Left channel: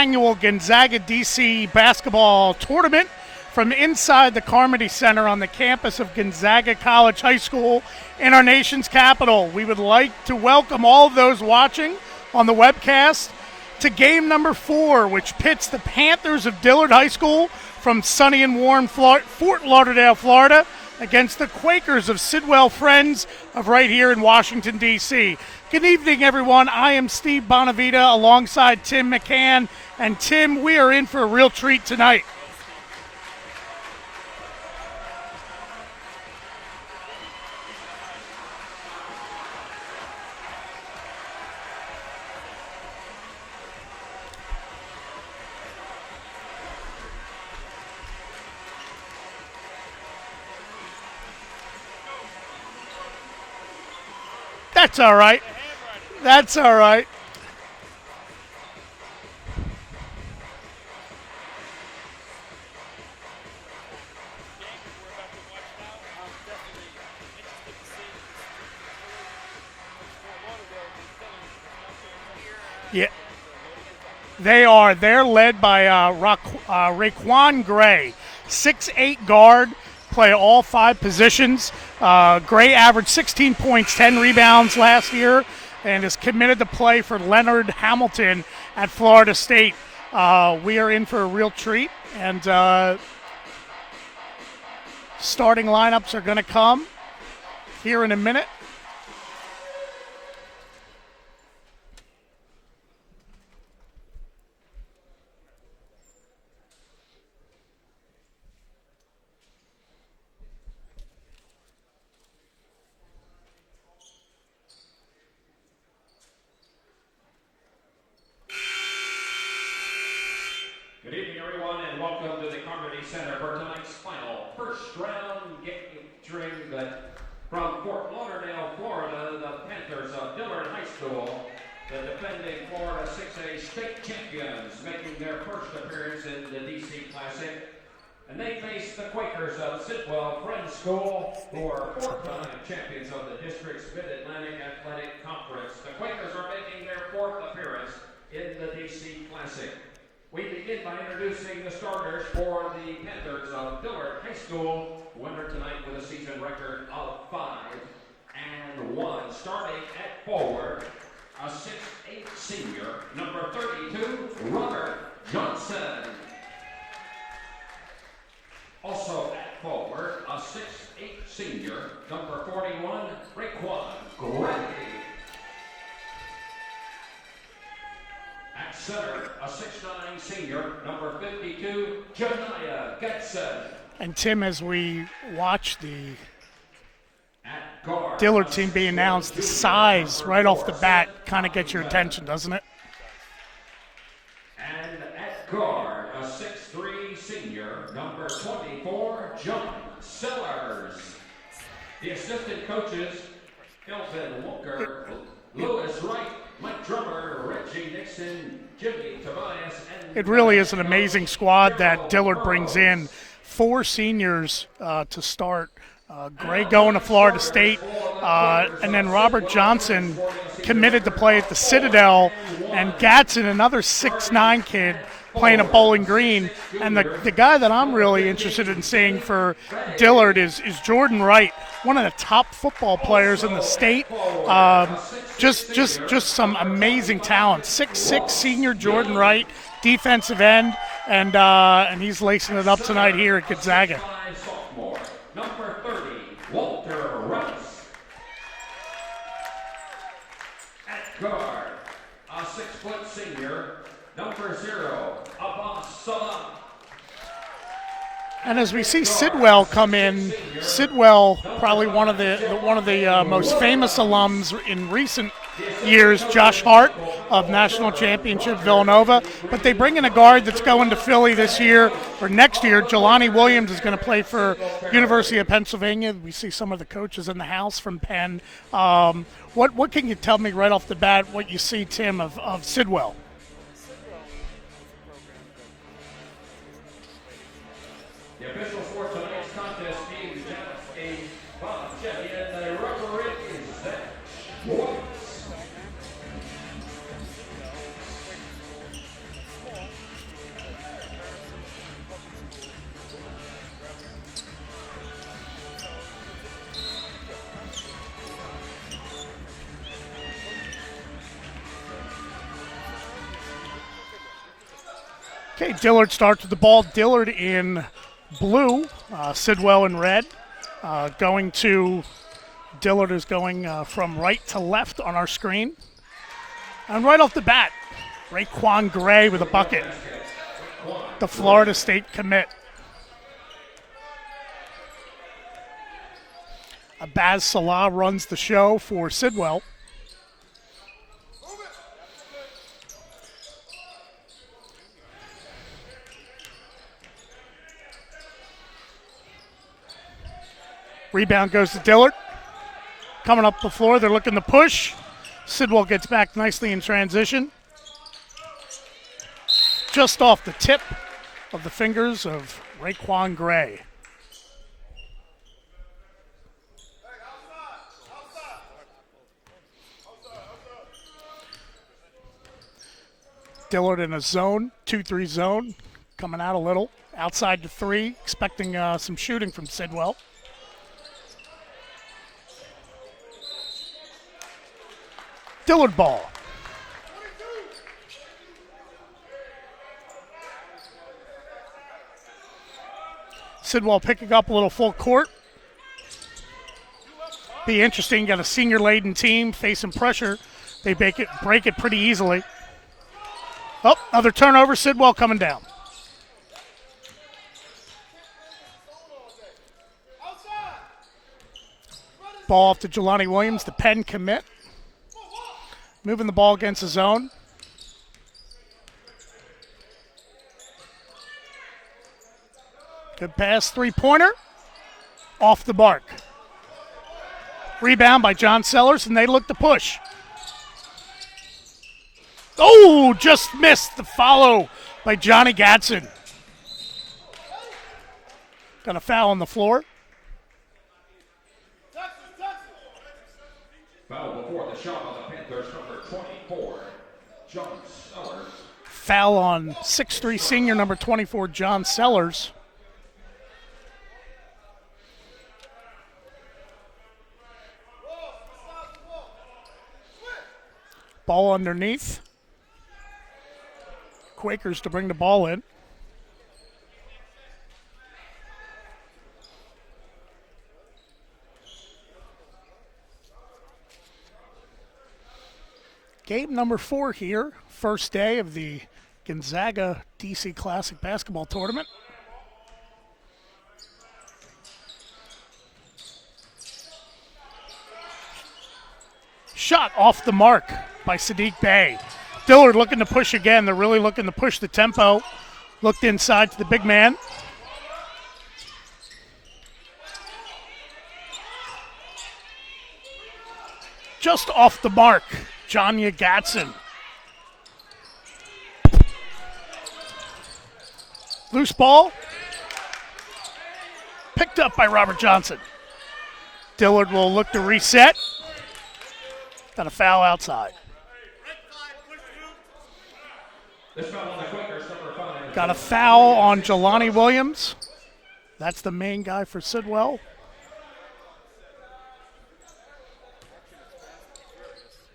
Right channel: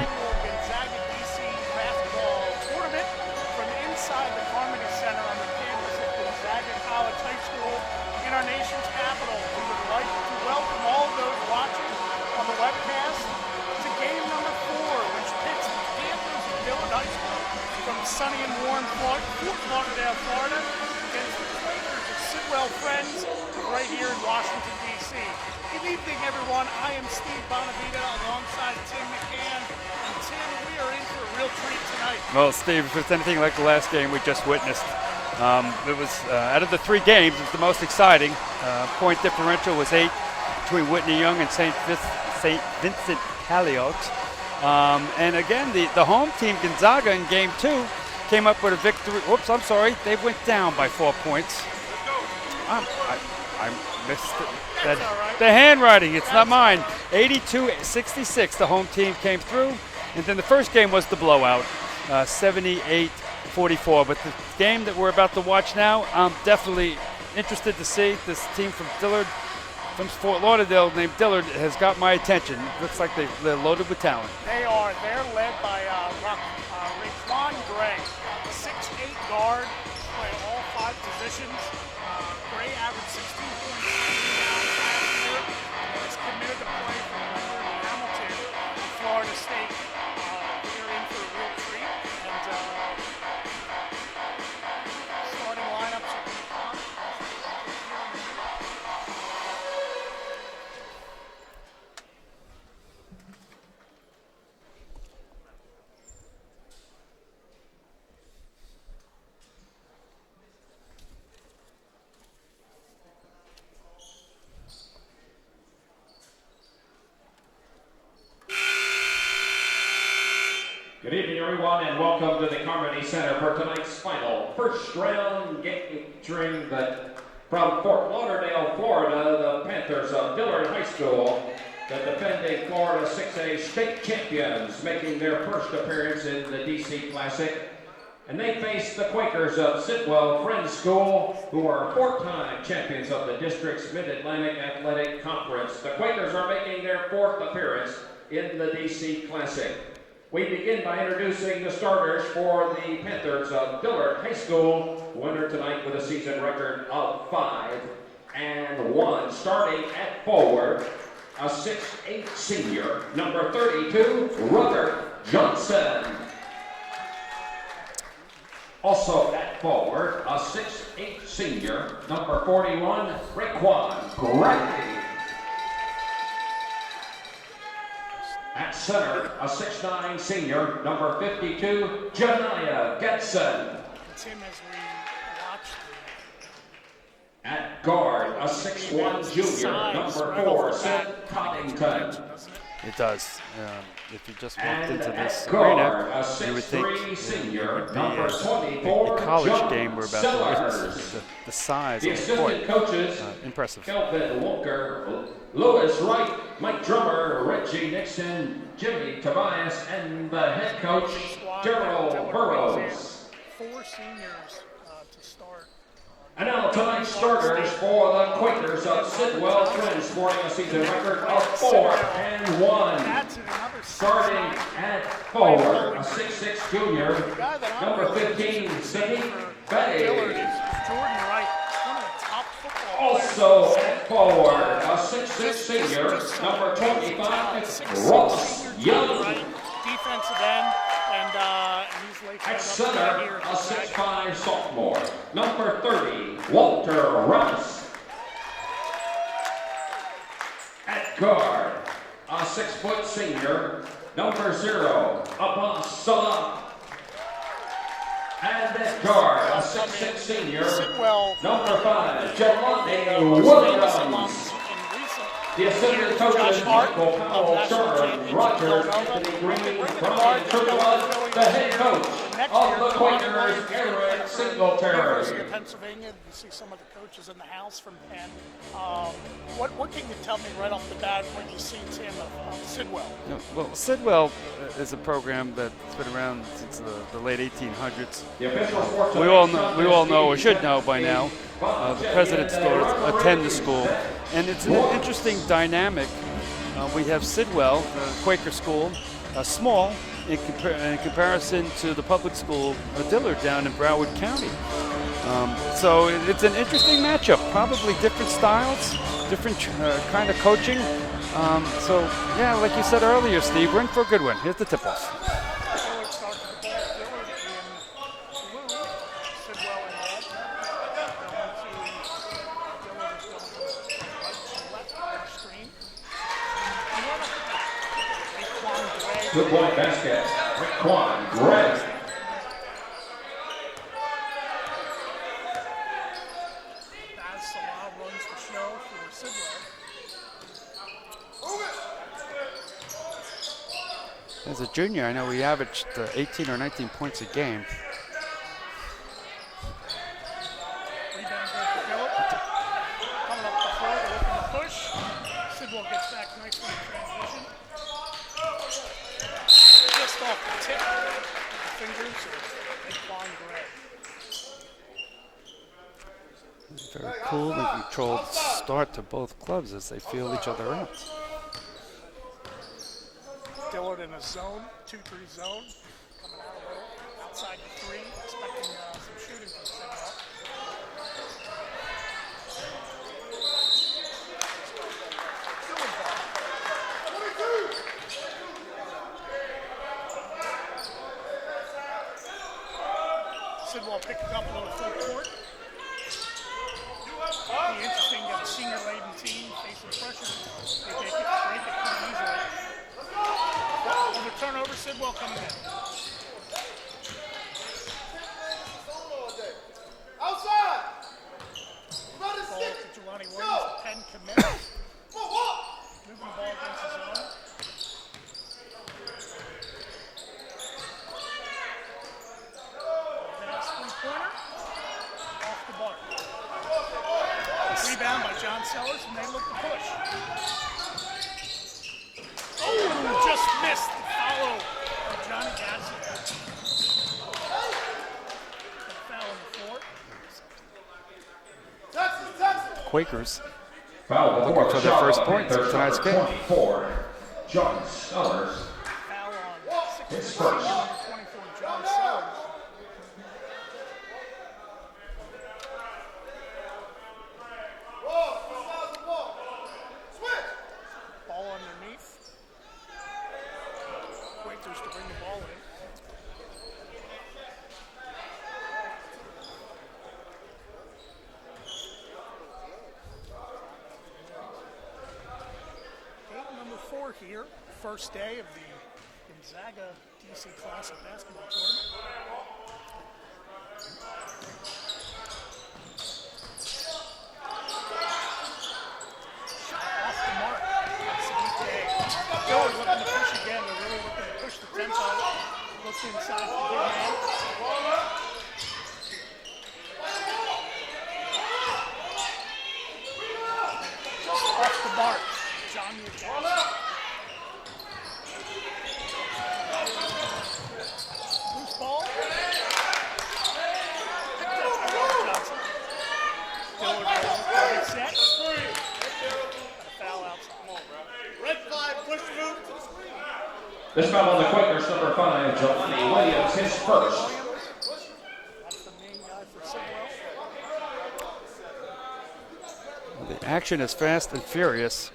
annual Gonzaga DC basketball tournament from inside the Carmody Center on the campus of Gonzaga College High School in our nation's capital. We would like to welcome all of those watching on the webcast to game number 4, which pits the Panthers of Dillard High School from sunny and warm Fort Lauderdale, Florida, against the Quakers of Sidwell Friends of right here in Washington, D.C. Good evening, everyone. I am Steve Bonavita alongside Tim McCann. And Tim, we are in for a real treat tonight. Well, Steve, if it's anything like the last game we just witnessed, it was, out of the 3 games, it was the most exciting. Point differential was 8 between Whitney Young and St. Vincent Halliot. And again, the home team, Gonzaga, in game 2, came up with a victory. Whoops, I'm sorry. They went down by 4 points. I missed it. That's all right. The handwriting, it's That's not mine. All right. 82-66, the home team came through. And then the first game was the blowout, 78-44. But the game that we're about to watch now, I'm definitely interested to see. This team from Dillard, from Fort Lauderdale, named Dillard, has got my attention. Looks like they're loaded with talent. They are. They're led by Raquan Gray, 6'8" guard, play all 5 positions. Gray averaged 16 points, 10 rebounds last year, and is committed to play for Leonard Hamilton at Florida State. We are in for a real treat, and starting lineups are going to come here in a minute. Good evening, everyone, and welcome to the Carmody Center for tonight's final first-round game featuring from Fort Lauderdale, Florida, the Panthers of Dillard High School, the defending Florida 6A state champions, making their first appearance in the DC Classic. And they face the Quakers of Sidwell Friends School, who are 4-time champions of the district's Mid-Atlantic Athletic Conference. The Quakers are making their 4th appearance in the DC Classic. We begin by introducing the starters for the Panthers of Dillard High School, winner tonight with a season record of 5-1. Starting at forward, a 6'8" senior, number 32, Robert Johnson. Also at forward, a 6'8" senior, number 41, Raquan Gray. At center, a 6'9" senior, number 52, Janaya Getson. And Tim, as we watch the at guard, Dillard team being announced, the size right off the bat kind of gets your attention, doesn't it? It does. If you just walked into this arena, you would think it would be a college game we're about to witness. The size of the court, impressive. Kelvin Walker, Lewis Wright, Mike Drummer, Reggie Nixon, Jimmy Tobias, and it really is an amazing squad that Dillard brings in. 4 seniors to start. Gray going to Florida State, and then Robert Johnson committed to play at the Citadel, and Gatson, another 6'9" kid, playing at Bowling Green. And the guy that I'm really interested in seeing for Dillard is Jordan Wright, one of the top football players in the state. Just some amazing talent. 6'6" senior Jordan Wright, defensive end, and he's lacing it up tonight here at Gonzaga. Sophomore, number 30, Walter Russ. At guard, a 6-foot senior, number 0, Abbas Salah. And as we see Sidwell come in, Sidwell probably one of the most famous alums in recent years, Josh Hart of National Championship Villanova. But they bring in a guard that's going to Philly this year, or next year. Jelani Williams is going to play for University of Pennsylvania. We see some of the coaches in the house from Penn. What can you tell me right off the bat, what you see, Tim, of Sidwell? Well, Sidwell is a program that's been around since the late 1800s. We all know, or should know by now, the president's daughters attend the school, and it's an interesting dynamic. We have Sidwell, the Quaker school, small in comparison to the public school Dillard down in Broward County. So it's an interesting matchup. Probably different styles, different kind of coaching. So yeah, like you said earlier, Steve, we're in for a good one. Here's the tip-off. Okay, Dillard starts with the ball. Dillard in blue, Sidwell in red. Dillard is going from right to left on our screen. And right off the bat, Raekwon Gray with a bucket. The Florida State commit. Abaz Salah runs the show for Sidwell. As a junior, I know he averaged 18 or 19 points a game. Rebound goes to Dillard. Coming up the floor, they're looking to push. Sidwell gets back nicely in transition. Just off the tip of the fingers of Raekwon Gray. Very cool and controlled start to both clubs as they feel each other out. Dillard in a zone, 2-3 zone, coming out a little. Outside to three, expecting some shooting from Sidwell. Dillard ball. Sidwell picking up a little full court. Be interesting, got a senior-laden team facing pressure. They break it pretty easily. Oh, another turnover, Sidwell coming down. Ball off to Jelani Williams, the Penn commit. Moving the ball against the zone. Good pass, three-pointer. Off the mark. Rebound by John Sellers, and they look to push. Oh, just missed the follow by Johnny Gadsden. Got a foul on the floor. Quakers Foul looking for their first points of tonight's game. 24, John Sellers. Foul on 6'3" senior number 24, John Sellers. Ball underneath. Quakers to bring the ball in. Game number 4 here. First day of the Gonzaga DC Classic Basketball Tournament. Shot off the mark by Sadiq Bey. Dillard looking to push again. They're really looking to push the tempo. Looked inside to the big man. Just off the mark, Jonya Gadsden. Loose ball. Picked up by Robert Johnson. Dillard will look to reset. Got a foul outside. This foul on the Quakers, number 5. Got a foul on Jelani Williams. That's the main guy for Sidwell. The action is fast and furious,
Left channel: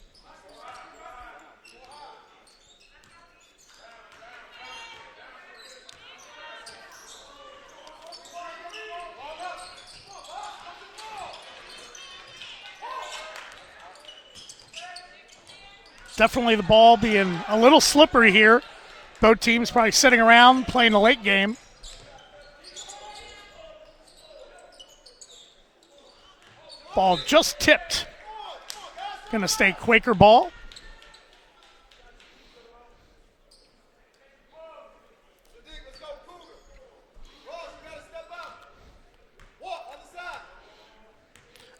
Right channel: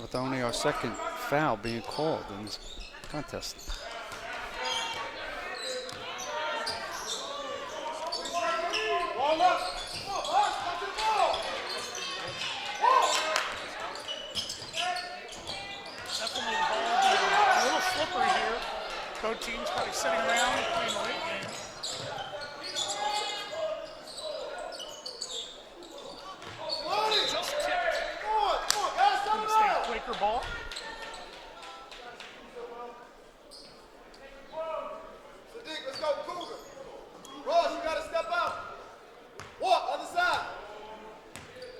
with only our second foul being called in this contest. Definitely the ball being a little slippery here. Both teams probably sitting around playing the late game. Ball just tipped. Going to stay Quaker ball.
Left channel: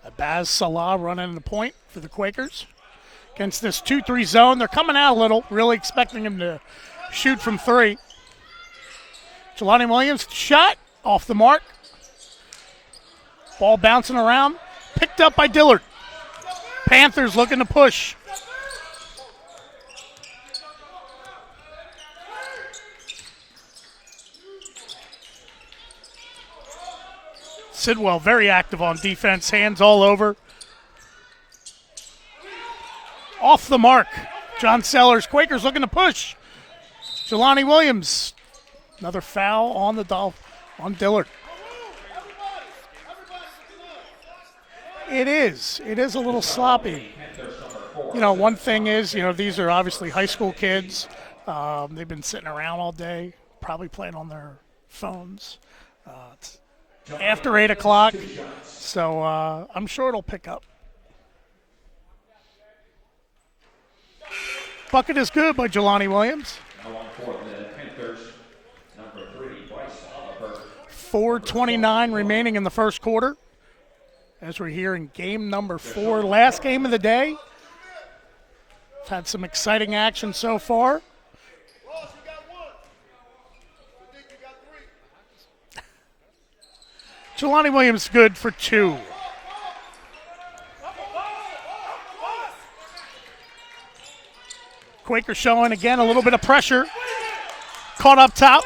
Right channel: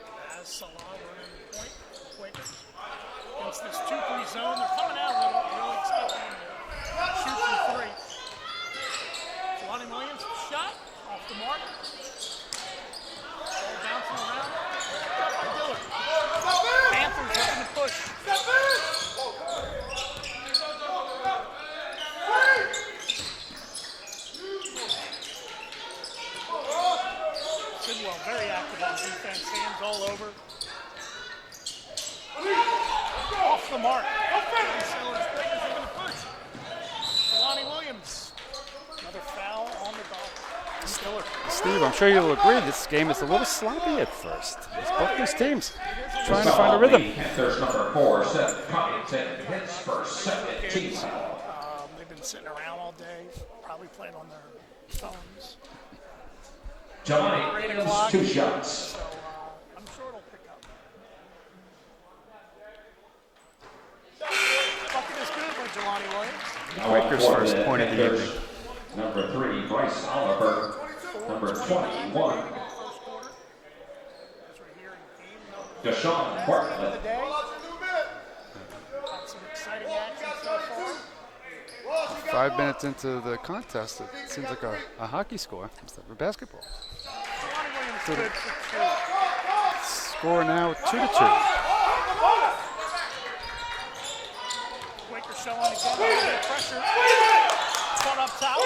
Abaz Salah running the point for the Quakers. Against this 2-3 zone. They're coming out a little, really expecting him to shoot from three. Jelani Williams shot off the mark. Ball bouncing around. Picked up by Dillard. Panthers looking to push. Sidwell very active on defense, hands all over. Off the mark. John Sellers, Quakers looking to push. Jelani Williams, another foul on Dillard. Steve, I'm sure you'll agree this game is a little sloppy at first. It is a little sloppy. One thing is, these are obviously high school kids. They've been sitting around all day, probably playing on their phones. After 8 o'clock, so I'm sure it'll pick up. Bucket is good by Jelani Williams. Quakers' first point of the evening. Number 3, Bryce Oliver. 4:29 remaining in the first quarter. As we're here in game number 4, last game of the day. Had some exciting action so far. 5 minutes into the contest, it seems like a hockey score instead of basketball. Jelani Williams good for 2. Score now 2-2. Quaker showing again a little bit of pressure. Caught up top.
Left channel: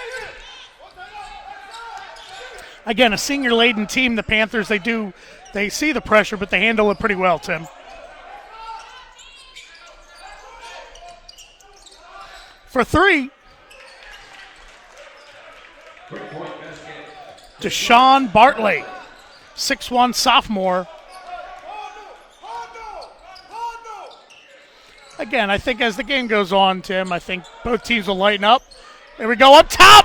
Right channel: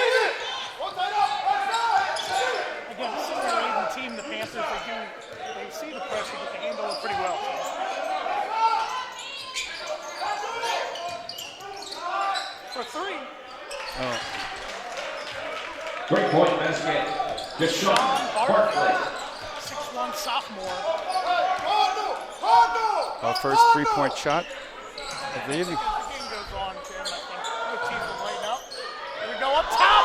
Again, a senior-laden team, the Panthers, they see the pressure, but they handle it pretty well, Tim. For 3. Great point basket. Deshaun Bartley, 6'1" sophomore. Our first 3-point shot. Again, I think as the game goes on, Tim, I think both teams will lighten up. Here we go up top.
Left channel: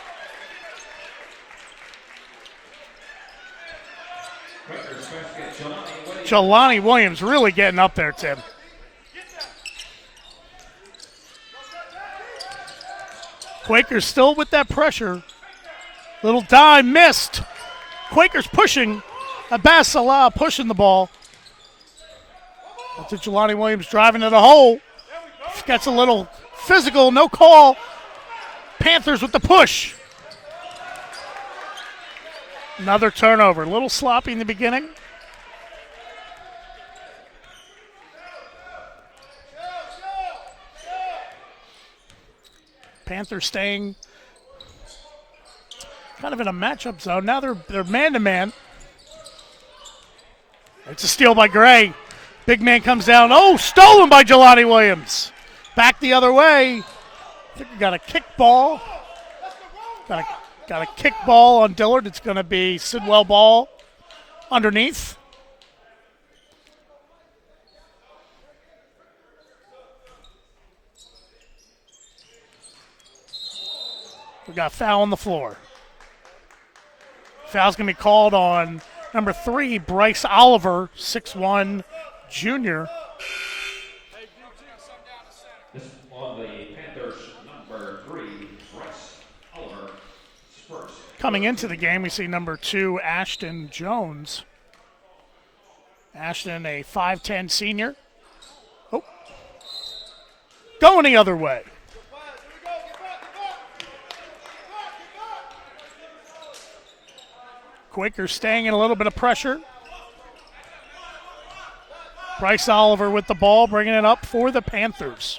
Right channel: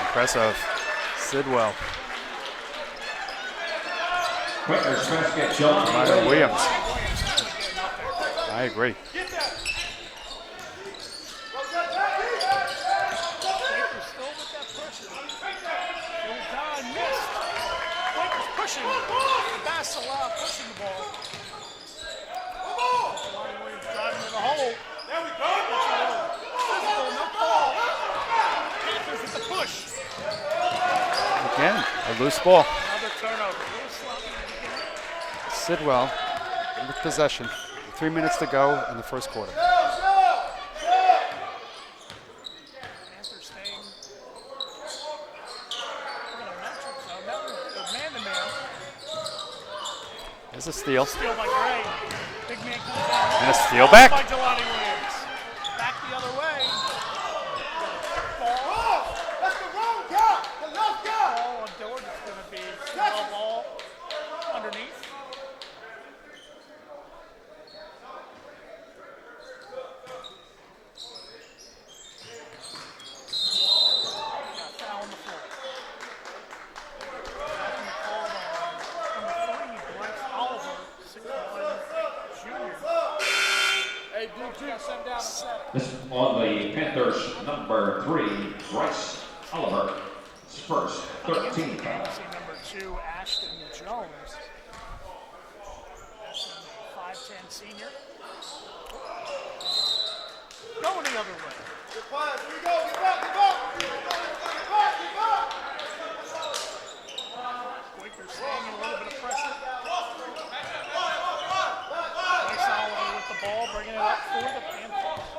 Impressive. Sidwell. Jelani Williams really getting up there, Tim. I agree. Quakers still with that pressure. Little dime missed. Quakers pushing. Abbas Salah pushing the ball. To Jelani Williams driving to the hole. Gets a little physical, no call. Panthers with the push. Again, a loose ball. Another turnover. A little sloppy in the beginning. Sidwell with possession. 3 minutes to go in the first quarter. Panthers staying kind of in a matchup zone. Now they're man-to-man. There's a steal. It's a steal by Gray. Big man comes down. Oh, stolen by Jelani Williams. Back the other way. Got a kick ball. Got a kick ball on Dillard. It's going to be Sidwell ball underneath. We got a foul on the floor. Foul's going to be called on number 3, Bryce Oliver, 6'1", junior. This on the Panthers, number 3, Bryce Oliver. First. Coming into the game, we see number 2, Ashton Jones. Ashton, a 5'10" senior. Oh. Going the other way. Quakers staying in a little bit of pressure. Bryce Oliver with the ball, bringing it up for the Panthers.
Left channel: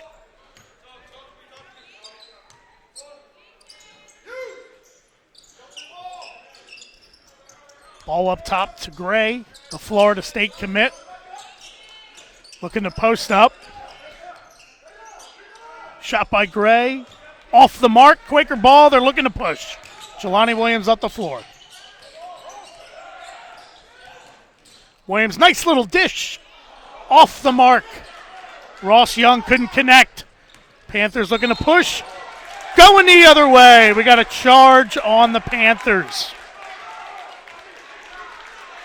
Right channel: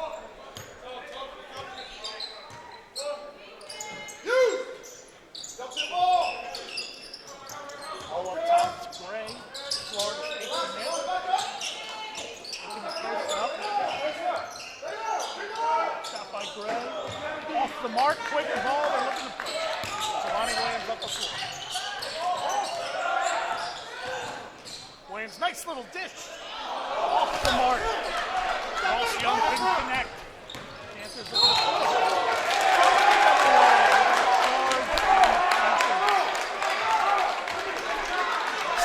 Ball up top to Gray, the Florida State commit. Looking to post up. Shot by Gray. Off the mark, Quaker ball, they're looking to push. Jelani Williams up the floor. Williams, nice little dish. Off the mark. Ross Young couldn't connect. Panthers looking to push. Going the other way. We got a charge on the Panthers.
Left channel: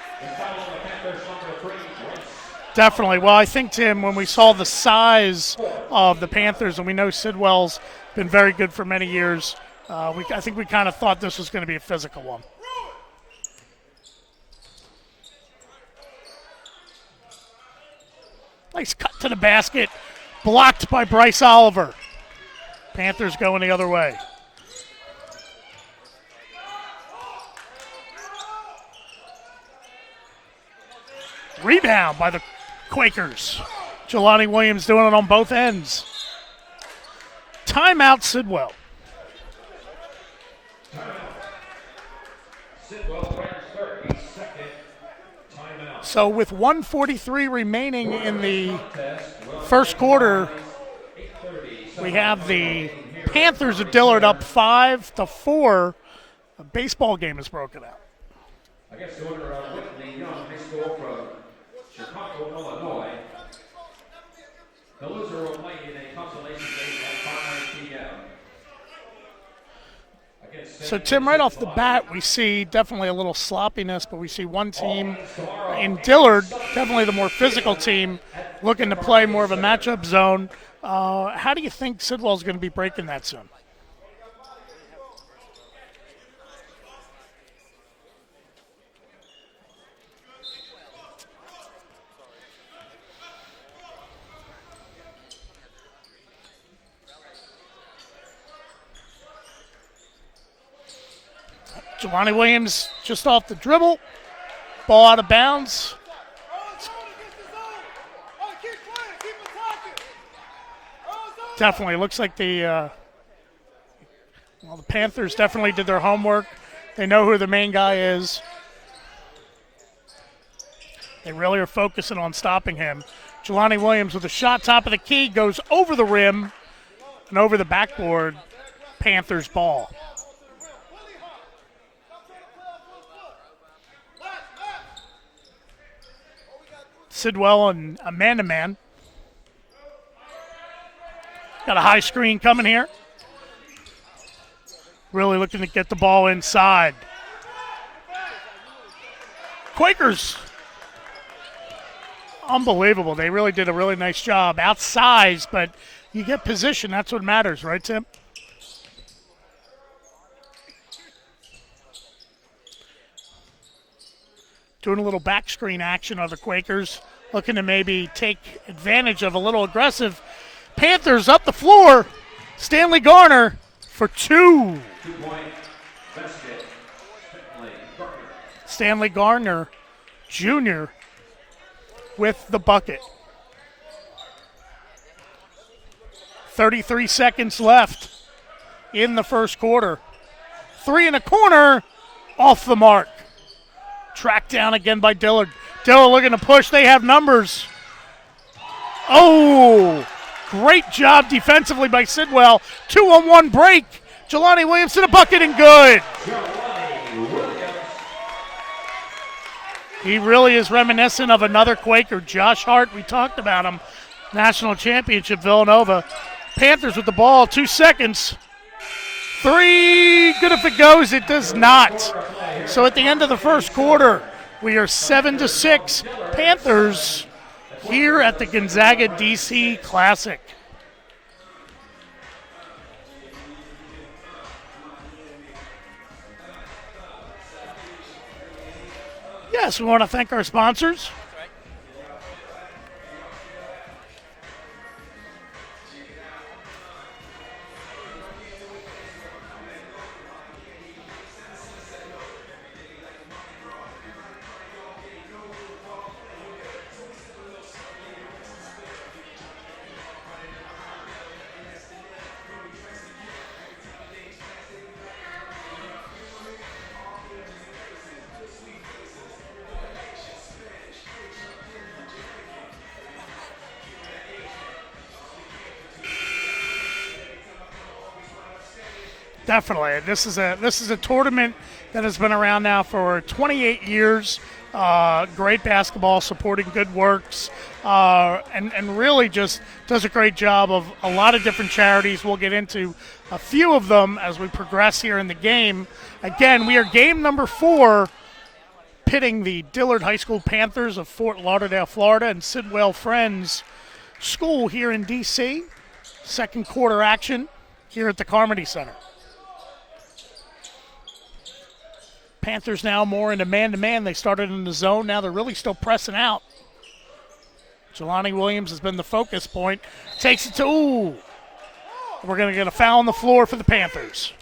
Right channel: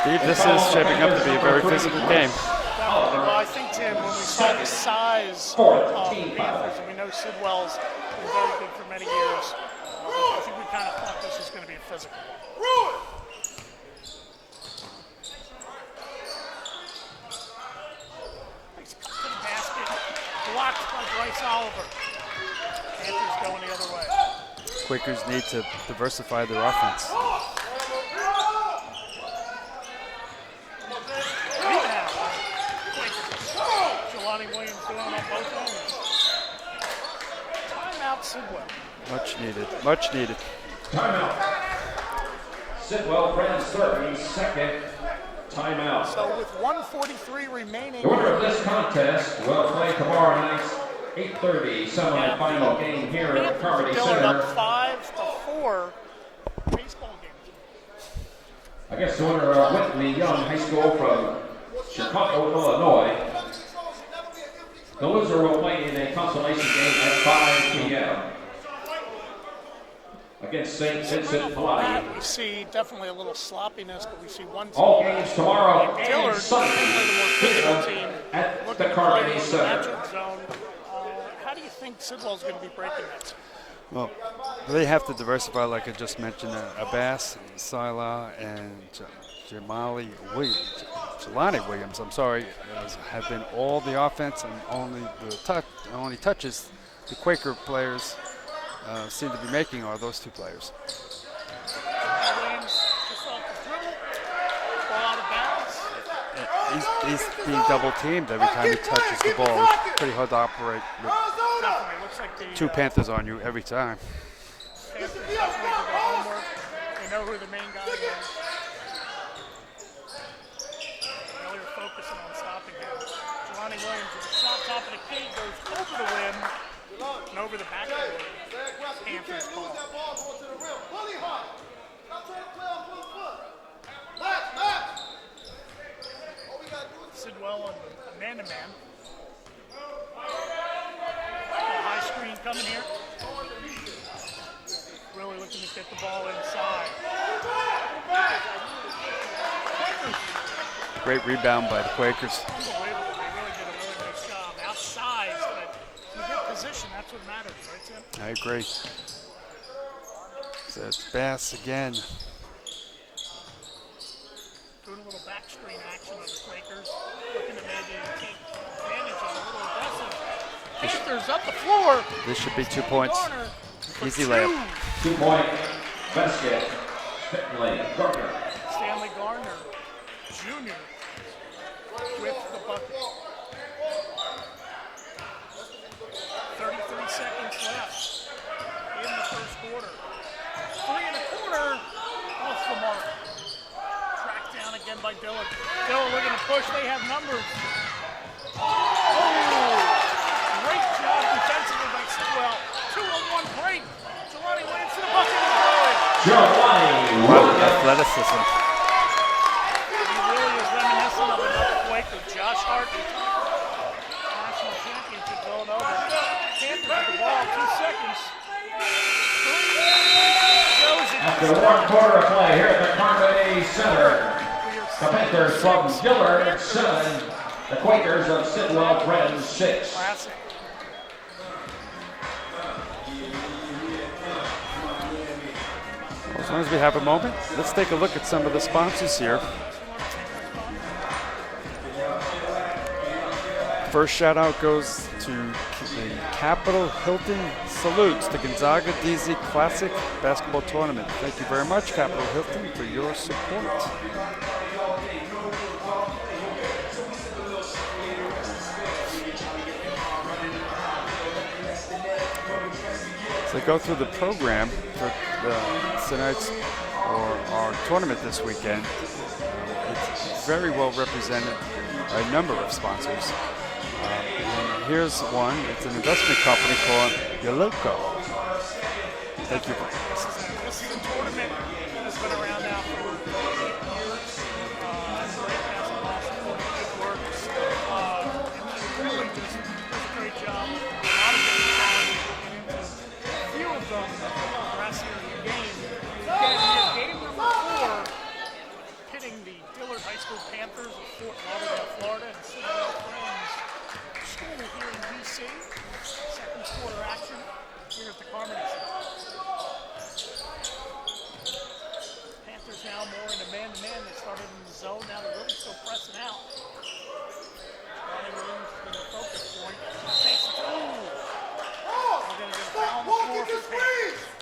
Steve, this is shaping up to be a very physical game. Definitely. Well, I think, Tim, when we saw the size of the Panthers, and we know Sidwell's been very good for many years, I think we kind of thought this was going to be a physical one. Nice cut to the basket. Blocked by Bryce Oliver. Panthers going the other way. Quakers need to diversify their offense. Rebound by the Quakers. Jelani Williams doing it on both ends. Timeout, Sidwell. Much needed, much needed. Timeout. Sidwell, Friends 32nd timeout. So with 1:43 remaining in the Contest will first play quarter, tomorrow night, 8:30. we have the Panthers of Dillard up 5-4. Baseball game is broken up. I guess the winner of Whitney Young High School from Chicago, Illinois. The loser will play in a consolation game at 5 p.m. against St. So, Tim, right off the Vincent bat, Hawaii. we see definitely a little sloppiness, but we see one All team games tomorrow in and Dillard, Sunday definitely the more physical team, at looking the to play Carnegie more of a Center. matchup zone. How do you think Sidwell's going to be breaking that soon? Well, they have to diversify, like I just mentioned. Abbas, Sila, and Jelani Williams, I'm sorry, have been all the offense and only touches the Quaker players seem to be making are those two players. Jelani Williams just off the dribble, ball out of bounds. He's being double teamed every time he touches the ball. It's pretty hard to operate with Definitely looks like the two Panthers on you every time. well, the Panthers definitely did their homework. They know who the main guy is. They really are focusing on stopping him. Jelani Williams with a shot top of the key goes over the rim and over the backboard. Panthers ball. Sidwell and a man-to-man. Got a high screen coming here. Really looking to get the ball inside. Quakers, Great rebound by the Quakers. unbelievable. They really did a really nice job. Outsized, but you get position. That's what matters, right, Tim? I agree. So it's Bass again. Doing a little back screen action of the Quakers. Looking to maybe take advantage of a little aggressive. Panthers up the floor. This should be 2 Stanley points. Garner for Easy 2. 2-point basket. Stanley Gardner. Stanley Garner Jr. with the bucket. 33 seconds left in the first quarter. 3 in the corner, off the mark. Tracked down again by Dillard. Dillard looking to push. They have numbers. Oh, great job defensively by Sidwell. 2-on-1 break. Jelani Williams to the bucket and good. Jelani Williams. Athleticism. He really is reminiscent of another Quaker, Josh Hart. We talked about him. National championship, Villanova. Panthers with the ball, 2 seconds. 3, good if it goes, it does not. So at the end of the first quarter, we are 7-6. Panthers here at the Gonzaga DC Classic. As long as we have a moment, let's take a look at some of the sponsors here. Yes, we want to thank our sponsors. First shout out goes to the Capitol Hilton Salutes, the Gonzaga DC Classic Basketball Tournament. Thank you very much, Capitol Hilton, for your support. So go through the program for tonight's or our tournament this weekend. It's very well represented by a number of sponsors. And here's one. It's an investment company called Yoloco. Definitely. This is a tournament that has been around now for 28 years. Great basketball, supporting good works, and really just does a great job of a lot of different charities. We'll get into a few of them as we progress here in the game. Again, we are game number 4, pitting the Dillard High School Panthers of Fort Lauderdale, Florida, and Sidwell Friends School here in D.C. Second quarter action here at the Carmody Center. Panthers now more into man-to-man. They started in the zone. Now they're really still pressing out. Jelani Williams has been the focus point. Takes it to, ooh. We're going to get a foul on the floor for the Panthers.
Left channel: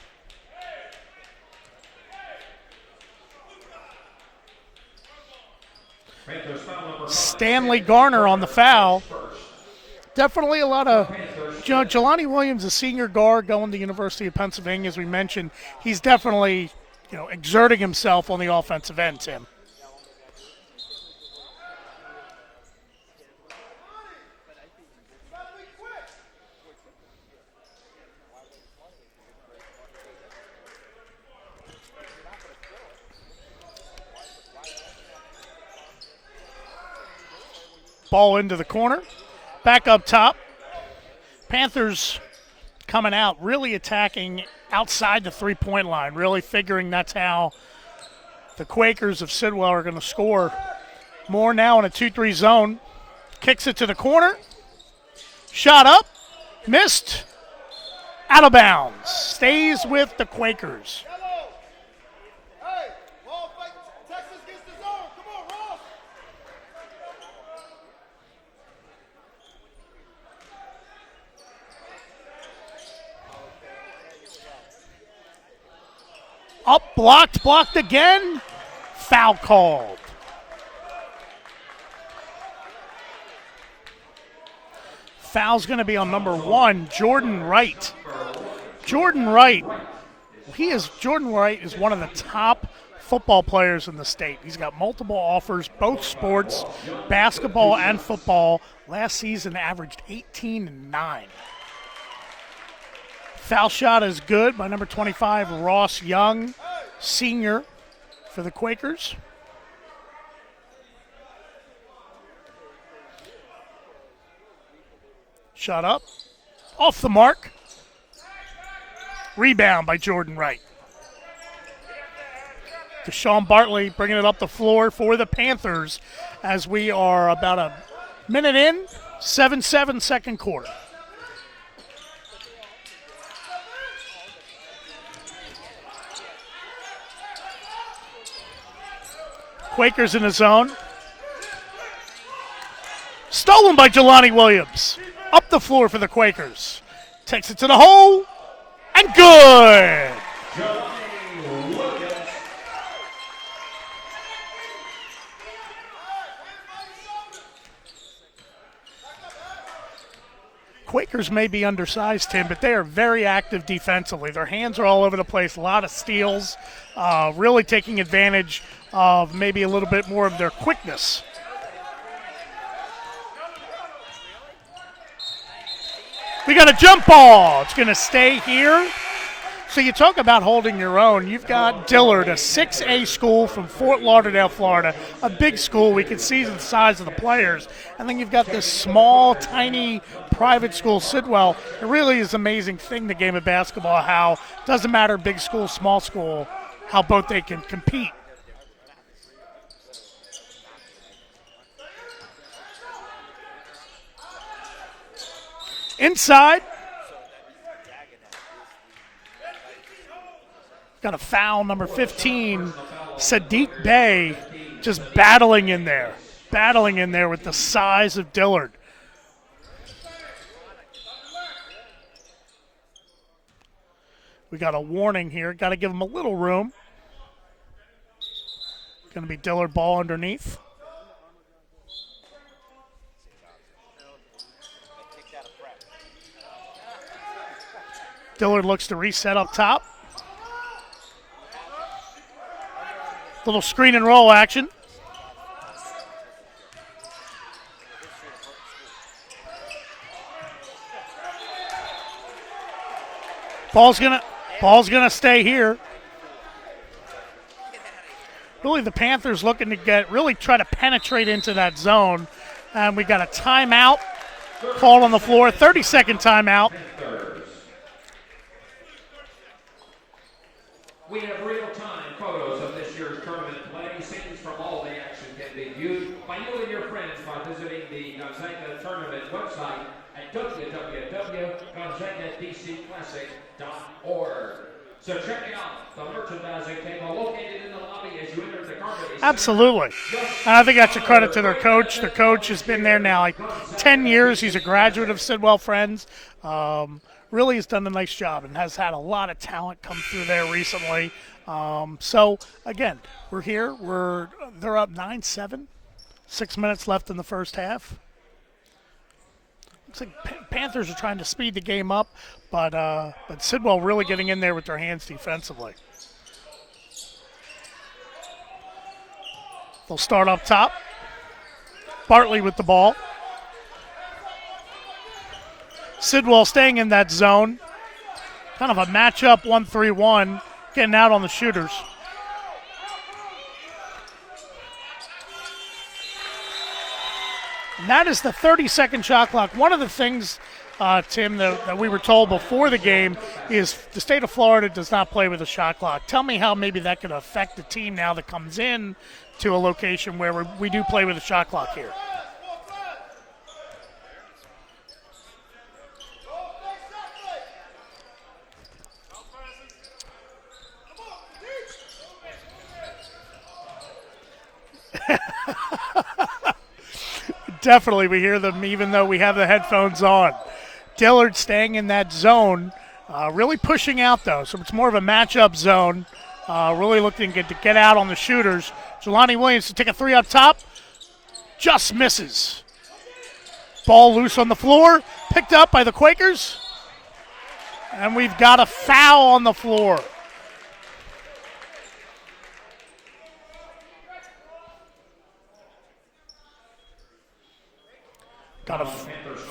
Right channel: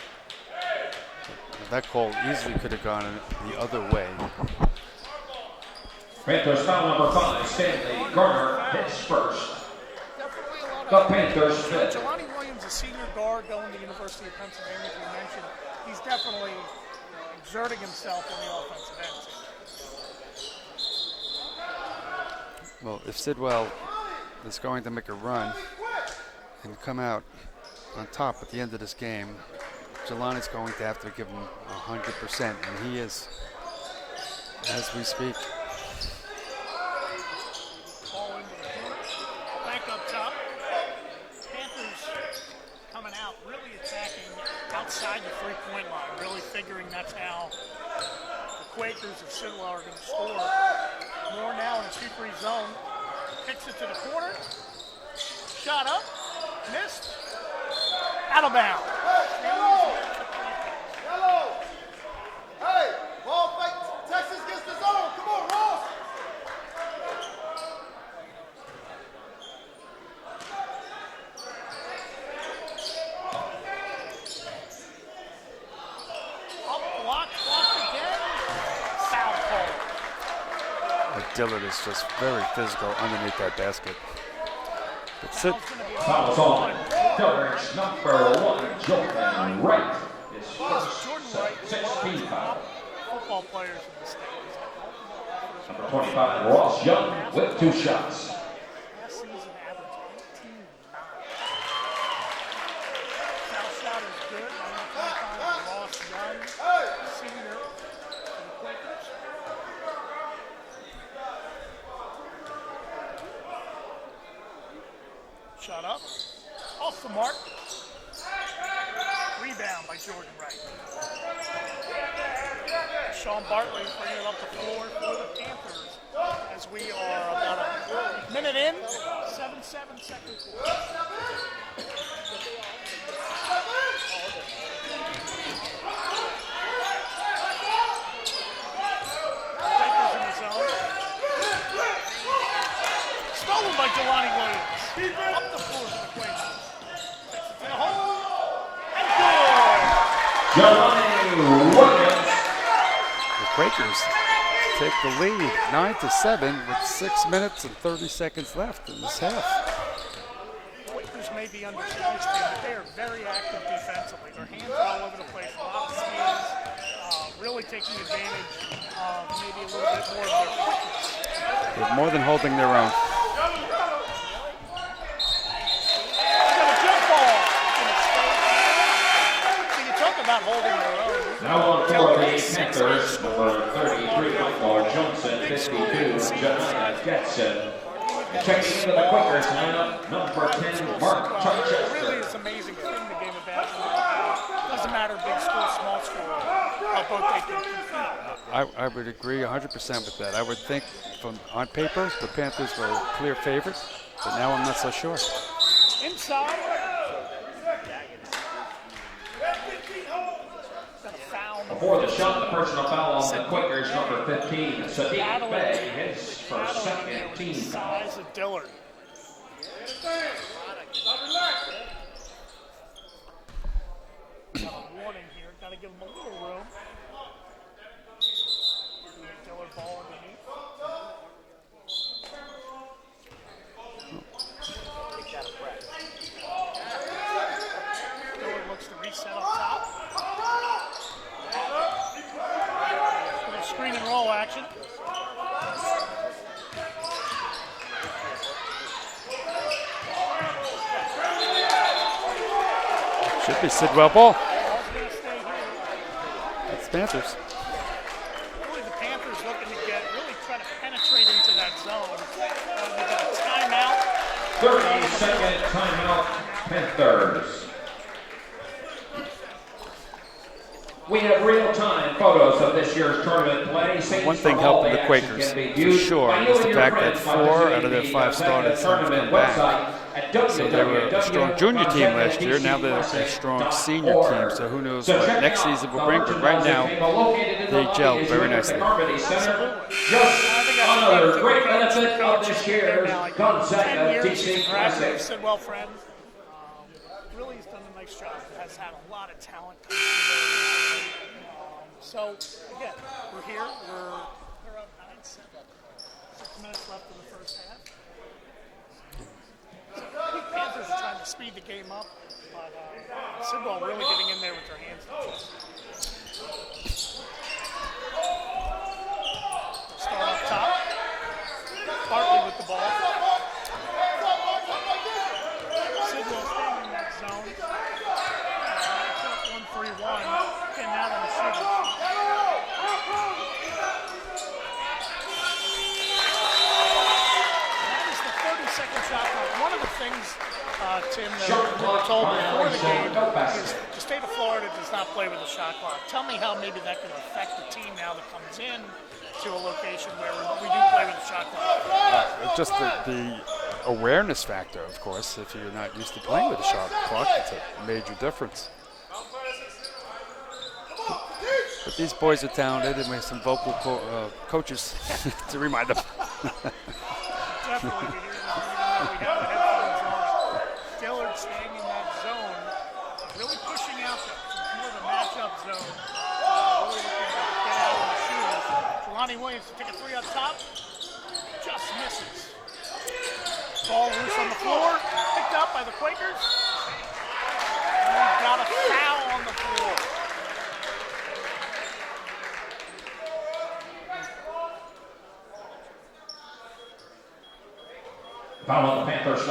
That call easily could have gone the other way. Panthers foul number 5. Stanley Garner on the foul. Definitely a lot of, Jelani Williams, a senior guard going to the University of Pennsylvania, as we mentioned. He's definitely exerting himself on the offensive end, Tim. Well, if Sidwell is going to make a run and come out on top at the end of this game, Jelani's going to have to give him 100%, and he is, as we speak. Ball into the corner. Back up top. Panthers coming out, really attacking outside the three-point line, really figuring that's how the Quakers of Sidwell are going to score. More now in a 2-3 zone. Kicks it to the corner. Shot up. Missed. Out of bounds. Stays with the Quakers. Up, blocked again. Foul called. Dillard is just very physical underneath that basket. Foul's going to be on number 1, Jordan Wright. Jordan Wright is one of the top football players in the state. He's got multiple offers, both sports, basketball and football. Last season averaged 18 and 9. Foul shot is good by number 25, Ross Young, senior for the Quakers. Shot up, off the mark. Rebound by Jordan Wright. Deshaun Bartley bringing it up the floor for the Panthers as we are about a minute in, 7-7 second quarter. Quakers in the zone. Stolen by Jelani Williams. Up the floor for the Quakers. Takes it to the hole. And good. Jelani Williams. The Quakers take the lead 9-7 with 6 minutes and 30 seconds left in this half. Quakers may be undersized, Tim, but they are very active defensively. Their hands are all over the place, a lot of steals, really taking advantage of maybe a little bit more of their quickness. They're more than holding their own. We got a jump ball. It's going to stay here. So you talk about holding your own. You've got Dillard, a 6A school from Fort Lauderdale, Florida, a big school. We can see the size of the players. And then you've got this small, tiny private school, Sidwell. It really is an amazing thing, the game of basketball, how it doesn't matter big school, small school, how both they can compete. I would agree 100% with that. I would think on paper the Panthers were clear favorites, but now I'm not so sure. Inside. Got a foul, number 15, Sadiq Bey, just battling in there with the size of Dillard. We got a warning here, got to give him a little room. Going to be Dillard ball underneath. Dillard looks to reset up top. Little screen and roll action. Should be Sidwell ball. Ball's gonna stay here. It's Panthers. Really, the Panthers looking to really try to penetrate into that zone. And we got a timeout call on the floor, 30-second timeout. Panthers. We have real-time photos of this year's tournament play. One thing helping the Quakers, for sure, is the fact that 4 out of their 5 starters have come back. So they were a strong junior team last year. Now they're a strong senior team. So who knows what next season will bring. But right now, they gel very nicely. Absolutely. And I think that's a credit to their coach. The coach has been there now like 10 years. He's a graduate of Sidwell Friends. Really has done a nice job and has had a lot of talent come through there recently. So, again, we're here. They're up 9-7. 6 minutes left in the first half. Looks like Panthers are trying to speed the game up, but Sidwell really getting in there with their hands defensively. They'll start up top. Bartley with the ball. Sidwell staying in that zone. Kind of a matchup 1-3-1, getting out on the shooters. And that is the 30-second shot clock. One of the things, Tim, that we were told before the game is the state of Florida does not play with a shot clock. Tell me how maybe that could affect the team now that comes in to a location where we do play with a shot clock here. Just the awareness factor, of course. If you're not used to playing with a shot clock, it's a major difference. But these boys are talented, and we have some vocal coaches to remind them. Definitely, we hear them even though we have the headphones on. Dillard staying in that zone, really pushing out though, so it's more of a matchup zone. Really looking to get out on the shooters. Jelani Williams to take a three up top, just misses. Ball loose on the floor, picked up by the Quakers, and we've got a foul on the floor.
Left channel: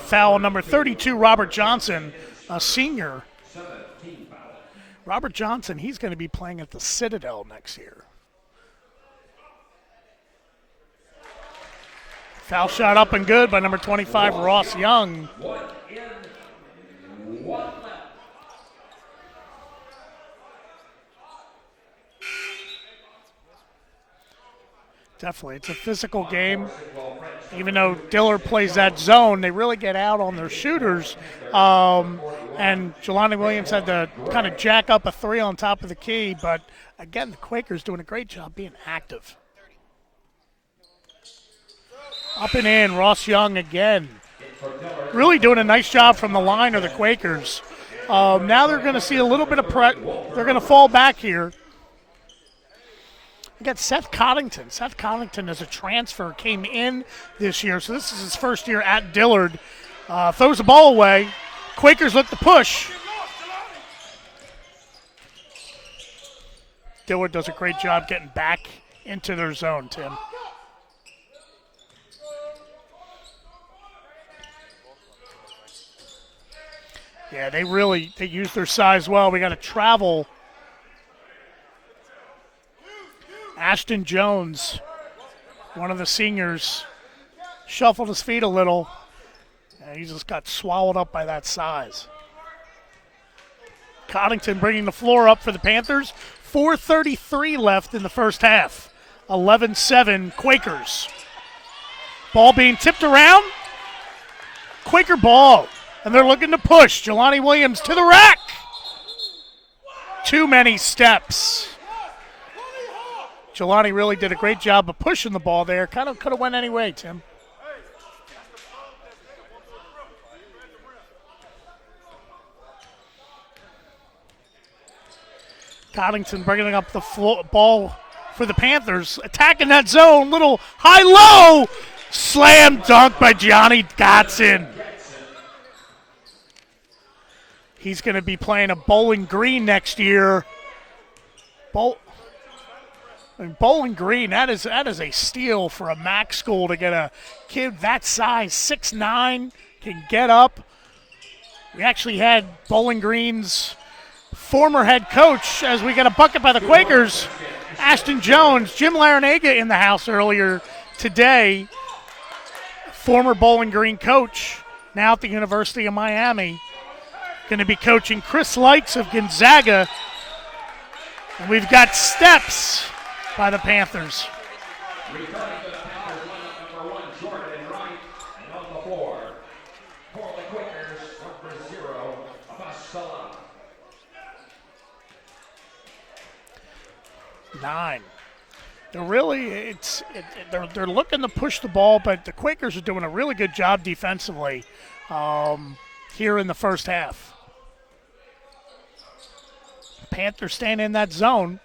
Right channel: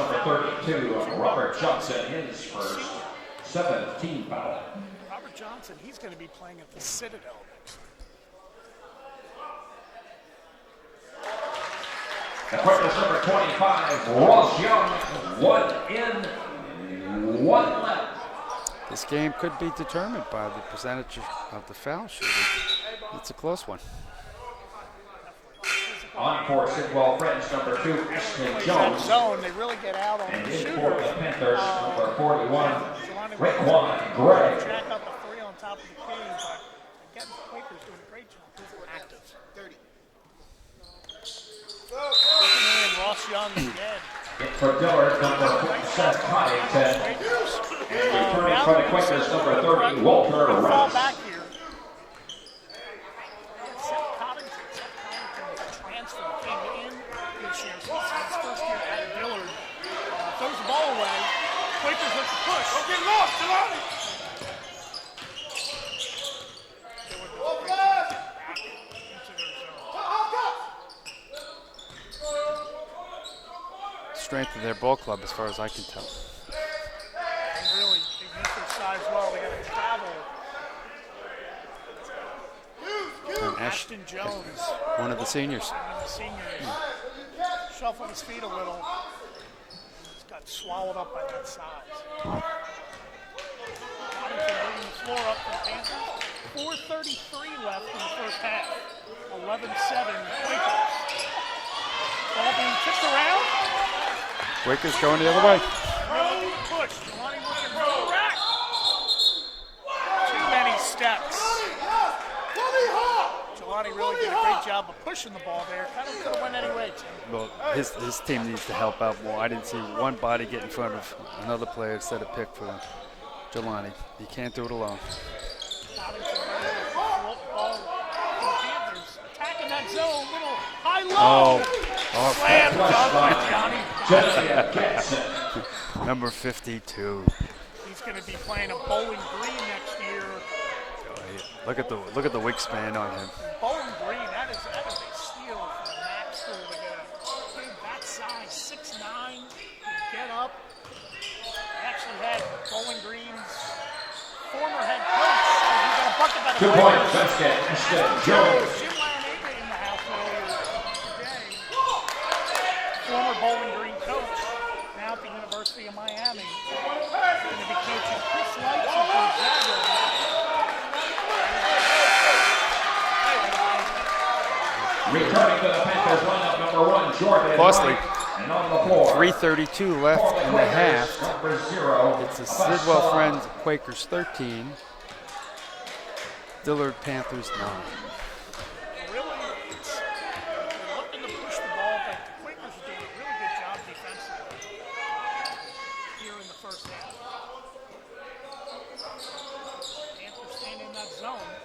Foul number 32, Robert Johnson, a senior. 17 foul. Robert Johnson, he's going to be playing at the Citadel next year. Foul shot up and good by number 25, Ross Young. 1 in, 1 left. This game could be determined by the percentage of the foul shooting. It's a close one. Definitely, it's a physical game. Even though Dillard plays that zone, they really get out on their shooters. And Jelani Williams had to kind of jack up a three on top of the key. But again, the Quakers doing a great job being active. Up and in, Ross Young again. Really doing a nice job from the line of the Quakers. Now they're going to see a little bit of pressure. They're going to fall back here. We got Seth Coddington. Seth Coddington is a transfer, came in this year, so this is his first year at Dillard. Throws the ball away. Quakers look to push. Dillard does a great job getting back into their zone, Tim. Strength of their ball club as far as I can tell. Yeah, they use their size well. We got to travel. Ashton Jones. One of the seniors. Shuffled his feet a little. And he just got swallowed up by that size. Coddington bringing the floor up for the Panthers. 4:33 left in the first half. 11-7 Quakers. Ball being tipped around. Quaker ball. And they're looking to push. Jelani Williams to the rack. Too many steps. Jelani really did a great job of pushing the ball there. Kind of could have went any way, Tim. Well, his team needs to help out more. I didn't see one body get in front of another player to set a pick for Jelani. He can't do it alone. Coddington bringing up the ball for the Panthers. Attacking that zone. Little high-low. Slam dunk by Johnny Dotson. Number 52. He's going to be playing a Bowling Green next year. Look at the wingspan on him. And Bowling Green, that is a steal for a MAC school to get a kid that size, 6'9", can get up. We actually had Bowling Green's former head coach, as we got a bucket by the Quakers, Ashton Jones, Jim Larinaga in the house earlier today. Former Bowling Green coach, now at the University of Miami. Going to be coaching Chris Lights of Gonzaga. We've got steps by the Panthers. Returning to the Panthers lineup, number 1, Jordan. Costly. And on the floor, 3:32 left in the half. number 0. It's the Sidwell Friends Quakers 13. Dillard Panthers 9. They're looking to push the ball, but the Quakers are doing a really good job defensively here in the first half. Panthers staying in that zone.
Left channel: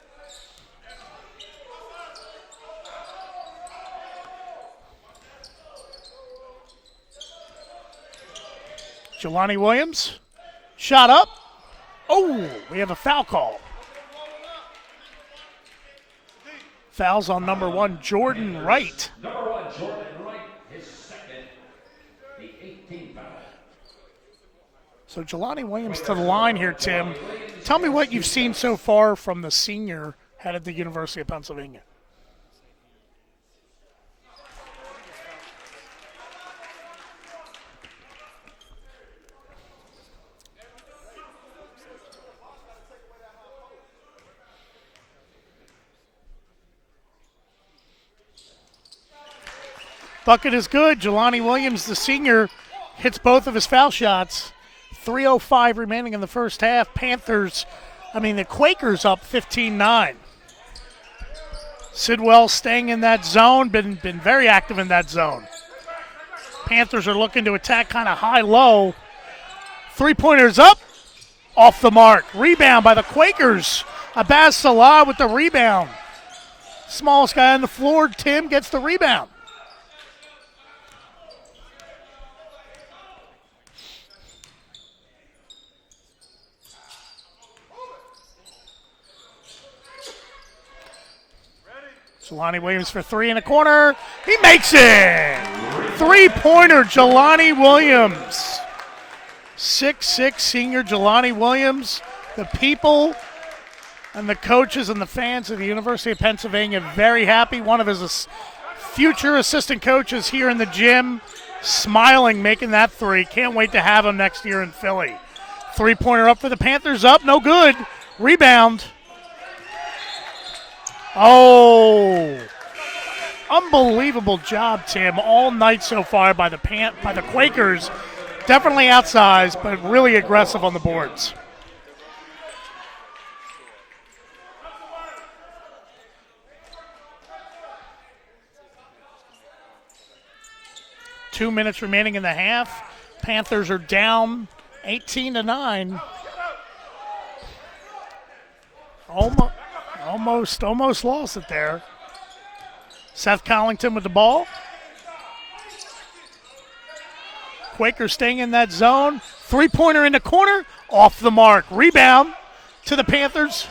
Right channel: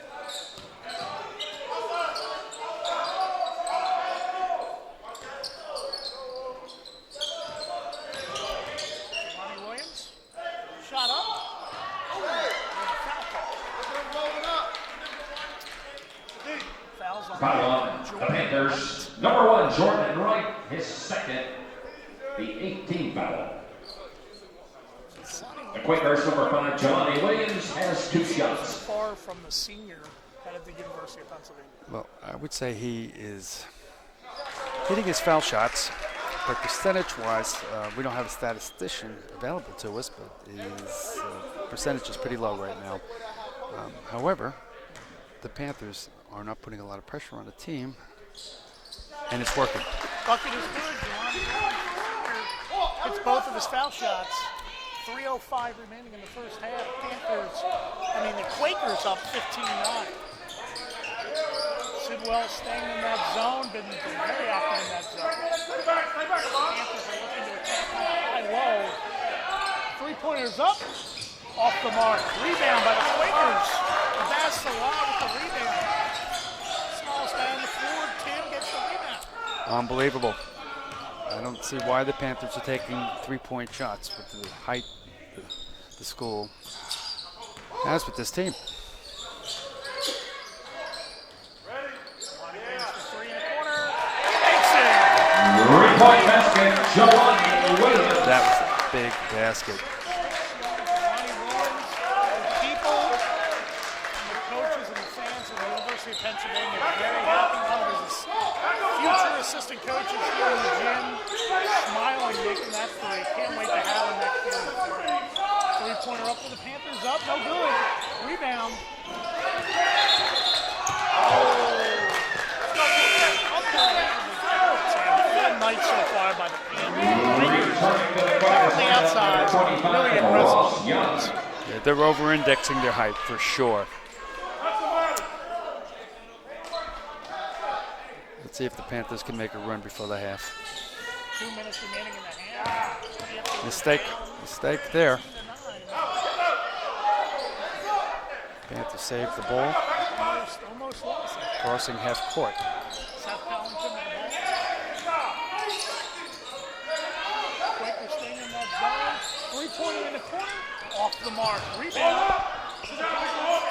Jelani Williams, shot up. Oh, we have a foul call. Fouls on number 1, Jordan Panthers, Wright. Number 1, Jordan Wright, his second, the 18th foul. So Jelani Williams to the line here, Tim. Tell me what you've seen so far from the senior headed to the University of Pennsylvania. Well, I would say he is hitting his foul shots, but percentage-wise, we don't have a statistician available to us, but his percentage is pretty low right now. However, the Panthers are not putting a lot of pressure on the team, and it's working. Bucket is good. Jelani Williams, the senior, hits both of his foul shots. 3:05 remaining in the first half. The Quakers up 15-9. Sidwell staying in that zone, been very active in that zone. Panthers are looking to attack kind of high-low. Three-pointers up, off the mark. Rebound by the Quakers. Abaz Salah with the rebound. Smallest guy on the floor, Tim, gets the rebound. Unbelievable. I don't see why the Panthers are taking three-point shots with the height the school has with this team. Jelani Williams for three in the corner. He makes it! Three-pointer, Jelani Williams. That was a big basket. 6'6" senior Jelani Williams. The people and the coaches and the fans of the University of Pennsylvania very happy. One of his future assistant coaches here in the gym, smiling, making that three. Can't wait to have him next year in Philly. Three-pointer up for the Panthers, up, no good. Rebound. Oh, unbelievable job, Tim, all night so far by the Quakers. Definitely outsized, but really aggressive on the boards. Yeah, they're over-indexing their height for sure. Let's see if the Panthers can make a run before the half. 2 minutes remaining in the half. Panthers are down 18-9. Panthers save the ball. Almost lost it there. Crossing half court. Seth Collington with the ball. Quakers staying in that zone. Three-pointer in the corner. Off the mark. Rebound to the Panthers.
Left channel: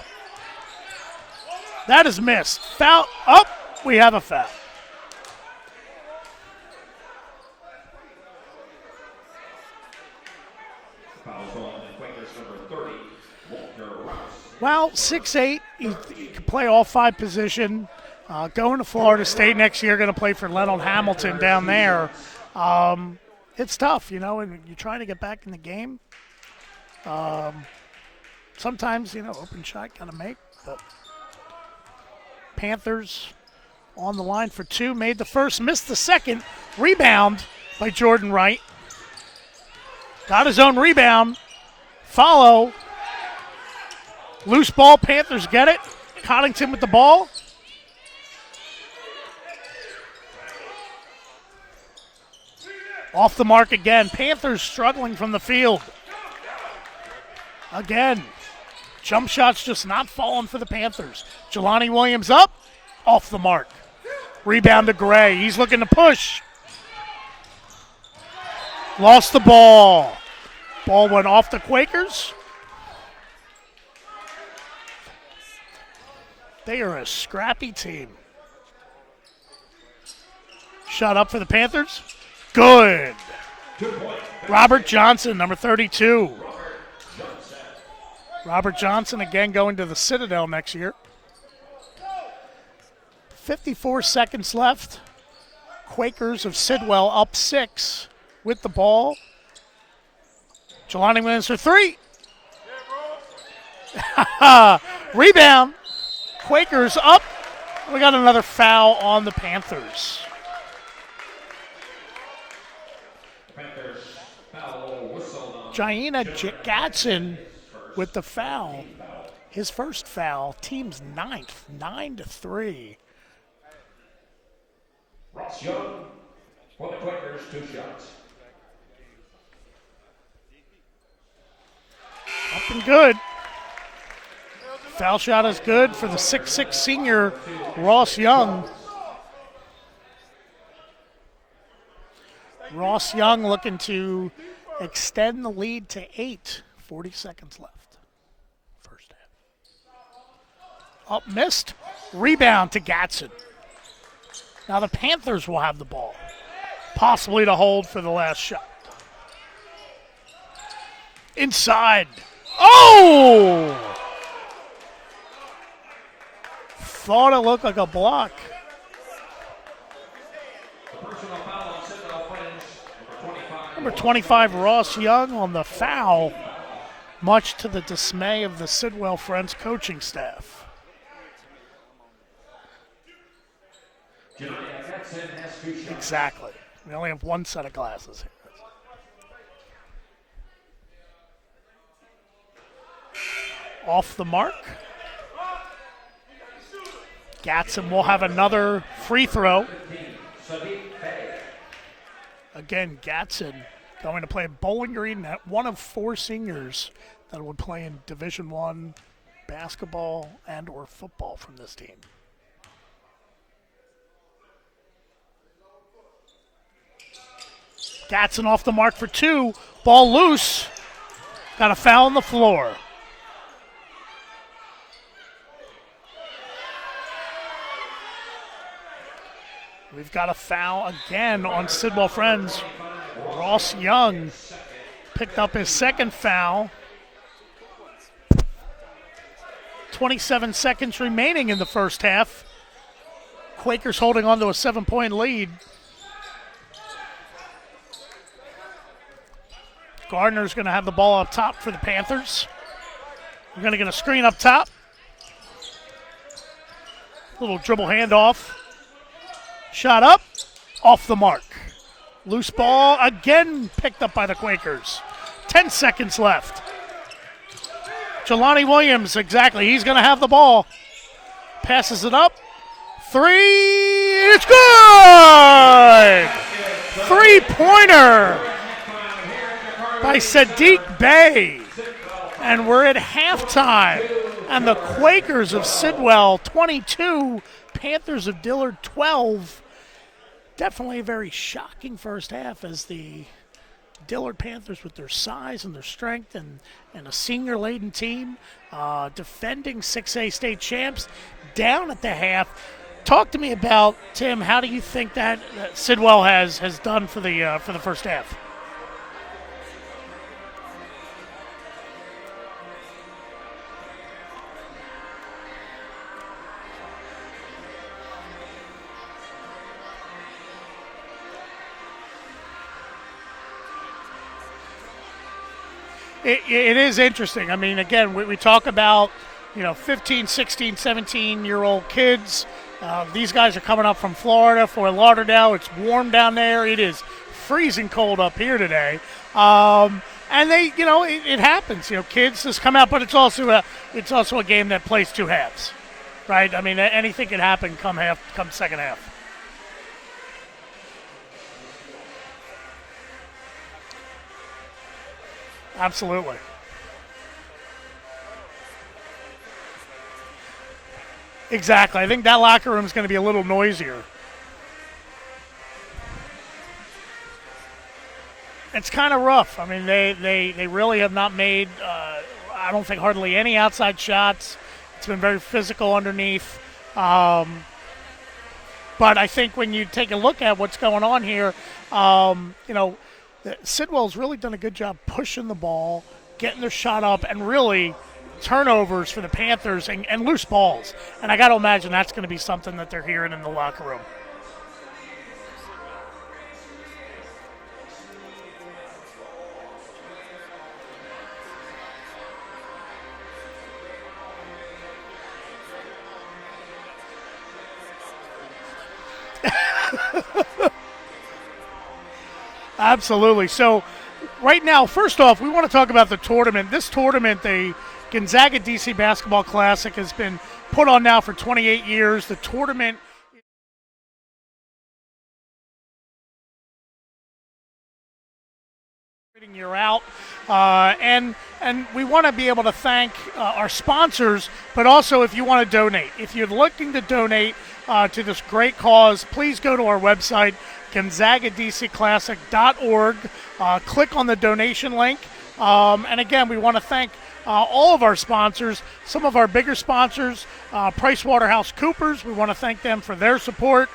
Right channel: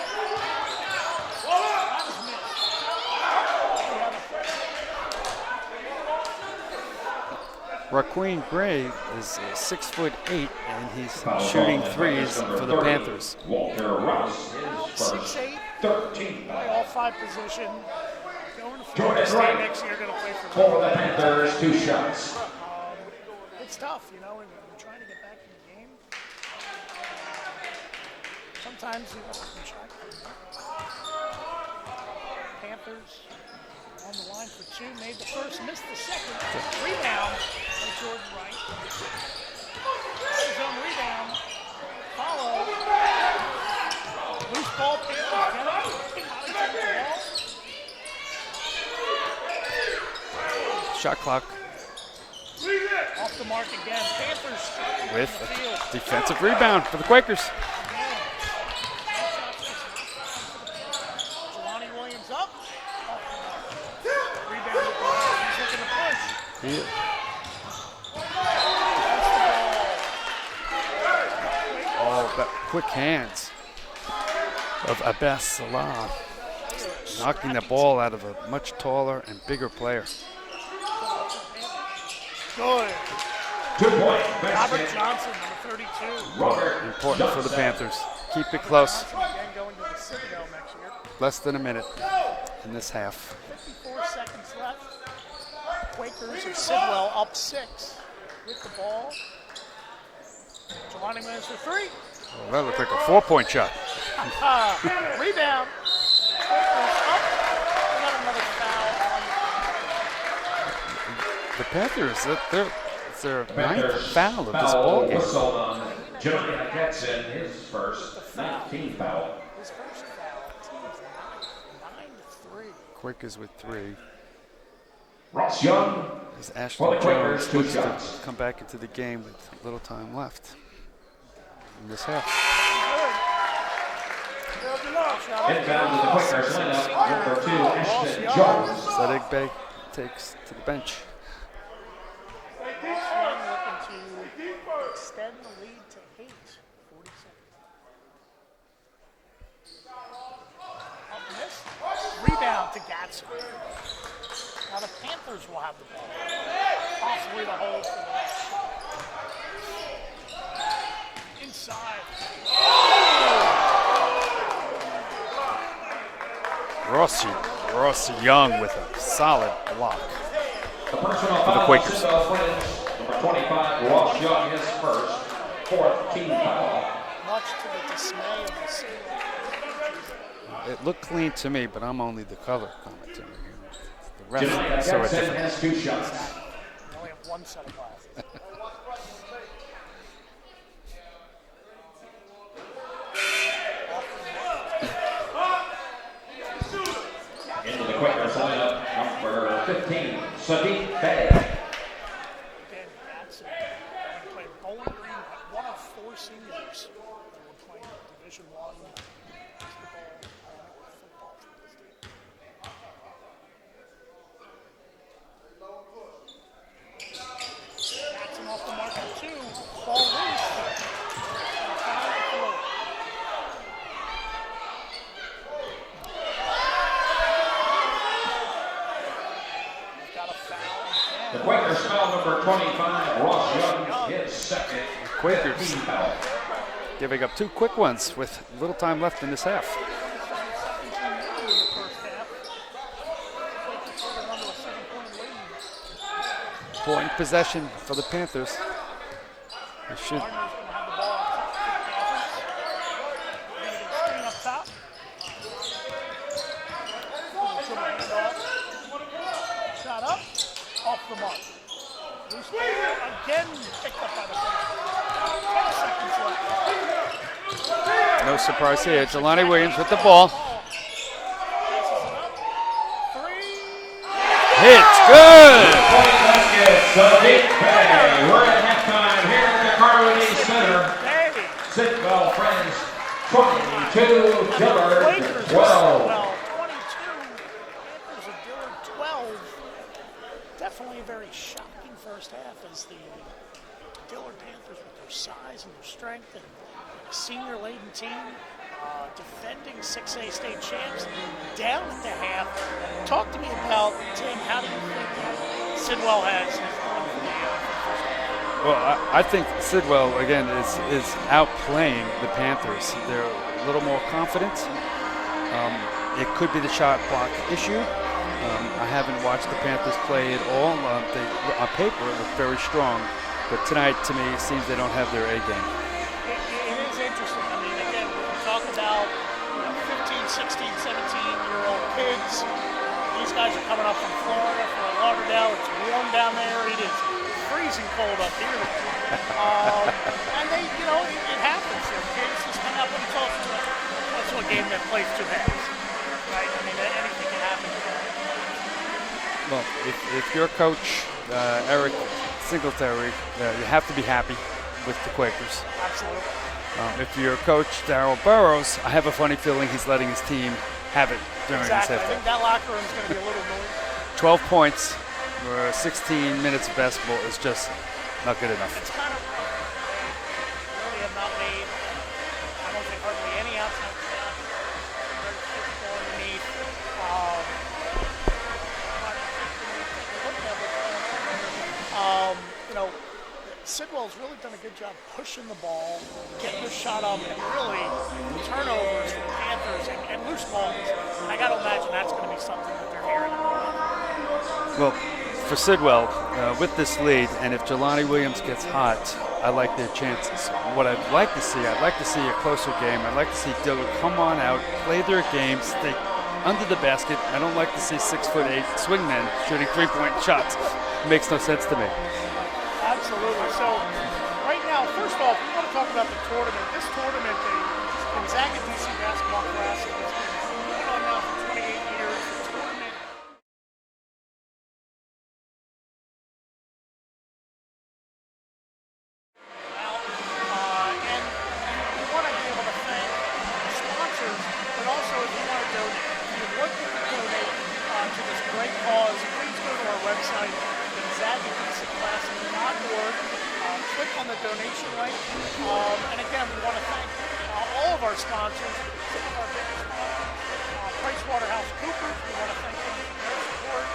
That is missed. Foul up. We have a foul. Raqueen Gray is 6'8", and he's shooting threes for the Panthers. Well, 6'8", he can play all five position. Going to Florida State next year, going to play for Leonard Hamilton down there. It's tough, and you're trying to get back in the game. Sometimes, open shot got to make. But Panthers on the line for two, made the first, missed the second. Rebound by Jordan Wright. Got his own rebound. Follow. Loose ball, Panthers get it. Collington with the ball. Shot clock. Off the mark again. Panthers struggling from the field. Defensive rebound for the Quakers. Again. Jump shots just not falling for the Panthers. Jelani Williams up. Off the mark. Rebound to Gray. He's looking to push. Yeah. Lost the ball. Ball went off the Quakers. Oh, but quick hands of Abaz Salah. They are a scrappy knocking the ball team. out of a much taller and bigger player. Shot up for the Panthers. Good. Robert Johnson, number 32. Important for the Panthers. Keep Robert it close. Johnson again going to the Citadel next year. Less than a minute in this half. 54 seconds left. Quakers of Sidwell up 6 with the ball. Jelani Williams for three. Oh, that looked like a 4-point shot. Rebound. Quakers up. We got another foul on the Panthers. The Panthers, it's their ninth foul of this ball game. Jaina Gatson with the foul. His first foul, team's ninth, 9-3. Quakers with 3. Ross Young. As Ashton Jones looks to come back into the game with little time left in this half. Looking good. Foul shot is good for the 6'6" senior Ross Young. Sadiq Bey takes to the bench. Ross Young looking to extend the lead to 8. 40 seconds left. First half. Up, missed. Rebound to Gatson. Now the Panthers will have the ball, possibly to hold for the last shot. Inside. Oh! Thought it looked like a block. Young with a solid block The personal for the foul, Quakers. Sidwell Friends, number 25, 25 Ross Young on the team foul, foul. much to the dismay of the Sidwell Friends coaching staff. It looked clean to me, but I'm only the color commentator. The Josiah ref saw it Jackson different. has 2 shots. Exactly. We only have one set of glasses. Off the mark. Gatson will have another free throw. 15, Sadiq Bey. Again, Gatson going to play Bowling Green, one of 4 seniors that would play in Division I basketball and or football from this team. Gatson off the mark for 2. Ball loose. Got a foul on the floor. We've got a foul again on Sidwell Friends. Ross Young picked up his second foul. Giving up 2 quick ones with little time left in this half. 27 seconds remaining in the first half. Quakers holding on to a 7-point lead. Point possession for the Panthers. Gardner's going to have the ball up top for the Panthers. We're going to get a screen up top. Little dribble handoff. Shot up, off the mark. Loose ball again picked up by the Quakers. 10 seconds left. Jelani Williams, Jelani exactly. Williams He's with going to the have ball. the ball. Passes it up. 3. It's good! Three-pointer by Sadiq Bey. And we're at halftime. And the Quakers of Sidwell 22, Panthers of Dillard 12. Definitely a very shocking first half as the Dillard Panthers, with their size and their strength and a senior-laden team, defending 6A state champs, down at the half. Talk to me about, Tim, how do you think that Sidwell has done for the first half? Well, I think Sidwell, again, is outplaying the Panthers. They're a little more confident. It could be the shot clock issue. I haven't watched the Panthers play at all. On paper, it looked very strong. But tonight, to me, it seems they don't have their A game. It is interesting. I mean, again, we talk about, 15, 16, 17-year-old kids. These guys are coming up from Florida, Fort Lauderdale. It's warm down there. It is freezing cold up here today. And they, it happens. Kids just come out, but it's also a game that plays 2 halves, right? I mean, anything can happen come second half. Well, if you're coach Eric Singletary, you have to be happy with the Quakers. Absolutely. If you're coach Darryl Burrows, I have a funny feeling he's letting his team have it. Exactly. I think that locker room is going to be a little noisier. 12 points for 16 minutes of basketball is just not good enough. It's kind of rough. I mean, they really have not made, I don't think, hardly any outside shots. It's been very physical underneath. But I think when you take a look at what's going on here, Sidwell's really done a good job pushing the ball, getting their shot up, and really turnovers for the Panthers and loose balls. And I got to imagine that's going to be something that they're hearing in the locker room. Well, for Sidwell, with this lead, and if Jelani Williams gets hot, I like their chances. What I'd like to see a closer game. I'd like to see Dillard come on out, play their game, stay under the basket. I don't like to see 6'8" swingmen shooting 3-point shots. Makes no sense to me. Absolutely. So right now, first off, we want to talk about the tournament. This tournament, the Gonzaga DC Basketball Classic, has been put on now for 28 years. The tournament year out, and we want to be able to thank our sponsors, but also if you want to donate. If you're looking to donate to this great cause, please go to our website, GonzagaDCClassic.org. Click on the donation link. And again, we want to thank all of our sponsors, some of our bigger sponsors, PricewaterhouseCoopers. We want to thank them for their support.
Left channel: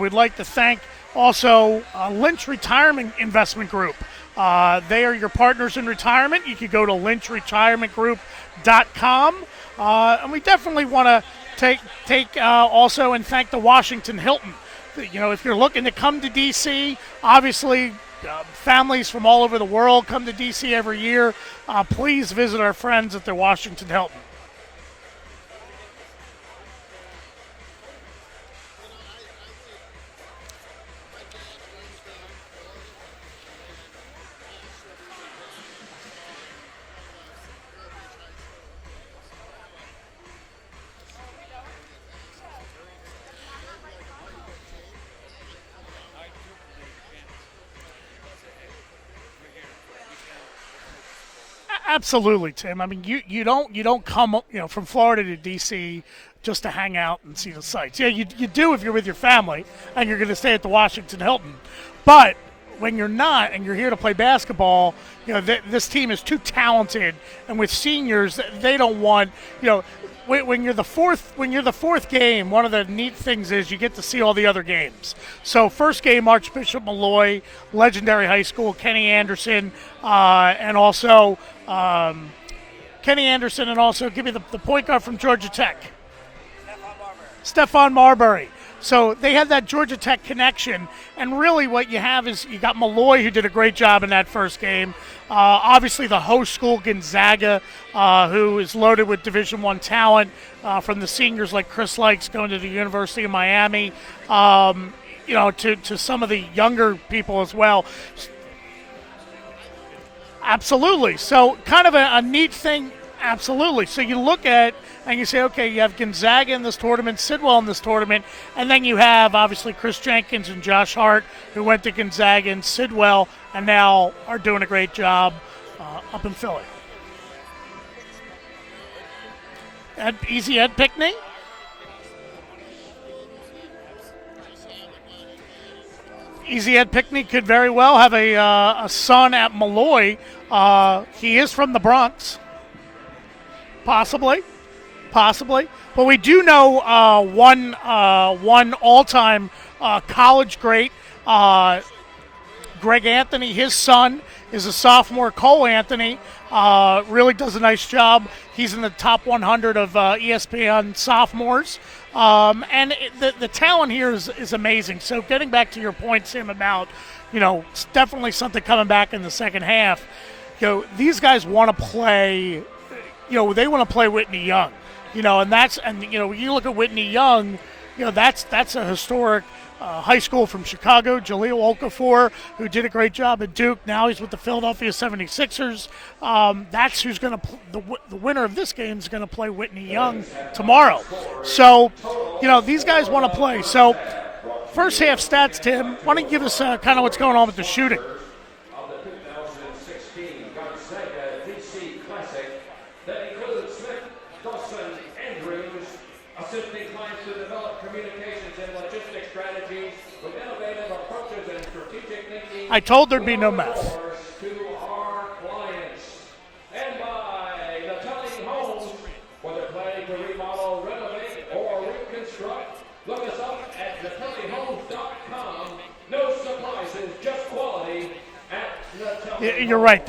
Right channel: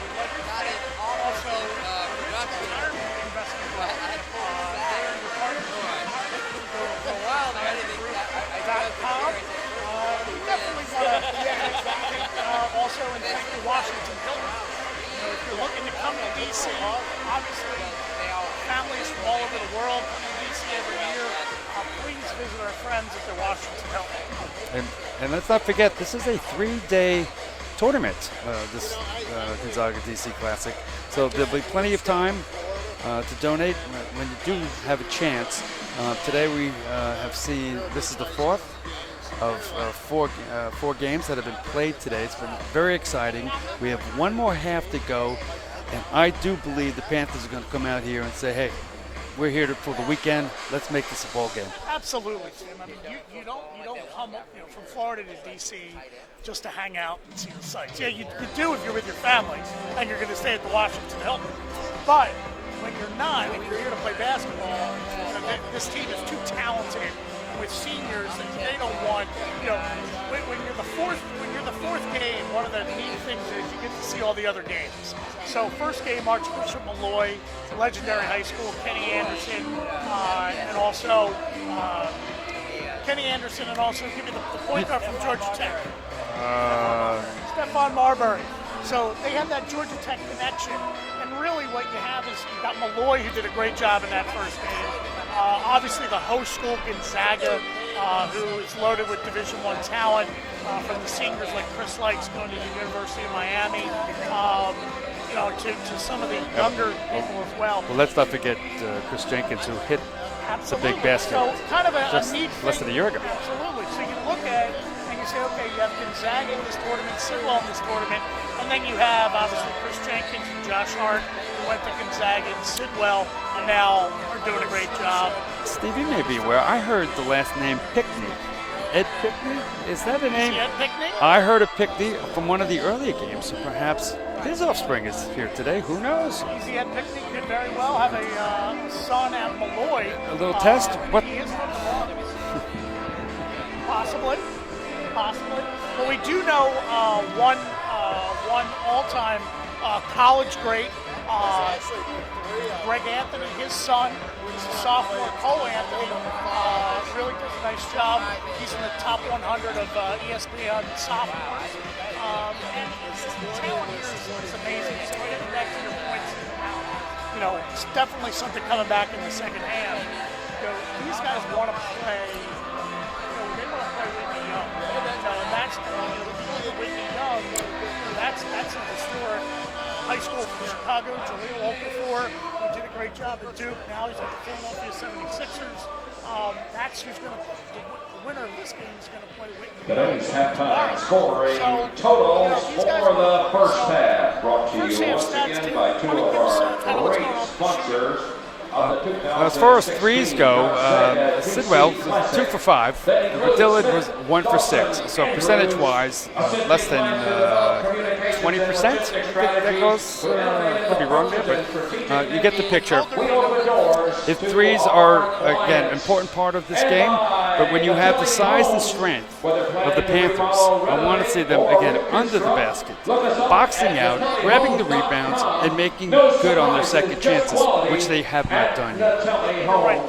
We'd like to thank also Lynch Retirement Investment Group. They are your partners in retirement. You can go to lynchretirementgroup.com. And we definitely want to take also and thank the Washington Hilton. You know, if you're looking to come to D.C., obviously families from all over the world come to D.C. every year. Please visit our friends at the Washington Hilton. And let's not forget, this is a 3-day tournament, this Gonzaga DC Classic. So there'll be plenty of time to donate when you do have a chance. Today we have seen, this is the fourth of four games that have been played today. It's been very exciting. We have one more half to go, and I do believe the Panthers are going to come out here and say, hey, we're here for the weekend. Let's make this a ball game. Absolutely, Tim. I mean, you don't come from Florida to D.C. just to hang out and see the sights. Yeah, you do if you're with your family and you're going to stay at the Washington Hilton. But when you're not and you're here to play basketball, this team is too talented. And with seniors, they don't want, when you're the fourth game, one of the neat things is you get to see all the other games. So first game, Archbishop Malloy, legendary high school, Kenny Anderson, and also give me the point guard from Georgia Tech. Stephon Marbury. So they have that Georgia Tech connection, and really what you have is you got Malloy, who did a great job in that first game. Obviously the host school, Gonzaga, who is loaded with Division I talent from the seniors like Chris Likes going to the University of Miami, to some of the younger people as well. Well, let's not forget Chris Jenkins, who hit. Absolutely. So kind of a neat thing. Less than a year ago. Absolutely. So you look at and you say, okay, you have Gonzaga in this tournament, Sidwell in this tournament, and then you have obviously Chris Jenkins and Josh Hart, who went to Gonzaga and Sidwell and now are doing a great job. Steve, you may be aware, I heard the last name Pickney. Ed Pickney? Is that the name? Ed Pickney? I heard of Pickney from one of the earlier games, so perhaps his offspring is here today. Who knows? Easy Ed Pickney could very well have a son at Malloy. A little test? He is from the Bronx. Possibly. But we do know one all-time college great, Greg Anthony. His son is a sophomore, Cole Anthony. Really does a nice job. He's in the top 100 of ESPN sophomores. And the talent here is amazing. So getting back to your point, Tim, about, it's definitely something coming back in the second half. These guys want to play, they want to play Whitney Young. You look at Whitney Young, that's a historic high school from Chicago, Jaleel Okafor, who did a great job at Duke. Now he's with the Philadelphia 76ers. That's who's going to the winner of this game is going to play Whitney Young tomorrow. So, these guys want to play. So, first half stats, Tim. Why don't you give us kind of what's going on with the shooting? As far as threes go, Sidwell 2 for 5. Dillard was 1 for 6. So percentage-wise, less than 20%. That goes. Could be wrong there, but you get the picture. I told there'd be no math. If threes are again an important part of this game, but when you have the size and strength of the Panthers, I want to see them again under the basket, boxing out, grabbing the rebounds, and making good on their second chances, which they have not done yet. You're right.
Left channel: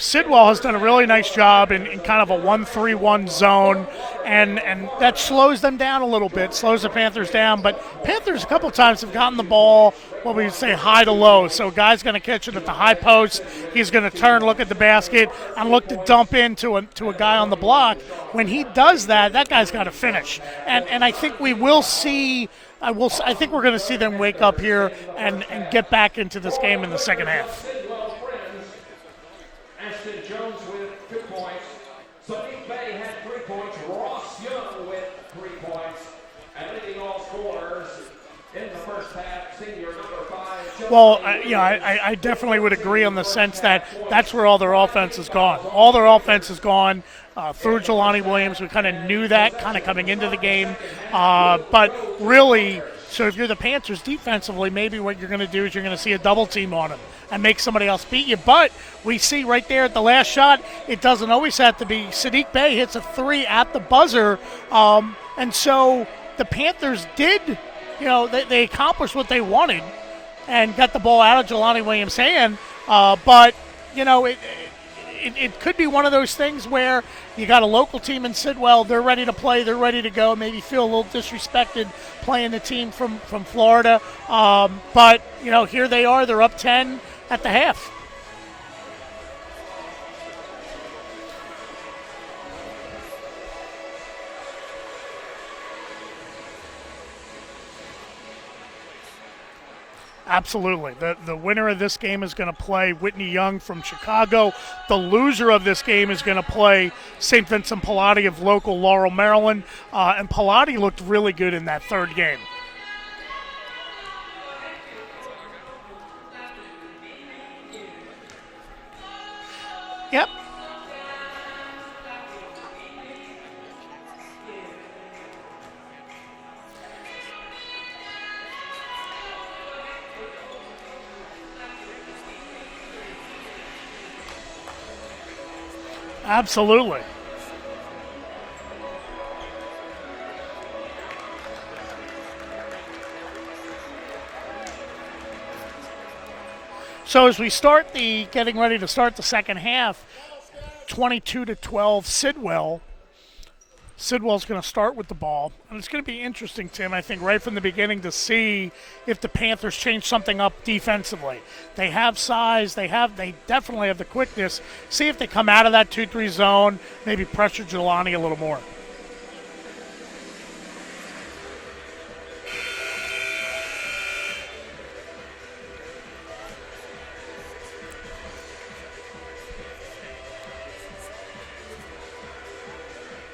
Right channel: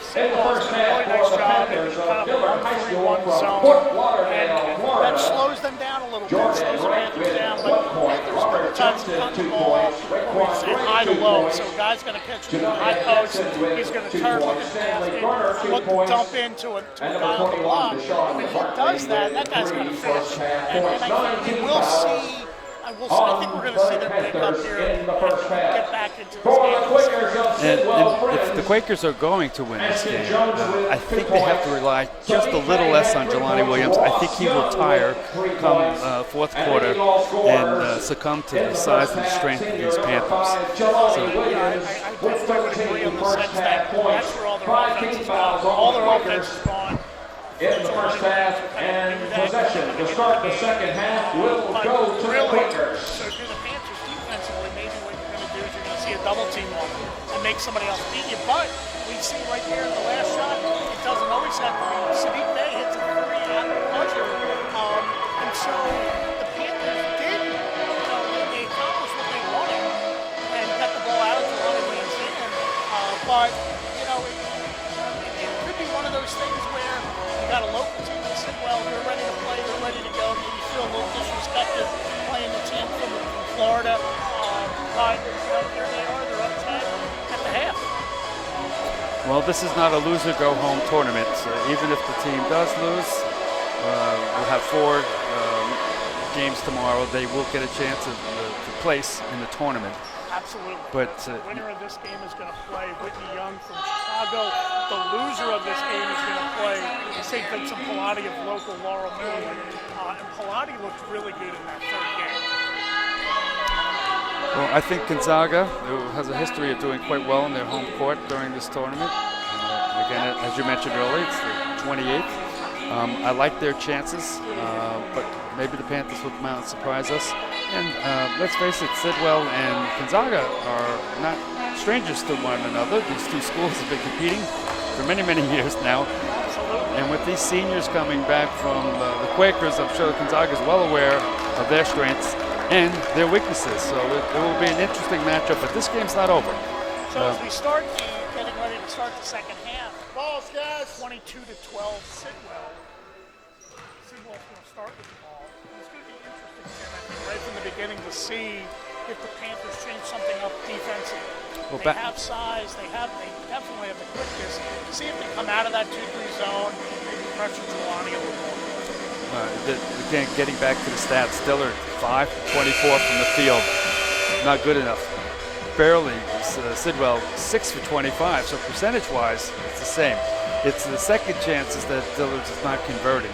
Sidwell has done a really nice job in kind of a 1-3-1 zone, and that slows them down a little bit, slows the Panthers down. But Panthers a couple of times have gotten the ball, what we say, high to low. So a guy's going to catch him at the high post. He's going to turn, look at the basket, and look to dump into a guy on the block. When he does that, that guy's got to finish. And I think we will see. I think we're going to see them wake up here and get back into this game in the second half. And if the Quakers are going to win this game, I think they have to rely just a little less on Jelani Williams. I think he will tire come fourth quarter and succumb to the size and strength of these Panthers. Well, I definitely would agree in the sense that that's where all their offense is gone. All their offense is gone for Jelani Williams. We kind of knew that kind of coming into the game. But really, so if you're the Panthers defensively, maybe what you're going to do is you're going to see a double team on him and make somebody else beat you. But we see right there at the last shot, it doesn't always have to be. Siddiq Bey hits a 3 at the buzzer. And so the Panthers did, they accomplished what they wanted and got the ball out of Jelani Williams' hand. But, it could be one of those things where you got a local team in Sidwell, they're ready to play, they're ready to go, maybe feel a little disrespected playing the team from Florida. But, here they are, they're up 10 at the half. Well, this is not a loser-go-home tournament. So even if the team does lose, we'll have 4 games tomorrow. They will get a chance to place in the tournament. Absolutely. But, the winner of this game is going to play Whitney Young from Chicago. The loser of this game is going to play St. Vincent Pallotti of local Laurel, Maryland. And Pallotti looked really good in that third game. Well, I think Gonzaga, who has a history of doing quite well in their home court during this tournament. Again, as you mentioned earlier, it's the 28th. I like their chances, but maybe the Panthers will come out and surprise us. And let's face it, Sidwell and Gonzaga are not strangers to one another. These two schools have been competing for many, many years now. Absolutely. And with these seniors coming back from the Quakers, I'm sure Gonzaga is well aware of their strengths and their weaknesses. So it will be an interesting matchup, but this game's not over. So as we start getting ready to start the second half, 22-12 Sidwell. Sidwell's going to start with the ball. And it's going to be interesting, Tim, I think, right from the beginning to see if the Panthers change something up defensively. Well, they have size. They definitely have the quickness. See if they come out of that 2-3 zone, maybe pressure Jelani a little more. Again, getting back to the stats, Dillard, 5 for 24 from the field. Not good enough. Barely. Sidwell, 6 for 25. So percentage-wise, it's the same. It's the second chances that Dillard is not converting.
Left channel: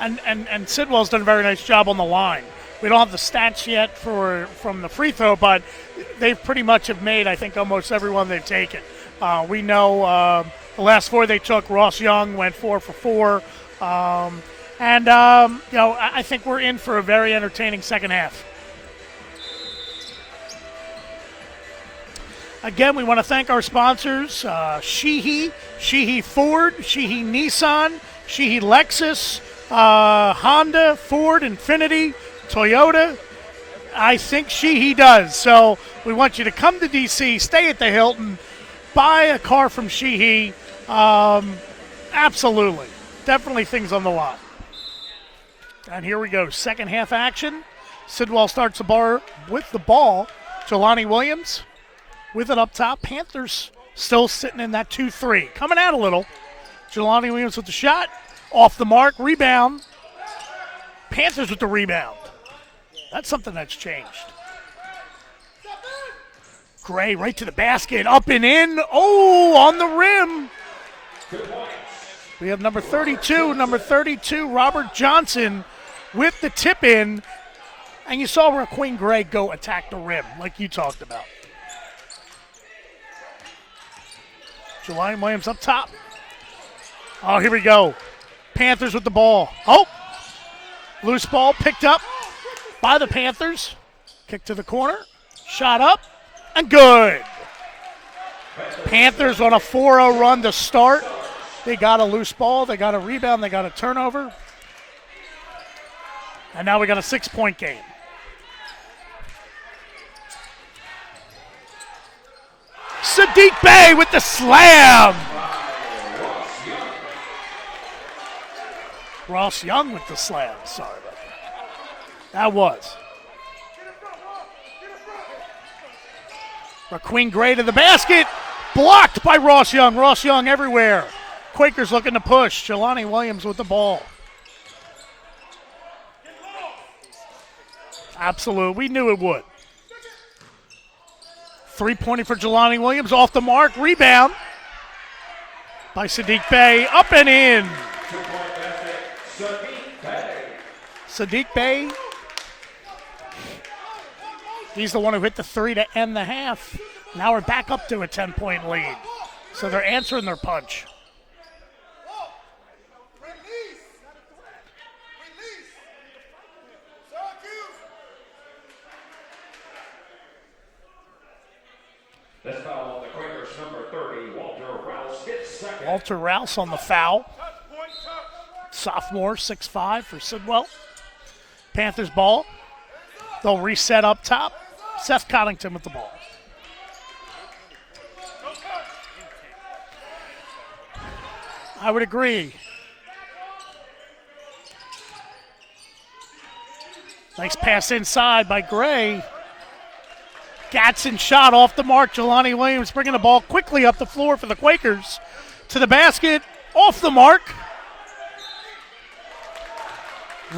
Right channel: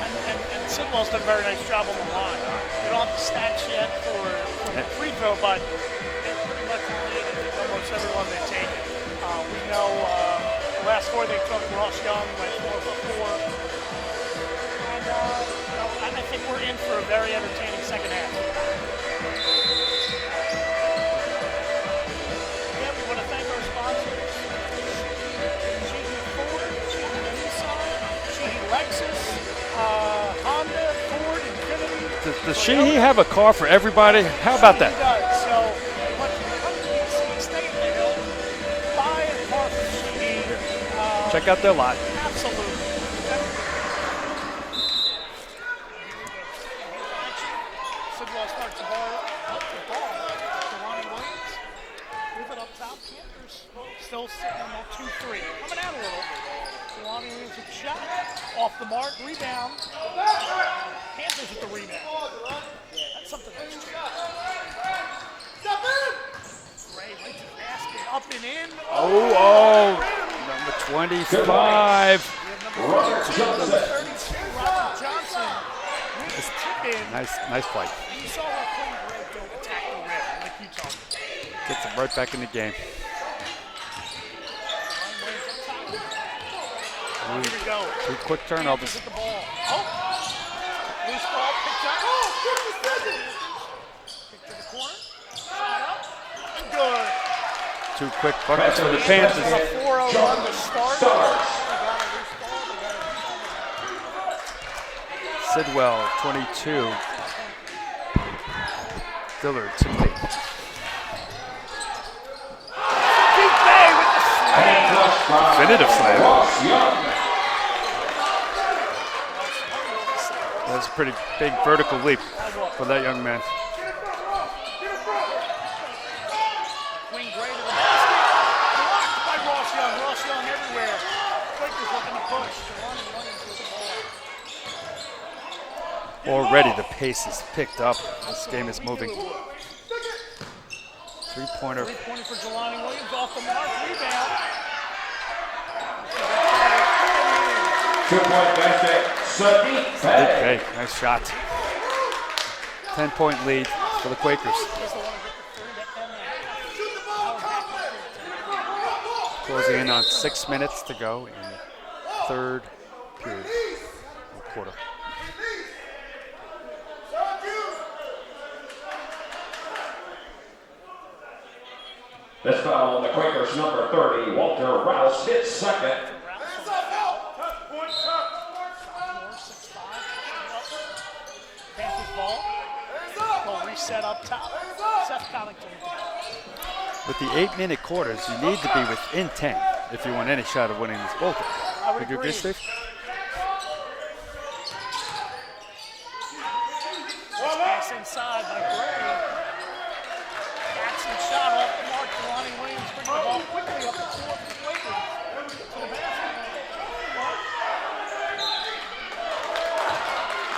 And Sidwell's done a very nice job on the line. We don't have the stats yet from the free throw, but they pretty much have made, I think, almost everyone they've taken. We know the last 4 they took, Ross Young went 4 for 4. I think we're in for a very entertaining second half. Again, we want to thank our sponsors, Sheehy Ford, Sheehy Nissan, Sheehy Lexus, Honda, Ford, Infinity, does Toyota. Sheehy have a car for everybody? I think How about Sheehy that? does. So we want you to come to D.C., stay at the Hilton, buy a car from Sheehy. Check out their lot. Absolutely. Definitely things on the lot. And here we go. Second half action. Sidwell starts the bar with the ball. Jelani Williams with it up top. Panthers still sitting in that 2-3. Coming out a little. Jelani Williams with the shot. Off the mark. Rebound. Panthers with the rebound. That's something that's changed. Gray right to the basket. Up and in. Oh, on the rim. Number 25. We have number 32, Robert Johnson with the tip in. Nice play. And you saw Raquin Gray go attack the rim like you talked about. Gets him right back in the game. Jelani Williams up top. Oh, here we go. Quick turn. Panthers with the ball. Oh, loose ball picked up by the Panthers. Kick to the corner. Shot up and good. 2 quick buckets for the Panthers on a 4-0 run to start. They got a loose ball. They got a rebound. They got a turnover. Sidwell, 22. And now we got a 6-point game. Dillard, 2-8. Siddiq Bey with the slam. Definitive slam. Ross Young with the slam. That's a pretty big vertical leap That was. for that young man. Raquin Gray to the basket. Blocked by Ross Young. Ross Young everywhere. Quakers looking to push. Jelani Williams with the ball. Already the pace is picked up. Absolutely. We knew it would. Three-pointer. Three-pointer for Jelani Williams. Off the mark. Rebound by Siddiq Bey. Up and in. 2-point basket, Siddiq Bey. Nice shot. Siddiq Bey. 10-point lead for the Quakers. He's the one who hit the 3 to end the half. Now we're back up to a 10-point lead. Closing they're on answering their 6 punch. minutes to go in third period, or quarter. This foul on the Quakers, number 30, Walter Rouse hits second. Walter Rouse on the foul. Sophomore, 6'5" for Sidwell. Panthers ball. They'll reset up top. Seth Coddington with the ball. With the 8-minute quarters, you need to be within 10 if you want any shot of winning this ball game. I would agree. Nice pass inside by Gray. Gatson shot off the mark. Jelani Williams bringing the ball quickly up the floor for the Quakers. To the basket, off the mark.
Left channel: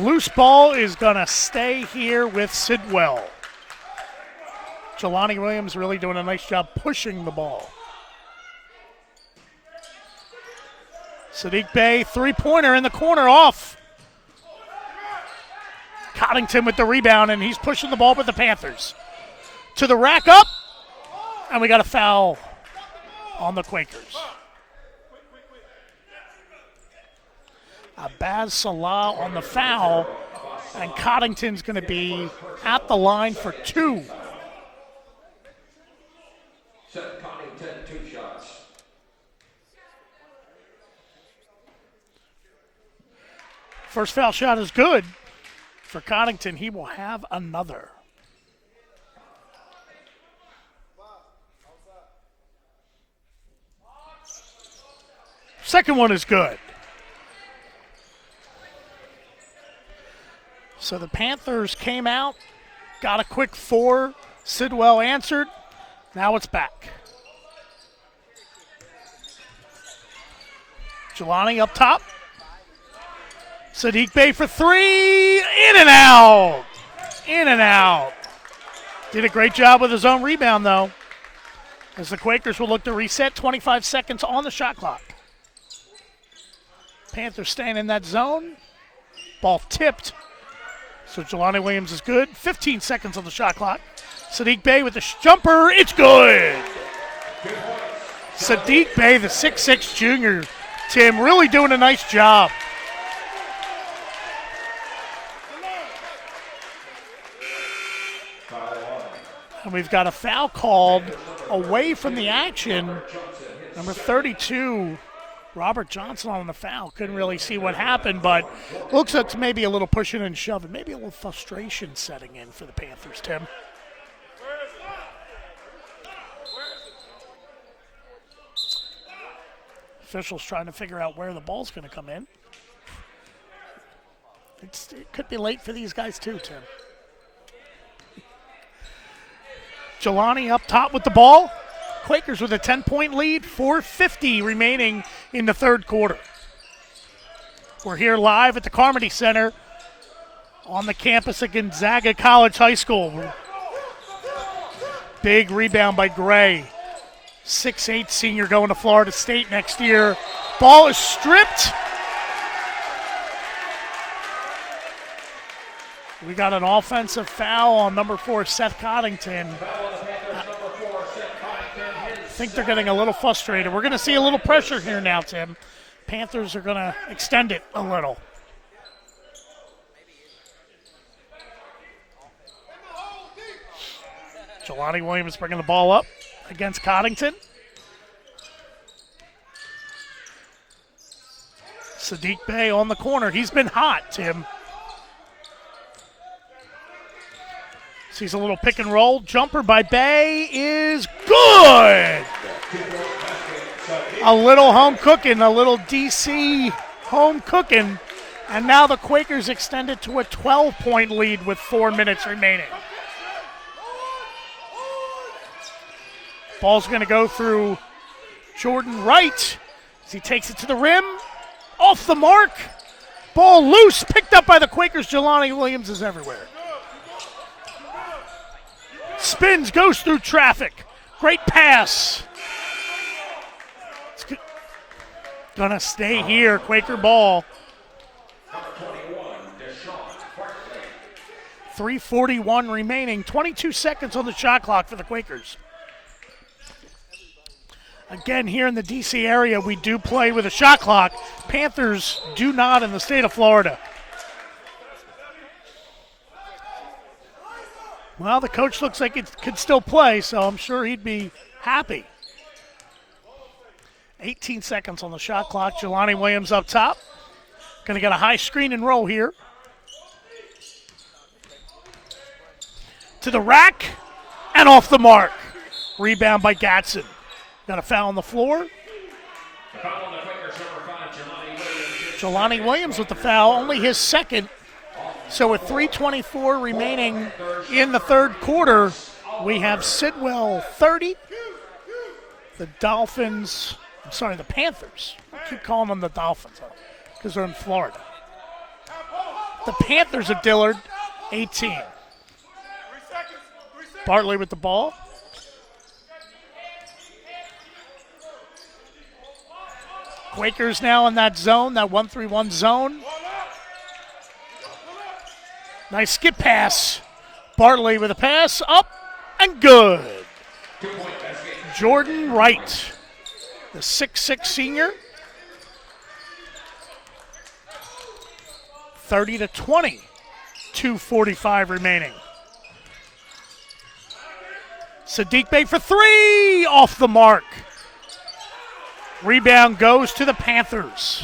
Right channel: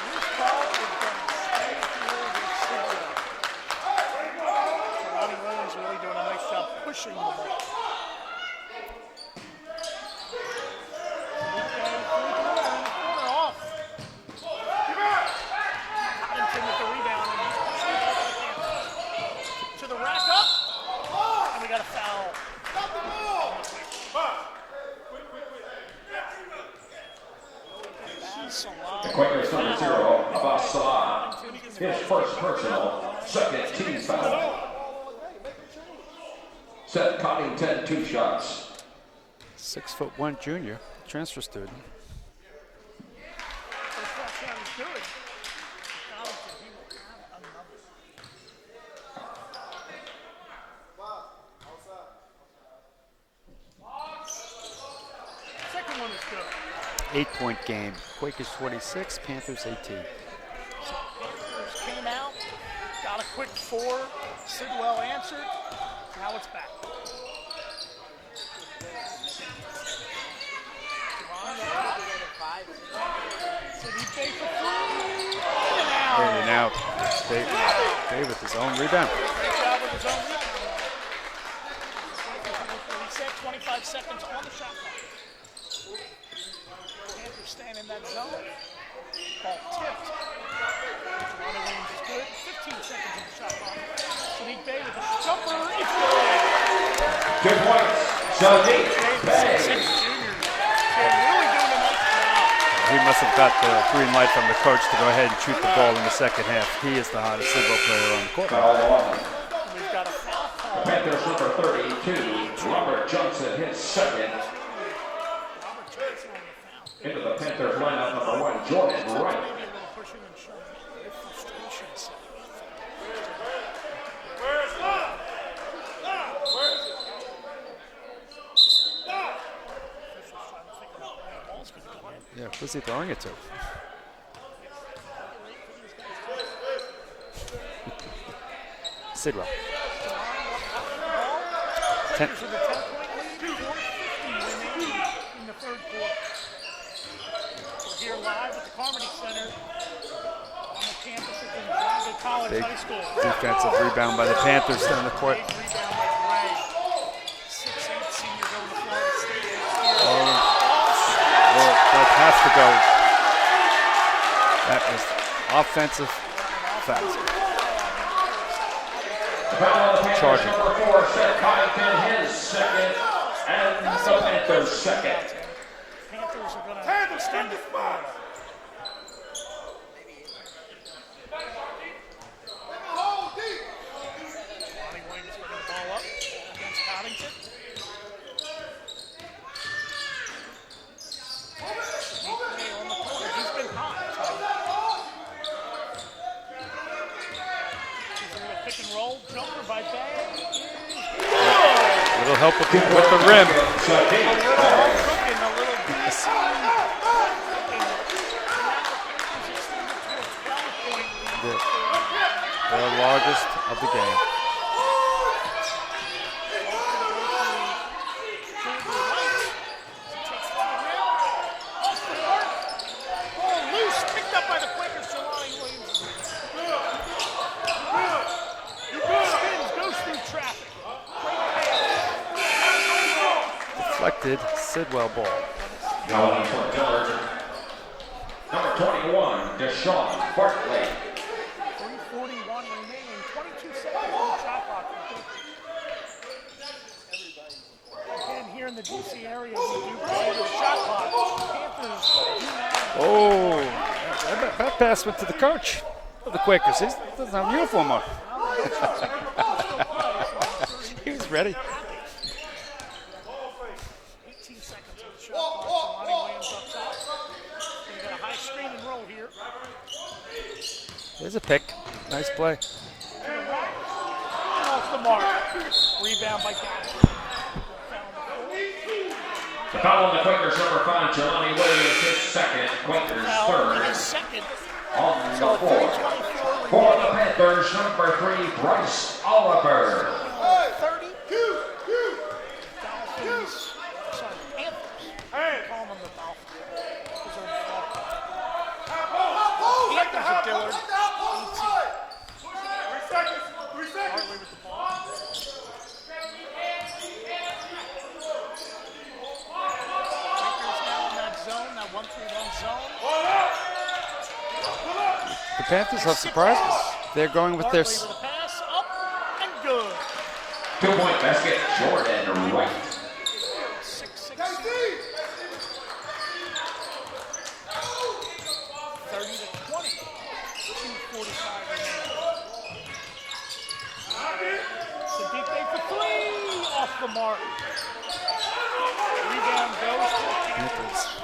Loose ball is going to stay here with Sidwell. Jelani Williams really doing a nice job pushing the ball. Sadiq Bey, three-pointer in the corner off. Coddington with the rebound, and he's pushing the ball with the Panthers. To the rack up, and we got a foul on the Quakers. Baz Salah on the foul, and Coddington's going to be at the line for 2. Seth Coddington, 2 shots. 6'1" junior, transfer student. First foul shot is good for Coddington. He will have another. Second one is good. 8-point game. Quakers 46, Panthers 18. So the Panthers came out, got a quick 4. Sidwell answered. Now it's back. Jelani up top. Sadiq Bey for 3. In and out. In and out. Bey with his own rebound. Did a great job with his own rebound, though. As the Quakers will look to reset, 25 seconds on the shot clock. Panthers staying in that zone. Ball tipped. So Jelani Williams is good. 15 seconds on the shot clock. Sadiq Bey with the jumper. It's good. Good points. Sadiq Bey, the 6'6" junior. Tim, really doing a nice job. He must have got the green light from the coach to go ahead and shoot the ball in the second half. He is the hottest Sidwell player on the court. Foul 1. And we've got a foul called away from the action. Number 32. Robert Johnson on the foul. Couldn't really see what happened, but looks like maybe a little pushing and shoving. Maybe a little frustration setting in for the Panthers, Tim. Officials trying to figure out where the ball's going to come in. Yeah, who's he throwing it to? It could be late for these guys, too, Tim. Sidwell. Jelani up top with the ball. Quakers with a 10-point lead, 4:50 remaining in the third quarter. We're here live at the Carmody Center on the campus of Gonzaga College High School. Defensive rebound by the Panthers down the court. Big rebound by Gray. 6'8" senior going to Florida State next year. Ball is stripped. That has to go. That was offensive. We got an offensive foul on number 4, Seth Coddington. Charging. I think they're getting a little frustrated. We're going to see a little pressure here now, Tim. Panthers are going to extend it a little. Jelani Williams bringing the ball up against Coddington. Sadiq Bey on the corner. He's been hot, Tim. Sees a little pick and roll. Jumper by Bey is good. A little help with the rim. A little home cooking, a little DC home cooking. And now the Quakers extend it to a 12-point lead with 4 minutes remaining. The largest of the game. Ball's going to go through Jordan Wright as he takes it to the rim. Off the mark. Ball loose, picked up by the Quakers. Jelani Williams is everywhere. Spins, goes through traffic. Great pass. Deflected Sidwell ball. Gonna stay here, Quaker ball. Number 21, Deshaun Barkley. 3:41 remaining. 22 seconds on the shot clock for the Quakers. Again, here in the DC area, we do play with a shot clock. Panthers do not in the state of Florida. That pass went to the coach of the Quakers. He doesn't have a uniform on. Well, the coach looks like he can still play, so I'm sure he'd be happy. 18 seconds on the shot clock. Jelani Williams up top. Going to get a high screen and roll here. There's a pick. Nice play. To the rack and off the mark. Rebound by Gatson. Got a foul on the floor. The foul on the Quakers, number 5, Jelani Williams. Jelani Williams with the foul, only his second. So with 3:24 remaining in the third quarter, we have Sidwell 30. The Panthers. I keep calling them the Dolphins because they're in Florida. The Panthers of Dillard, 18. Bartley with the ball. Quakers now in that zone, that 1-3-1 zone. The Panthers nice skip pass. They're going with Bartley with a pass, up and good. 2-point basket. Jordan Wright, the 6'6 senior. 30-20, 2:45 remaining. Sadiq Bey for three, off the mark. Rebound goes to the Panthers.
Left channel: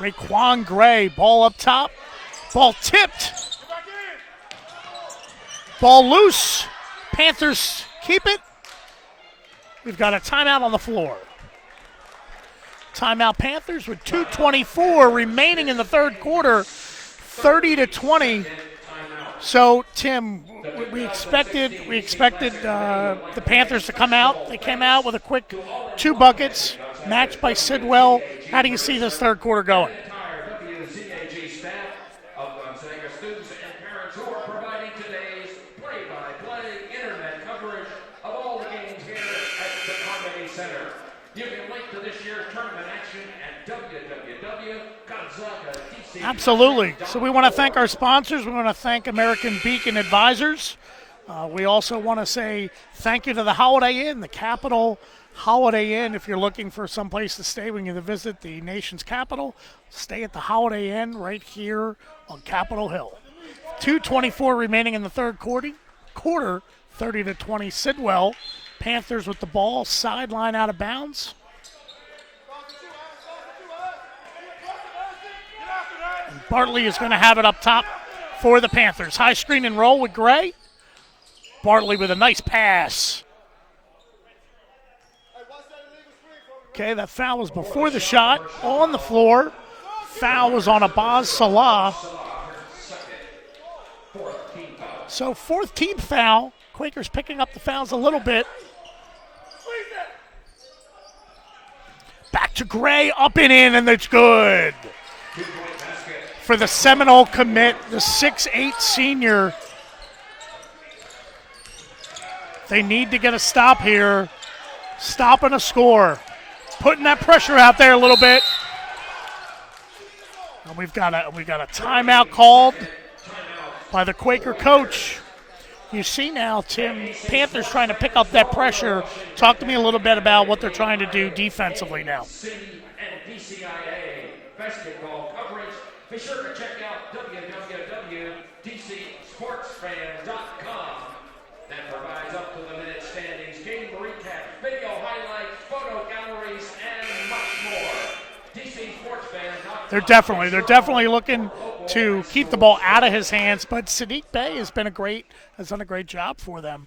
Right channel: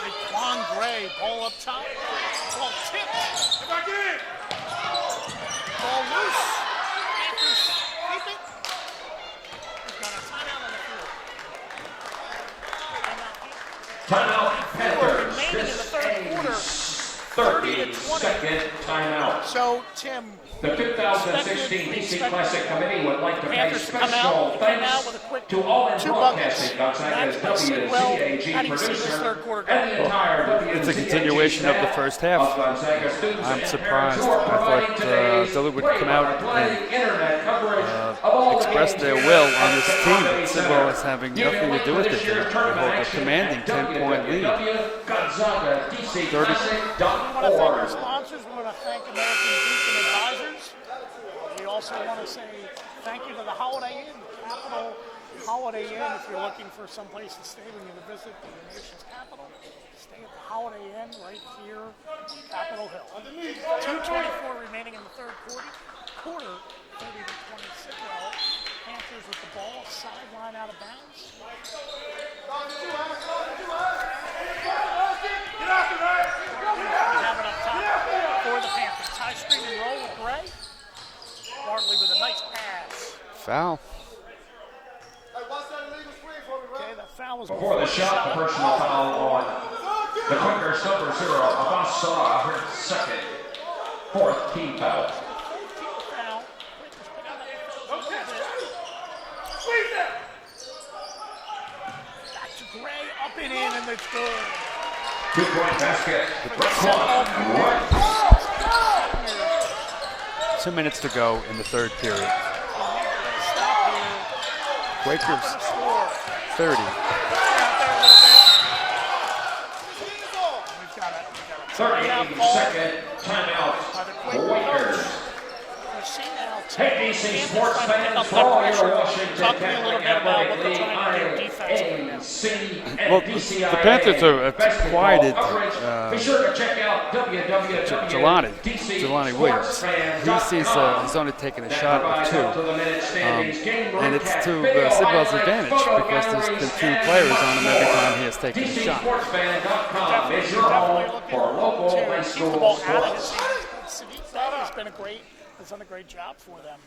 Raquan Gray, ball up top. Ball tipped. Ball loose. Panthers keep it. We've got a timeout on the floor. Timeout Panthers with 2:24 remaining in the third quarter. 30-20. So, Tim, we expected the Panthers to come out. They came out with a quick 2 buckets, matched by Sidwell. How do you see this third quarter going? It's a continuation of the first half. I'm surprised. I thought Dillard would come out and express their will on this team, but Sidwell is having nothing to do with it. They hold a commanding 10-point lead. Absolutely. So we want to thank our sponsors. We want to thank American Beacon Advisors. We also want to say thank you to the Holiday Inn, the Capitol Holiday Inn. If you're looking for some place to stay when you visit the nation's capital, stay at the Holiday Inn right here on Capitol Hill. 2:24 remaining in the third quarter. 30-20 Sidwell. Panthers with the ball, sideline out of bounds. Bartley is going to have it up top for the Panthers. High screen and roll with Gray. Bartley with a nice pass. Foul. Okay, that foul was before the shot. On the floor. Foul was on Abaz Salah. So fourth team foul. Quakers picking up the fouls a little bit. Back to Gray, up and in, and it's good. For the Seminole commit, the 6'8 senior. 2 minutes to go in the third period. They need to get a stop here. Stop and a score. 30. Putting that pressure out there a little bit. And we've got a timeout called by the Quaker coach. You see now, Tim, Panthers trying to pick up that pressure. Talk to me a little bit about what they're trying to do defensively now. Well, the Panthers have quieted Jelani Williams. He sees he's only taking a shot or two. And it's to Sidwell's advantage because there's been 2 players on him every time he has taken a shot. They're definitely looking to keep the ball out of his hands, but Sadiq Bey has done a great job for them.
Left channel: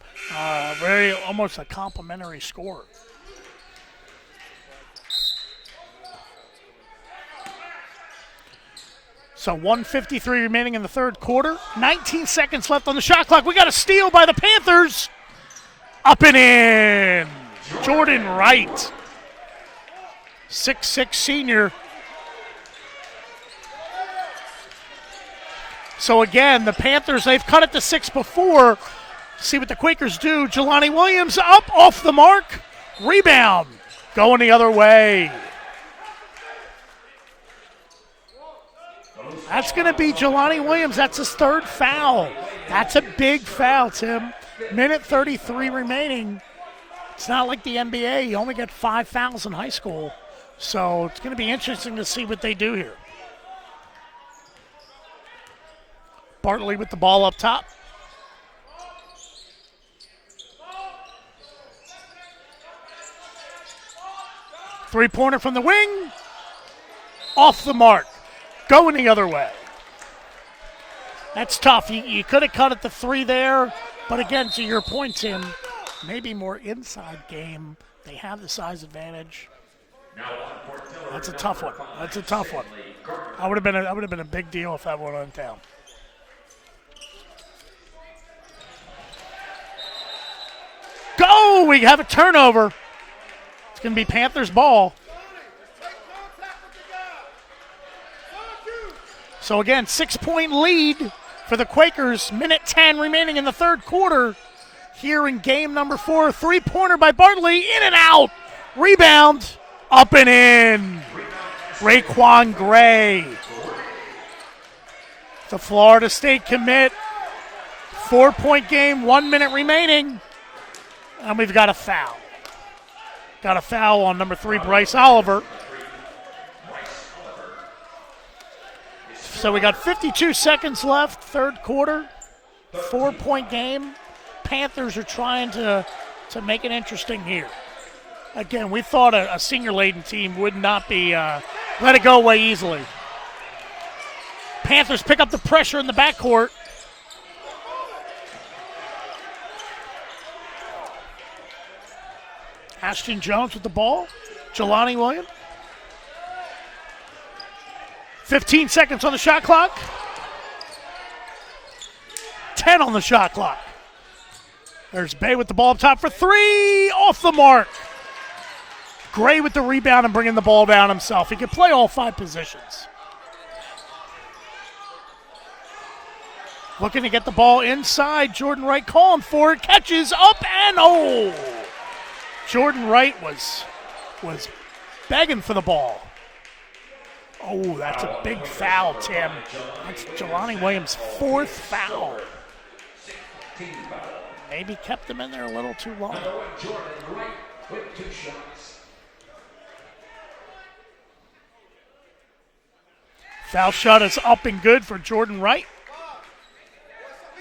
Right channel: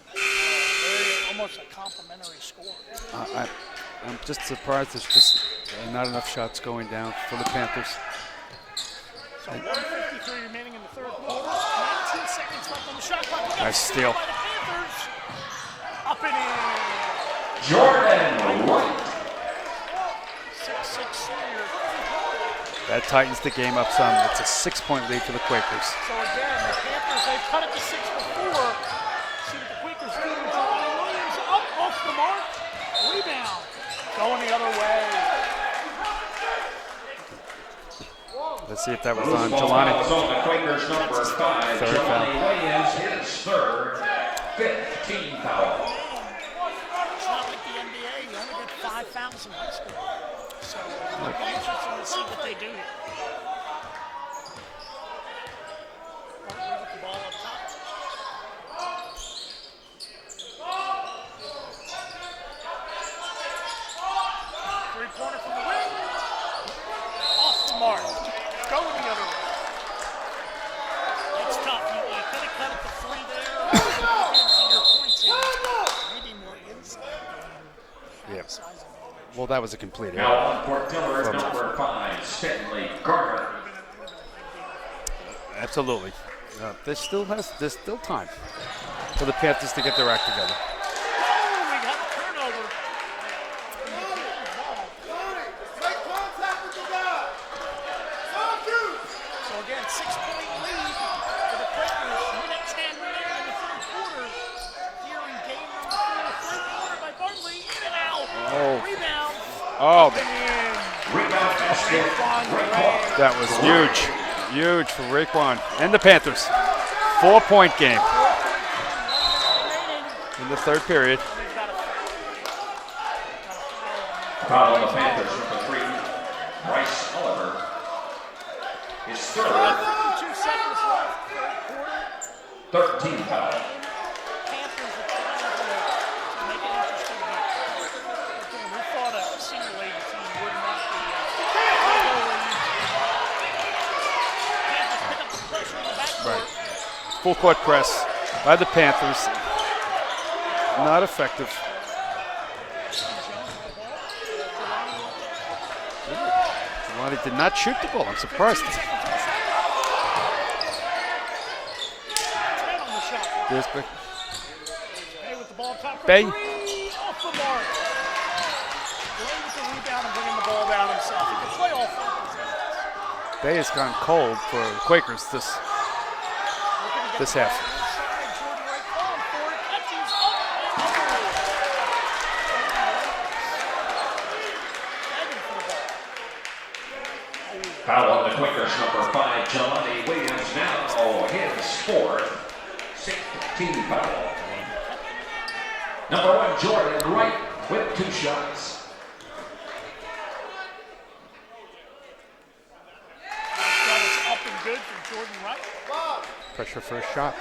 Very almost a complimentary score. I'm just surprised there's just not enough shots going down for the Panthers. So 1:53 remaining in the third quarter. 19 seconds left on the shot clock. We got a steal by the Panthers. Up and in. Jordan Wright. 6'6 senior. That tightens the game up some. It's a 6-point lead for the Quakers. So again, the Panthers, they've cut it to 6 before. See what the Quakers do. Jelani Williams up, off the mark. Rebound. Going the other way. Let's see if that was on. That's going to be Jelani Williams. That's his third foul. That's a big foul, Tim. Minute 33 remaining. It's not like the NBA. You only get 5 fouls in high school. So it's going to be interesting to see what they do here. Bartley with the ball up top. Three-pointer from the wing. Off the mark. Going the other way. That's tough. You could have cut at the three there. But again, to your point, Tim, maybe more inside game. They have the size advantage. Well, that was a complete Now on court, Dillard, It's a tough one. number It's a 5, tough one. Stanley Gardner. That would have been a big deal if that were on town. Absolutely. There's still time for the Panthers to get their act together. Go! We have a turnover. It's going to be Panthers ball. So again, 6-point lead for the Quakers. Minute 10 remaining in the third quarter. Here in game number 4, three-pointer by Bartley, in and out. Rebound, up and in. Raekwon Gray. That was huge for Raekwon. The Florida and the State Panthers. commit. 4-point game 4-point game, 1 minute remaining. in the third period. And we've got a foul. Got a foul on number 3, Bryce Oliver. Bryce Oliver. So we got 52 seconds left, third quarter. 4-point game. Panthers are trying to make it interesting here. Again, we thought a senior-laden team would not be let it go away easily. Panthers pick up the pressure in the backcourt. Full court press by the Panthers. Not effective. Ashton Jones with the ball. Jelani Williams. Jelani did not shoot the ball. I'm surprised. 15 seconds on the shot clock. 10 on the shot clock. There's Bay with the ball up top for Bay. 3. Off the mark. Gray with the rebound and bringing the ball down himself. He can play all 5 positions. Bay has gone cold for Quakers this. Looking to get This the ball inside. Jordan Wright calling for it. Catches up and hold. Jordan Wright was begging for for Oh, that's a big foul, Tim. Jelani Williams' 4th foul. 16 foul. Maybe kept him in there a little too long. Number 1, Jordan Wright with 2 shots. Foul shot is up and good for Jordan Wright. Pressure for a shot.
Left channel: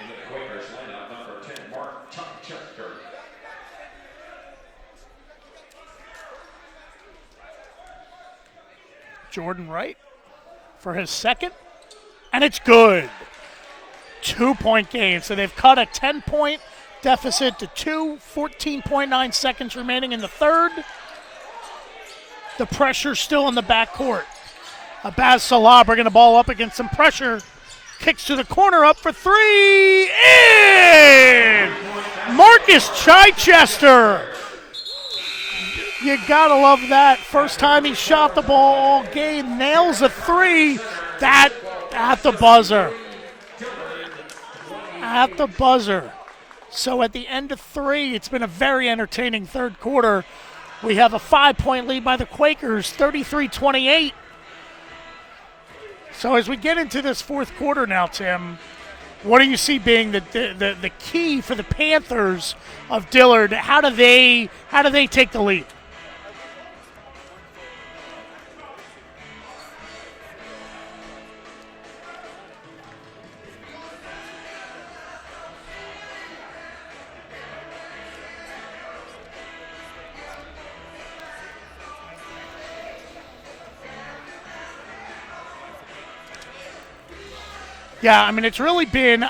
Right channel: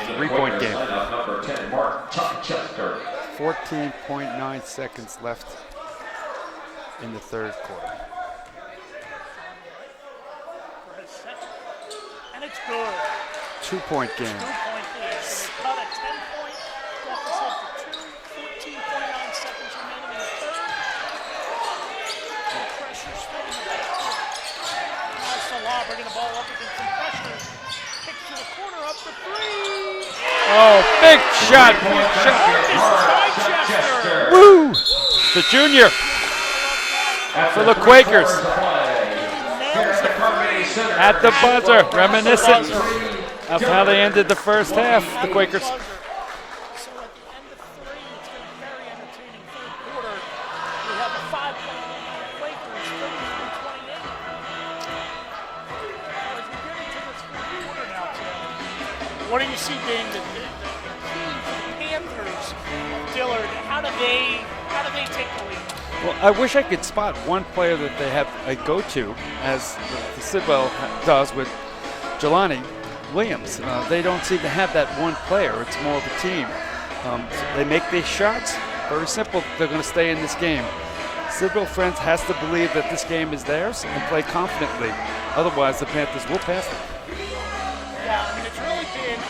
In the 3-point Quakers game. lineup, number 10, Mark Chichester. 14.9 seconds left in the third quarter. Jordan Wright for his second, and it's good. 2-point game. 2-point game. So they've cut a 10-point deficit to 2, 14.9 seconds remaining in the third. The pressure still in the backcourt. Abaz Salah bringing the ball up against some pressure. Kicks to the corner, up for 3. In! Big shot. Marcus Chichester. Woo! The junior. You gotta love that. First For the time he Quakers. shot the ball all game, nails a 3. At the buzzer. At the Reminiscent buzzer. of how they ended the first half. At the Quakers. buzzer. So at the end of 3, it's been a very entertaining third quarter. We have a 5-point lead by the Quakers, 33-28. So as we get into this fourth quarter now, Tim, what do you see being the key for the Panthers of Dillard? How do they take the lead? Well, I wish I could spot one player that they have a go-to, as the Sidwell does with Jelani Williams. They don't seem to have that one player. It's more of a team. So they make these shots. Very simple. They're going to stay in this game. Sidwell Friends has to believe that this game is theirs and play confidently. Otherwise, the Panthers will pass them. Yeah, I mean, it's really been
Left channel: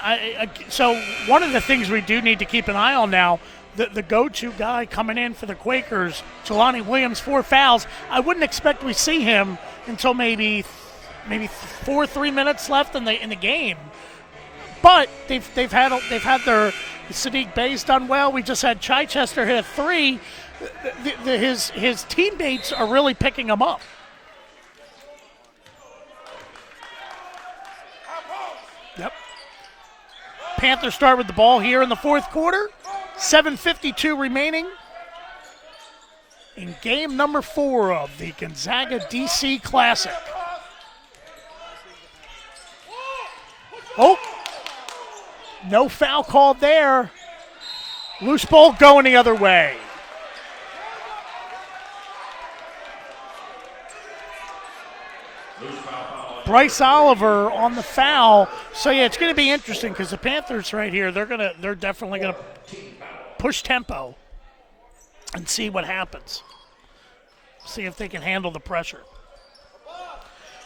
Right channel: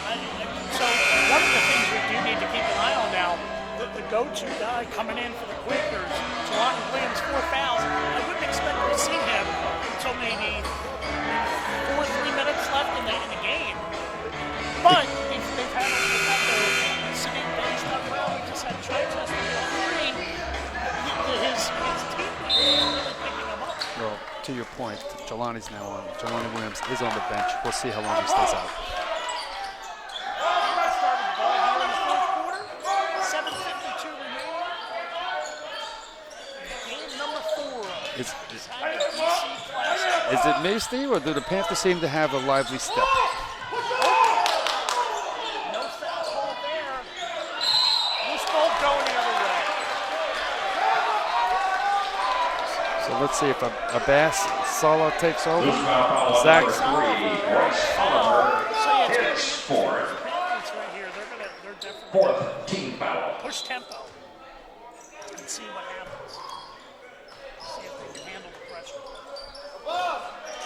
so one of the things we do need to keep an eye on now, the go-to guy coming in for the Quakers, Jelani Williams, 4 fouls. I wouldn't expect we see him until maybe 3 minutes left in the game. But they've had their Sadiq Bay's done well. We just had Chichester hit 3. His teammates are really picking him up. Well, to your point, Jelani's now on. Jelani Williams is on the bench. We'll see how long he stays out. Yep. Panthers start with the ball here in the fourth quarter. 7:52 remaining in game number 4 of the Gonzaga DC Classic. Is it me, Steve, or do the Panthers seem to have a lively step? Oh, no foul called there. Loose ball going the other way. So let's see if Abbas Sala takes over. Bryce Oliver on the foul. So yeah, it's going to be interesting because the Panthers right here, they're definitely going to push tempo and see what happens. See if they can handle the pressure.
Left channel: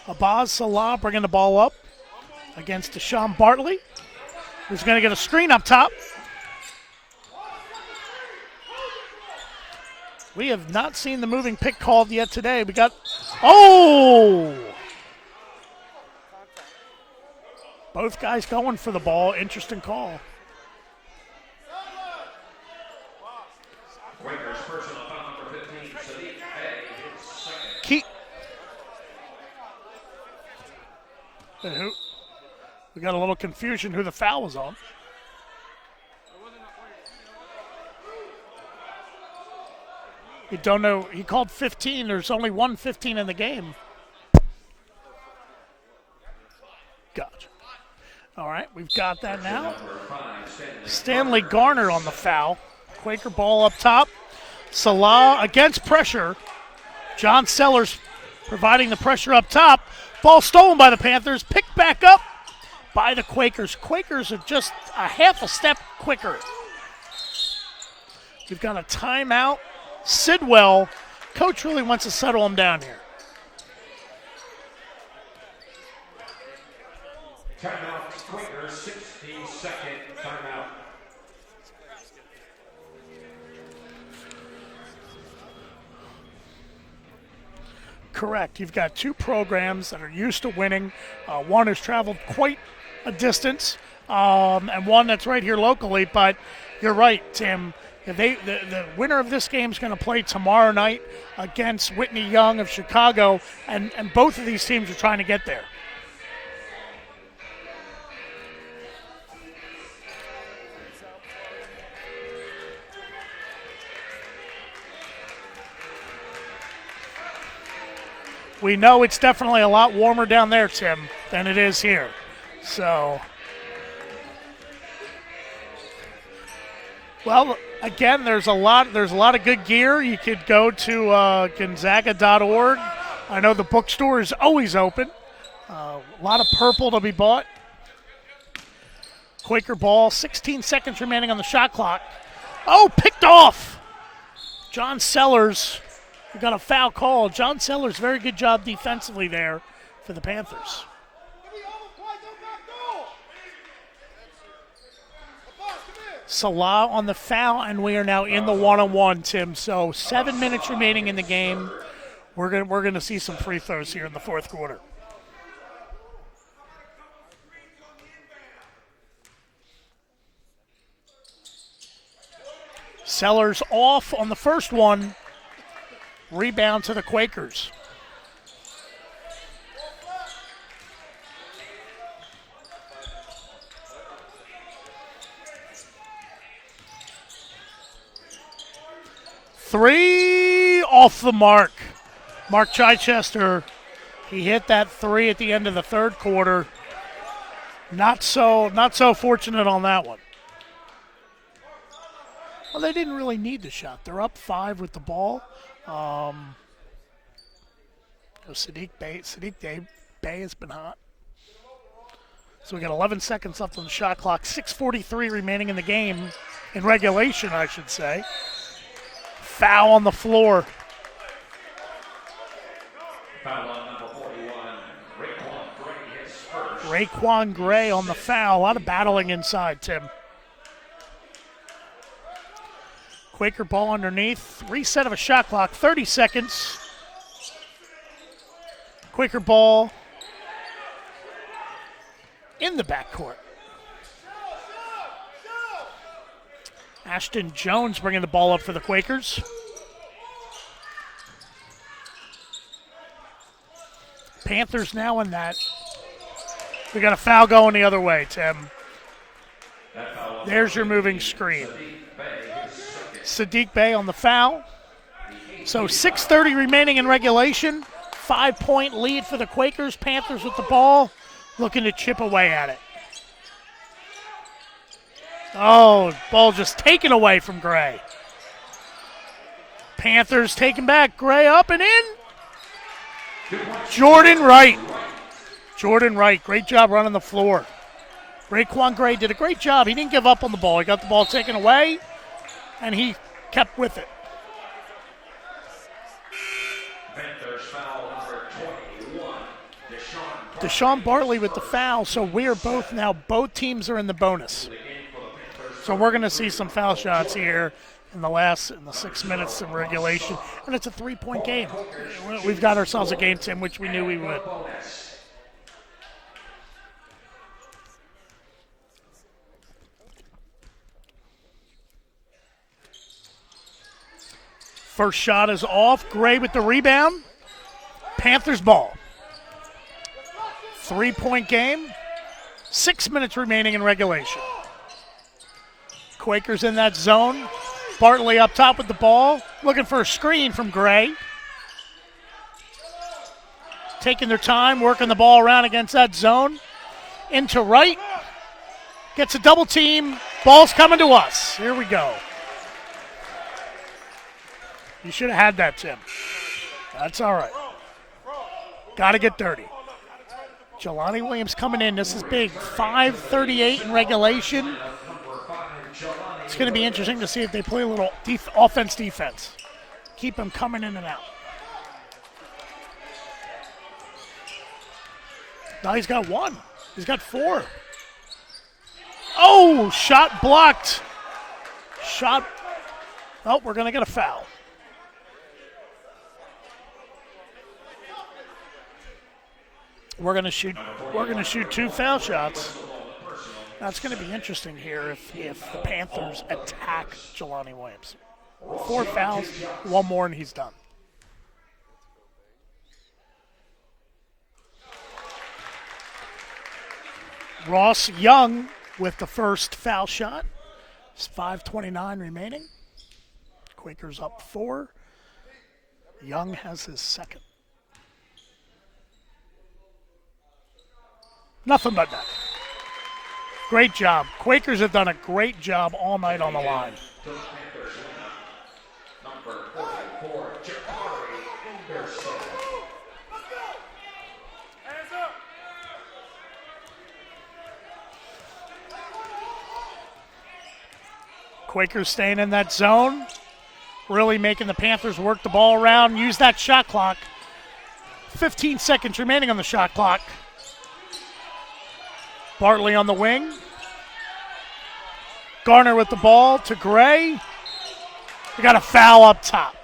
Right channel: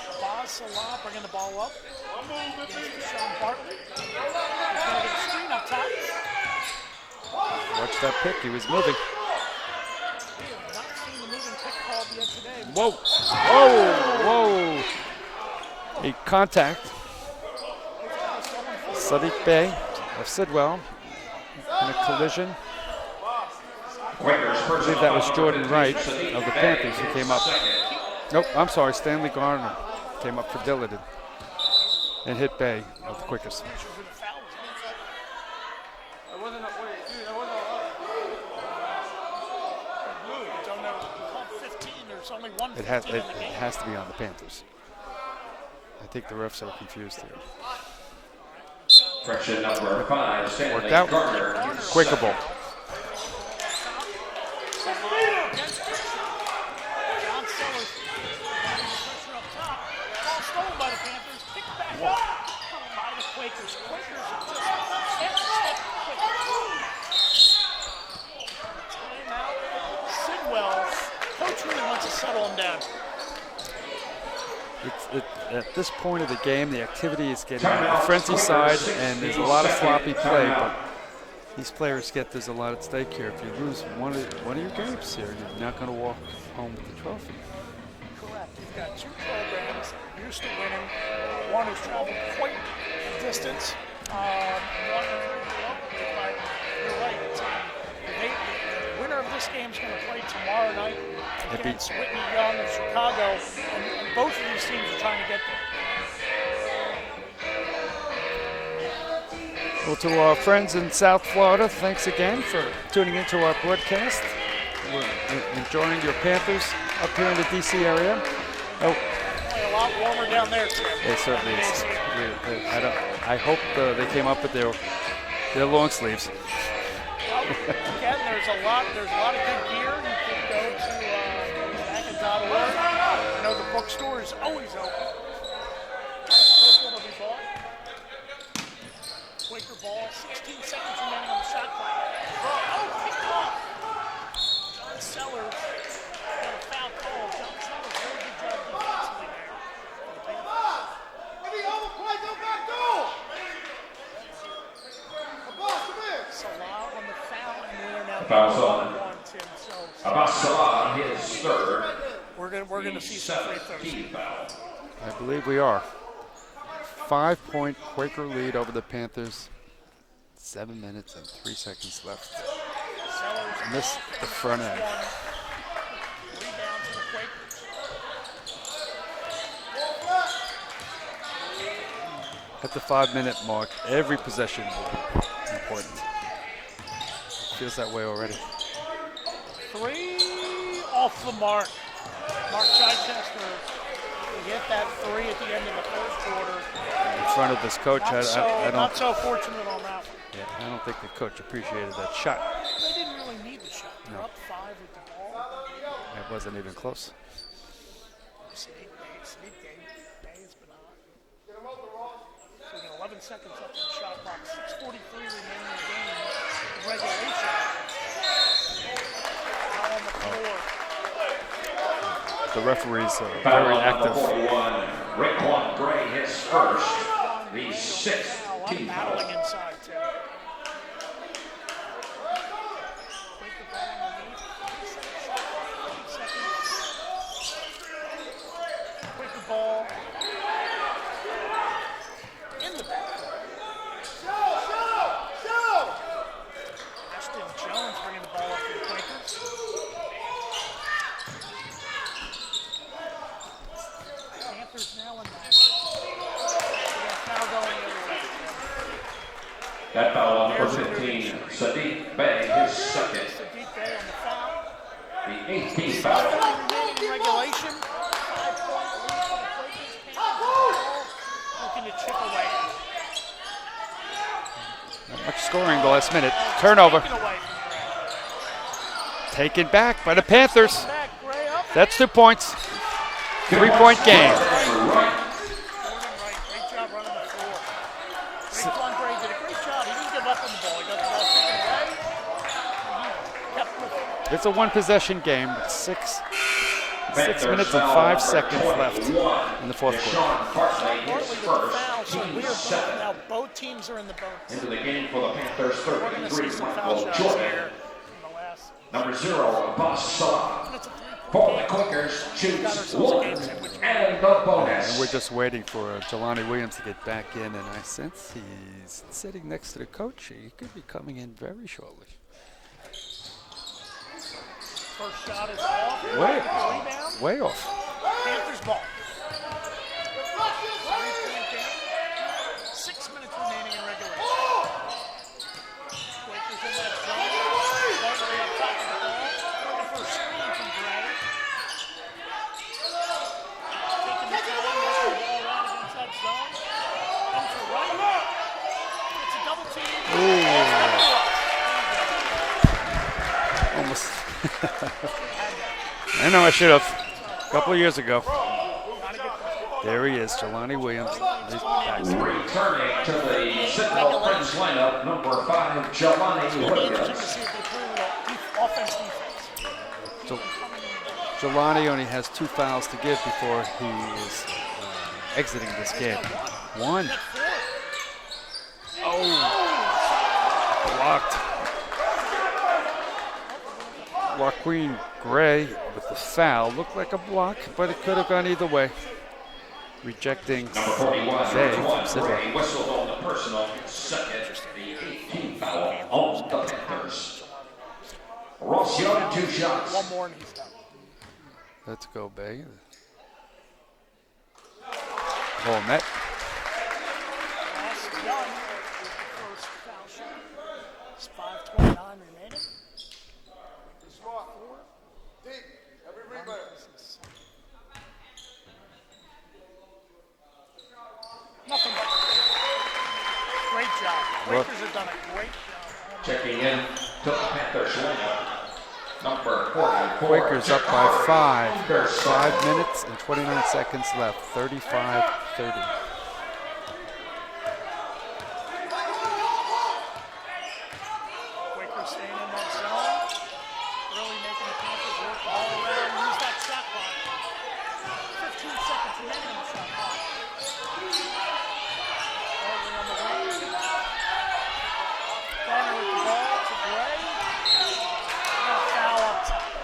Abbas Salah bringing the ball up against Deshaun Bartley, who's going to get a screen up top. Watch that pick. He was moving. We have not seen the moving pick called yet today. We got a contact. Both guys going for the ball. Interesting call. Of Sidwell in a collision. I believe that was Jordan Wright of the Panthers who came up. Nope, I'm sorry, Stanley Garner came up for Dillard and hit Bay. We got a little confusion who the foul was on. We don't know. He called 15. There's only one 15 in the game. It has to be on the Panthers. I think the refs are confused. Gotcha. All right, we've got that now. Stanley Stanley Garner on the foul. Quaker ball up top. Salah against pressure. John Sellers providing the pressure up top. Ball stolen by the Panthers. Picked back up by the Quakers. Quakers are just a half a step quicker. We've got a timeout. Sidwell, coach really wants to settle him down here. At this point of the game, the activity is getting on the frenzy side, and there's a lot of sloppy play. But these players there's a lot at stake here. If you lose one of your games here, you're not going to walk home with the trophy. Correct. You've got two programs that are used to winning. One has traveled quite a distance, and one that's right here locally. But you're right, Tim. The winner of this game is going to play tomorrow night against Whitney Young of Chicago, and both of these teams are trying to get there. Well, to our friends in South Florida, thanks again for tuning into our broadcast. We're enjoying your Panthers up here in the D.C. area. We know it's definitely a lot warmer down there, Tim, than it is here. So I hope they came up with their long sleeves. Well, again, there's a lot of good gear. You could go to Gonzaga.org. I know the bookstore is always open. A lot of purple to be bought. Quaker ball, 16 seconds remaining on the shot clock. Oh, picked off. John Sellers got a foul call. John Sellers, very good job defensively there for the Panthers. Salah on the foul, and we are now in the one-on-one, Tim. So 7 minutes remaining in the game. We're gonna see some free throws here in the fourth quarter. I believe we are. 5-point Quaker lead over the Panthers. 7 minutes and 3 seconds left. Sellers off on the first one. Rebound to the Quakers. At the 5-minute mark, every possession will be important. Feels that way already. 3 off the mark. Mark Chichester, he hit that 3 at the end of the third quarter. In front of his coach. Not so fortunate on that one. Yeah, I don't think the coach appreciated that shot. Well, they didn't really need the shot. They're up 5 with the ball. It wasn't even close. Siddiq Bey has been hot. So we got 11 seconds left on the shot clock. 6:43 remaining in the game, in regulation, I should say. Foul on the floor. The referees are very active. Raekwon Gray on the foul. A lot of battling inside, Tim. Quaker ball underneath. Reset of a shot clock. 30 seconds. Quaker ball in the backcourt. Ashton Jones bringing the ball up for the Quakers. Panthers now in that. We got a foul going the other way, Tim. There's your moving screen. Siddiq Bey on the foul. So 6:30 remaining in regulation. 5-point lead for the Quakers. Panthers with the ball, looking to chip away at it. Much scoring in the last minute. Ball just Turnover. taken away from Gray. Taken back by the Panthers. Taken back. Gray up and That's in. 2 points. 3-point Jordan game. Wright. Jordan Wright, great job running the floor. Raekwon Gray did a great job. He didn't give up on the ball. He got the ball taken away, and he kept with it. It's a one-possession game with 6 minutes and 5 seconds left in the fourth quarter. Deshaun Bartley with the foul, so both teams are in the bonus. So we're going to see some foul shots here in the 6 minutes of regulation. And it's a 3-point game. We've got ourselves a game, Tim, which we knew we would. And we're just waiting for Jelani Williams to get back in, and I sense he's sitting next to the coach. He could be coming in very shortly. First shot is off. Gray with the rebound. Way off. Panthers ball. 3-point game. 6 minutes remaining in regulation. Quakers in that zone. Bartley up top with the ball. Looking for a screen from Gray. Taking their time, working the ball around against that zone. Into Wright. Gets a double team. Ooh. Ball's coming to us. Here we go. Almost. You should have had that, Jim. I know I should have. That's all right. A couple of years ago. Got to get dirty. There he is, Jelani Williams. Jelani Williams coming in. This is big. 5:38 in regulation. It's going to be interesting to see if they play a little offense-defense. Keep them coming in and out. Jelani only has 2 fouls to give before he is exiting this game. He's got one. He's got 4. Oh, shot blocked. Shot. Oh, we're going to get a foul. Raekwon Gray with the foul. Looked like a block, but it could have gone either way. We're going to shoot 2 foul shots. That's going to be interesting here if the Panthers attack Jelani Williams. 4 fouls, 1 more, and he's done. Let's go, Bay. Whole net. Ross Young with the first foul shot. It's 5:29 remaining. Quakers up 4. Young has his second. Nothing but net. Great job. Quakers have done a great job all night on the line. Quakers up by 5. 5 minutes and 29 seconds left. 35-30. Quakers staying in that zone. Really making the Panthers work the ball around, use that shot clock. 15 seconds remaining on the shot clock. Bartley on the wing. Garner with the ball to Gray. We got a foul up top.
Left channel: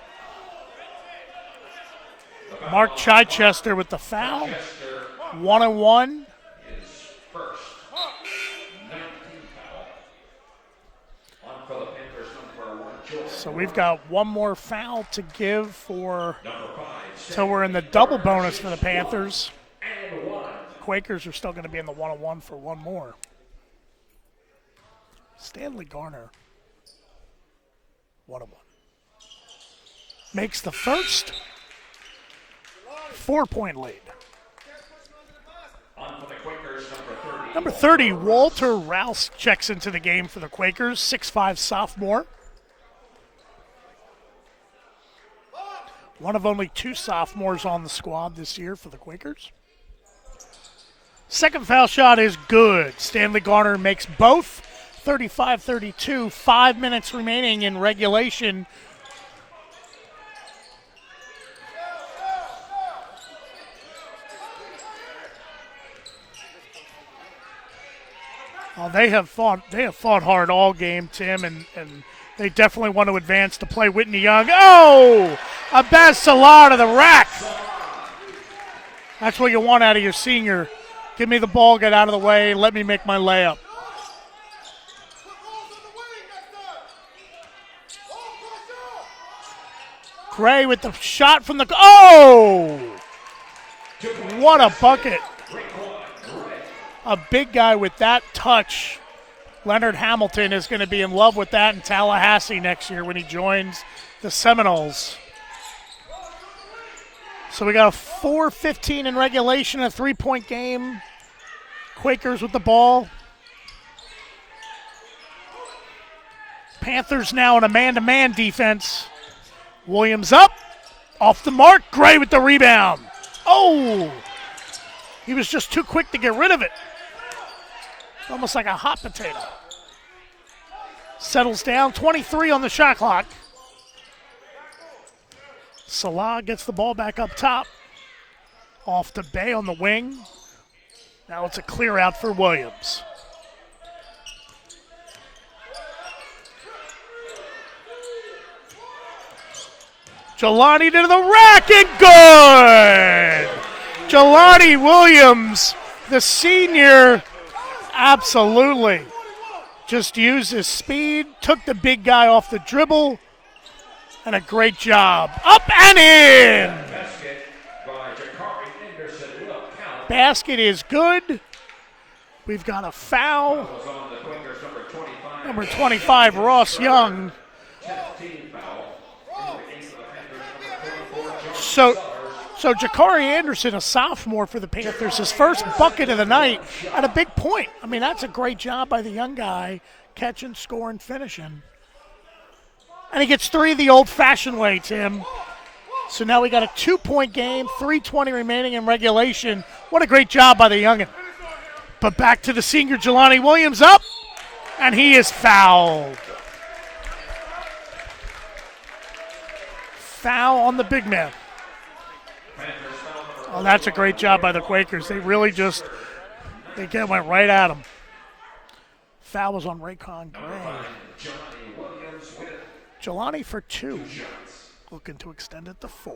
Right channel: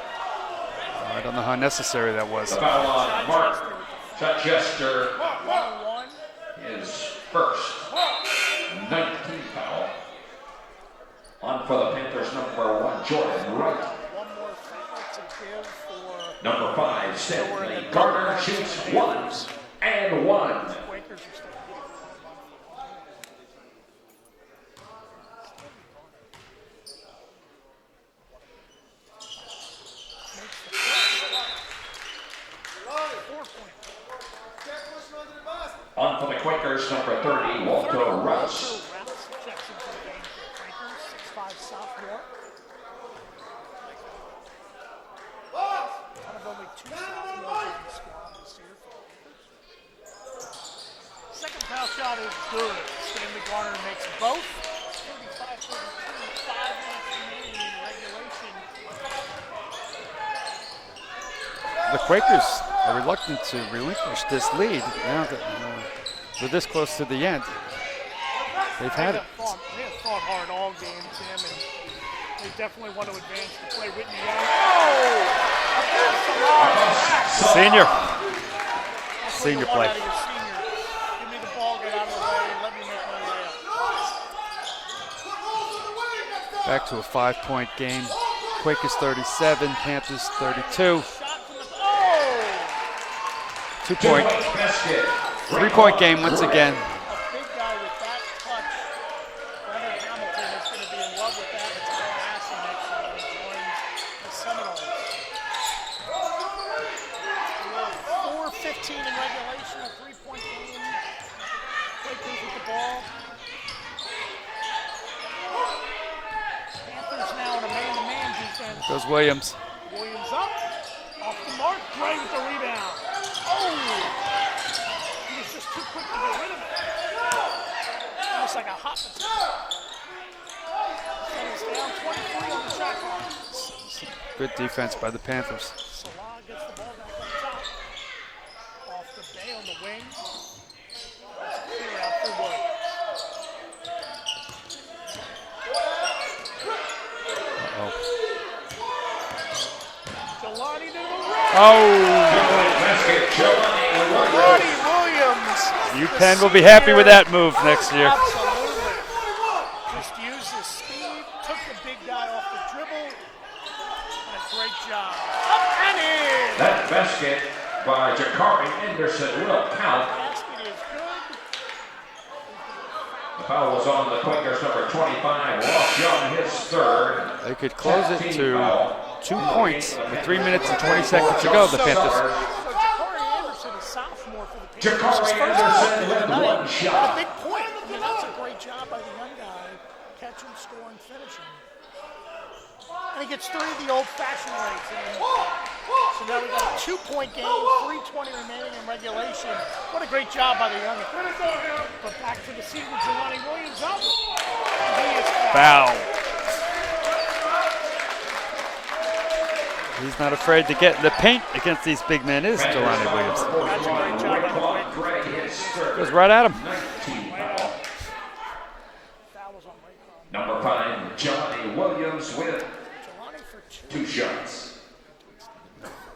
I don't know how necessary that was. Mark Chichester with the foul. 1-on-1. His first 19th foul. On for the Panthers, number 1, Jordan. So we've got 1 more foul to give for number 5. So we're in the double bonus for the Panthers. And 1. Quakers are still going to be in the 1-on-1 for 1 more. Stanley Garner. 1-on-1. Makes the first 4-point lead. On for the Quakers, number 30. Number 30, Walter Rouse checks into the game for the Quakers, 6'5" sophomore. One of only 2 sophomores on the squad this year for the Quakers. Second foul shot is good. Stanley Garner makes both. 35-32, 5 minutes remaining in regulation. The Quakers are reluctant to relinquish this lead now that we're this close to the end. Well, they have fought hard all game, Tim, and they definitely want to advance to play Whitney Young. Oh! Abbas Salar to the rack. Senior. That's what you want out of your senior. Give me the ball, get out of the way, let me make my layup. Back to a 5-point game. Quakers 37, Panthers 32. Gray with the shot from the, oh! 2-point. What a bucket. 3-point game once again. A big guy with that touch. Leonard Hamilton is going to be in love with that in Tallahassee next year when he joins the Seminoles. So we got a 4:15 in regulation, a 3-point game. Quakers with the ball. Panthers now in a man-to-man defense. Goes Williams. Williams up, off the mark. Gray with the rebound. Oh! He was just too quick to get rid of it. Almost like a hot potato. Settles down, 23 on the shot clock. Good defense by the Panthers. Salah gets the ball back up top. Off to Bay on the wing. Now it's a clear out for Williams. Jelani to the racket, good! Jelani Williams, the UPenn senior. will be happy with that move next year. Absolutely. Just used his speed, took the big guy off the dribble, and a great job. Up and in! Basket by Jakari Anderson will count. Basket is good. We've got a foul. Foul was on the Quakers, number 25. Number 25, Ross Young. They could close it to 2 points with 3 minutes and 20 seconds to go. The Panthers. So Jakari Anderson, a sophomore for the Panthers, his first bucket of the night and a big point. I mean, that's a great job by the young guy, catching, scoring, finishing. And he gets 3 the old-fashioned way, Tim. So now we got a 2-point game, 3:20 remaining in regulation. What a great job by the youngin'. But back to the senior, Jelani Williams up, and he is fouled. He's not Foul afraid on to the get big the man. paint against these big men is Jelani Williams. Well, that's a great job by the Quakers. They really just Goes right at him. went right at him. Foul was on Raycon. Number 5, Johnny Williams with Jelani for 2. 2 shots. Looking to extend it to 4.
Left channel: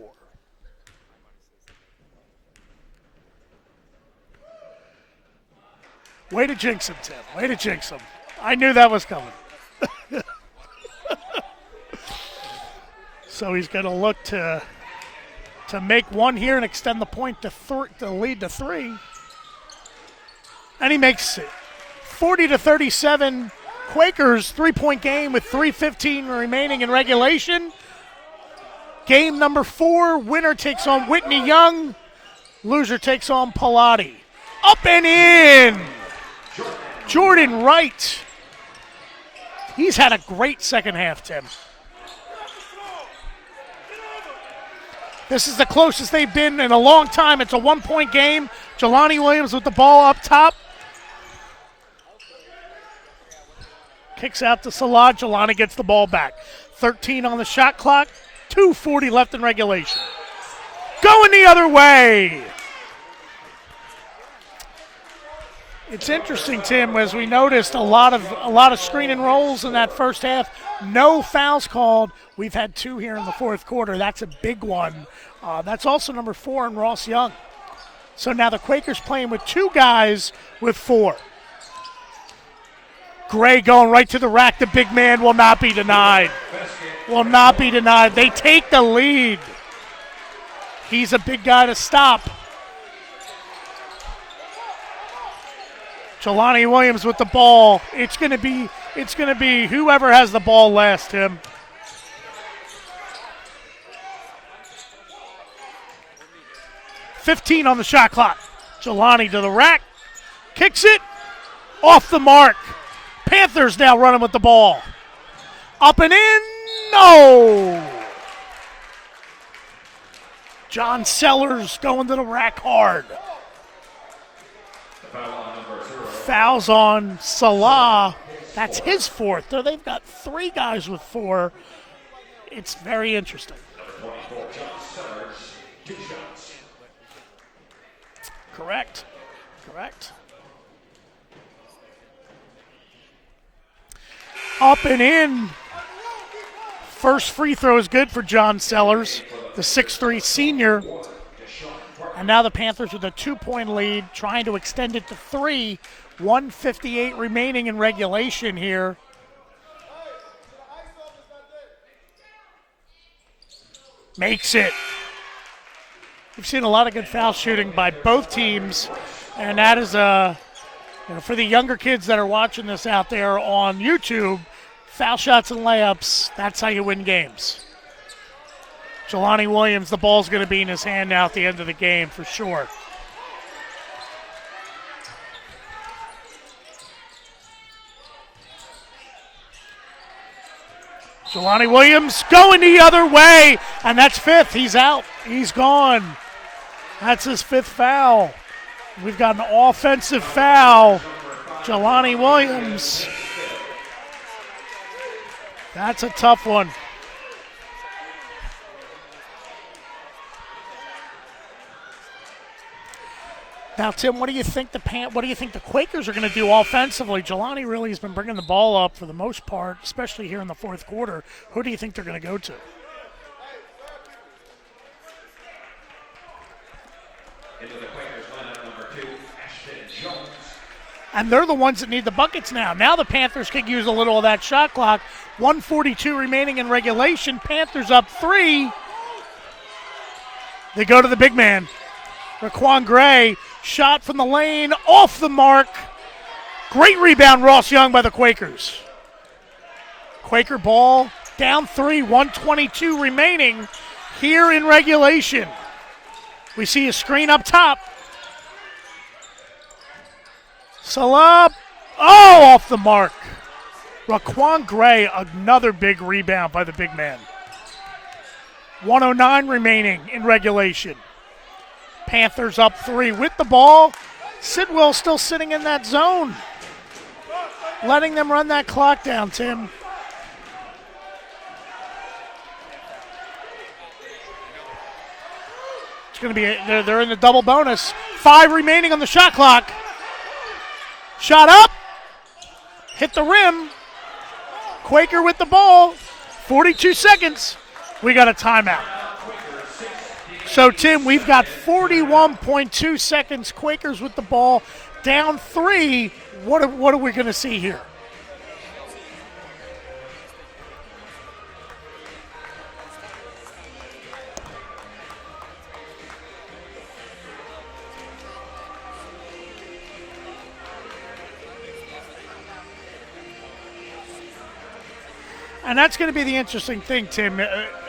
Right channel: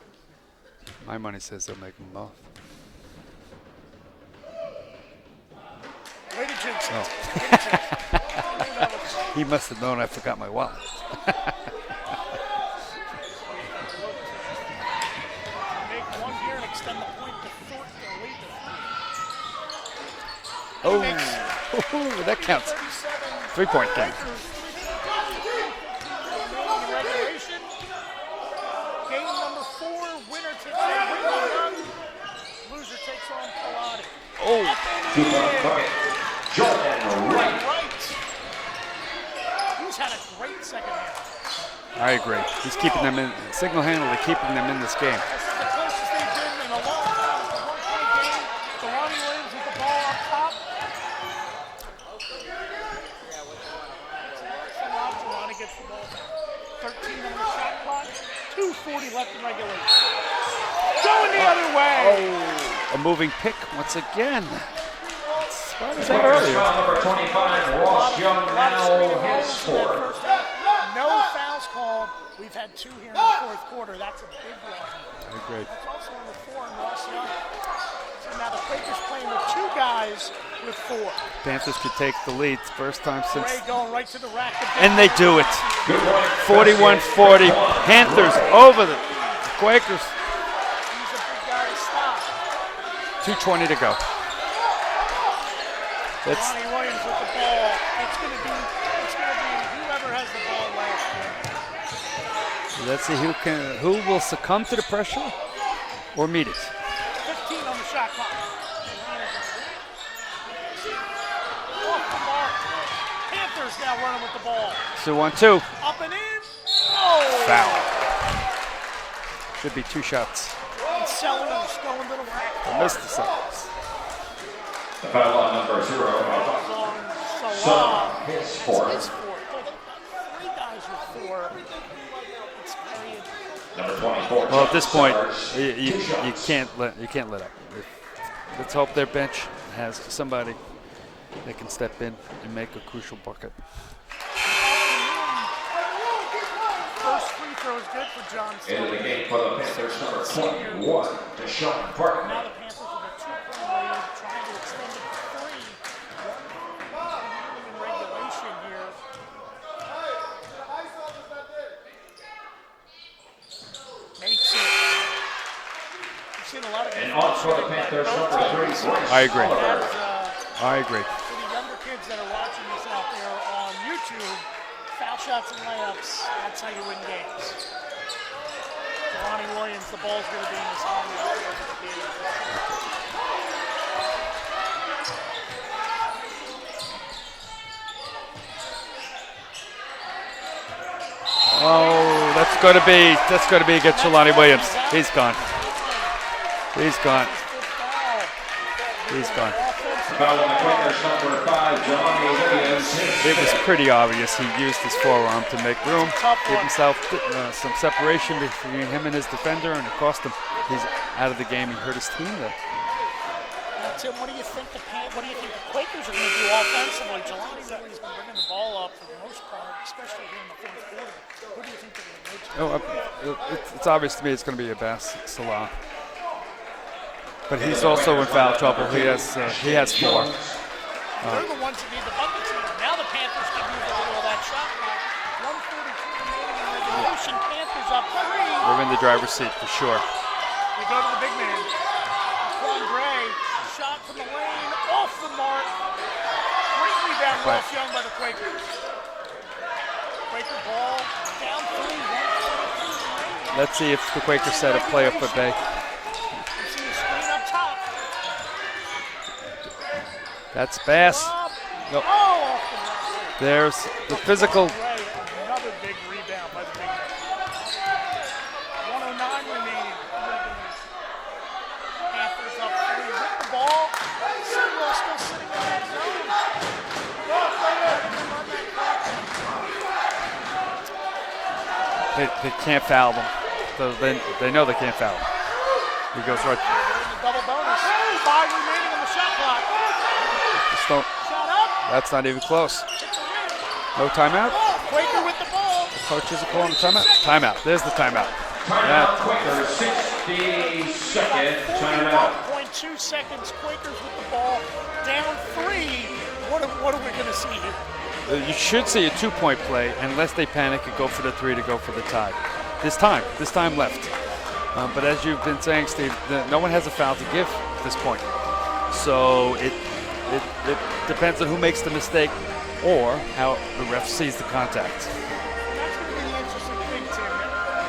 My money says they'll make them both. Way to jinx it. Way to jinx it. I knew that was coming. He must have known I forgot my wallet. So he's going to look to make one here and extend the point to lead to 3. And he makes 40-37. 3-point. Quakers 3-point game with 3:15 remaining in regulation. Game number 4. Winner takes on Whitney Young. Loser takes on Pilati. Up and in. Jordan Wright. He's had a great second half, Tim. I agree. He's keeping them in, single-handedly keeping them in this game. This is the closest they've been in a long time. It's a 1-point game. Jelani Williams with the ball up top. Kicks out to Salah. Jelani gets the ball back. 13 on the shot clock. 2:40 left in regulation. Going the other way. A moving pick once again. It's interesting, Tim, as we noticed a lot of screen and rolls in that first half. No fouls called. We've had 2 here in the fourth quarter. That's a big one. That's also number 4 in Ross Young. So now the Quakers playing with 2 guys with 4. Panthers could take the lead first time since. Gray going right to the rack. The big And they man do will it. not be denied. 41-40. Will not be denied. They Panthers take over the lead. Quakers. He's a big guy to stop. 2:20 to go. Jelani Williams with the ball. It's gonna be whoever has the ball last, Tim. Let's see who will succumb to the pressure or meet it. 15 on the shot clock. Jelani to the rack. Kicks it. Off the mark. Panthers now running with the ball. So 1-2. Up and in. No. Foul. Should be 2 shots. John Sellers going to the rack hard. Foul on number 0. Fouls on Salah. That's his 4th. So they've got 3 guys with 4. It's very interesting. Number 24. Well, at this point, you can't let up. Let's hope their bench has somebody that can step in and make a crucial bucket. Up and in. First free throw is good for John Sellers, the 6'3 senior. And now the Panthers with a 2-point lead, trying to extend it to 3. 1:58 remaining in regulation here. Makes it. We've seen a lot of good foul shooting by both teams. I agree. And that is I agree. for the younger kids that are watching this out there on YouTube, foul shots and layups, that's how you win games. Jelani Williams, the ball's going to be in his hand now at the end of the game for sure. Jelani Williams going the other way. That's going to be against and that's Jelani fifth. Williams. He's out. He's gone. He's gone. He's gone. That's his fifth foul. We've got an offensive foul. Jelani Williams. It was pretty obvious. He used his forearm to make room. That's a tough one. Himself, some separation between him and his defender, and it cost him. He's out of the game. He hurt his team there. Now, Tim, what do you think the Quakers are going to do offensively? Jelani really has been bringing the ball up for the most part, especially here in the fourth quarter. Who do you think they're going to go to? It's obvious to me it's going to be Abbas Salah. But he's also in foul trouble. He has 4. And they're the ones that need the buckets now. Now the Panthers can use a little of that shot clock. 1:42 remaining in regulation. Panthers up 3. They're in the driver's seat for sure. They go to the big man. Raquan Gray, shot from the lane, off the mark. Great rebound, Ross Young by the Quakers. Quaker ball, down 3, 1:22 remaining. Let's see if the here Quakers in regulation. We see a screen up top. That's Salah, no. oh, off the mark. There's the physical. Raquan Gray, another big rebound by the big man. 1:09 remaining in regulation. Panthers up 3 with the ball. Sidwell still sitting in that zone. Letting them run that clock down, Tim. They can't foul them. So they know they can't foul them. It's gonna be they're in the double bonus. 5 remaining on the shot clock. Shot up. That's not even close. Hit the rim. No timeout. Quaker with the ball. 42 seconds. Timeout. There's the timeout. We got a timeout. Yeah. So, Tim, we've got 41.2 seconds. Quakers with the ball. Down 3. What are we going to see here? You should see a 2-point play unless they panic and go for the 3 to go for the tie. This time left. But as you've been saying, Steve, no one has a foul to give at this point. So it depends on who makes the mistake or how the ref sees the contact. And that's going to be the interesting thing, Tim.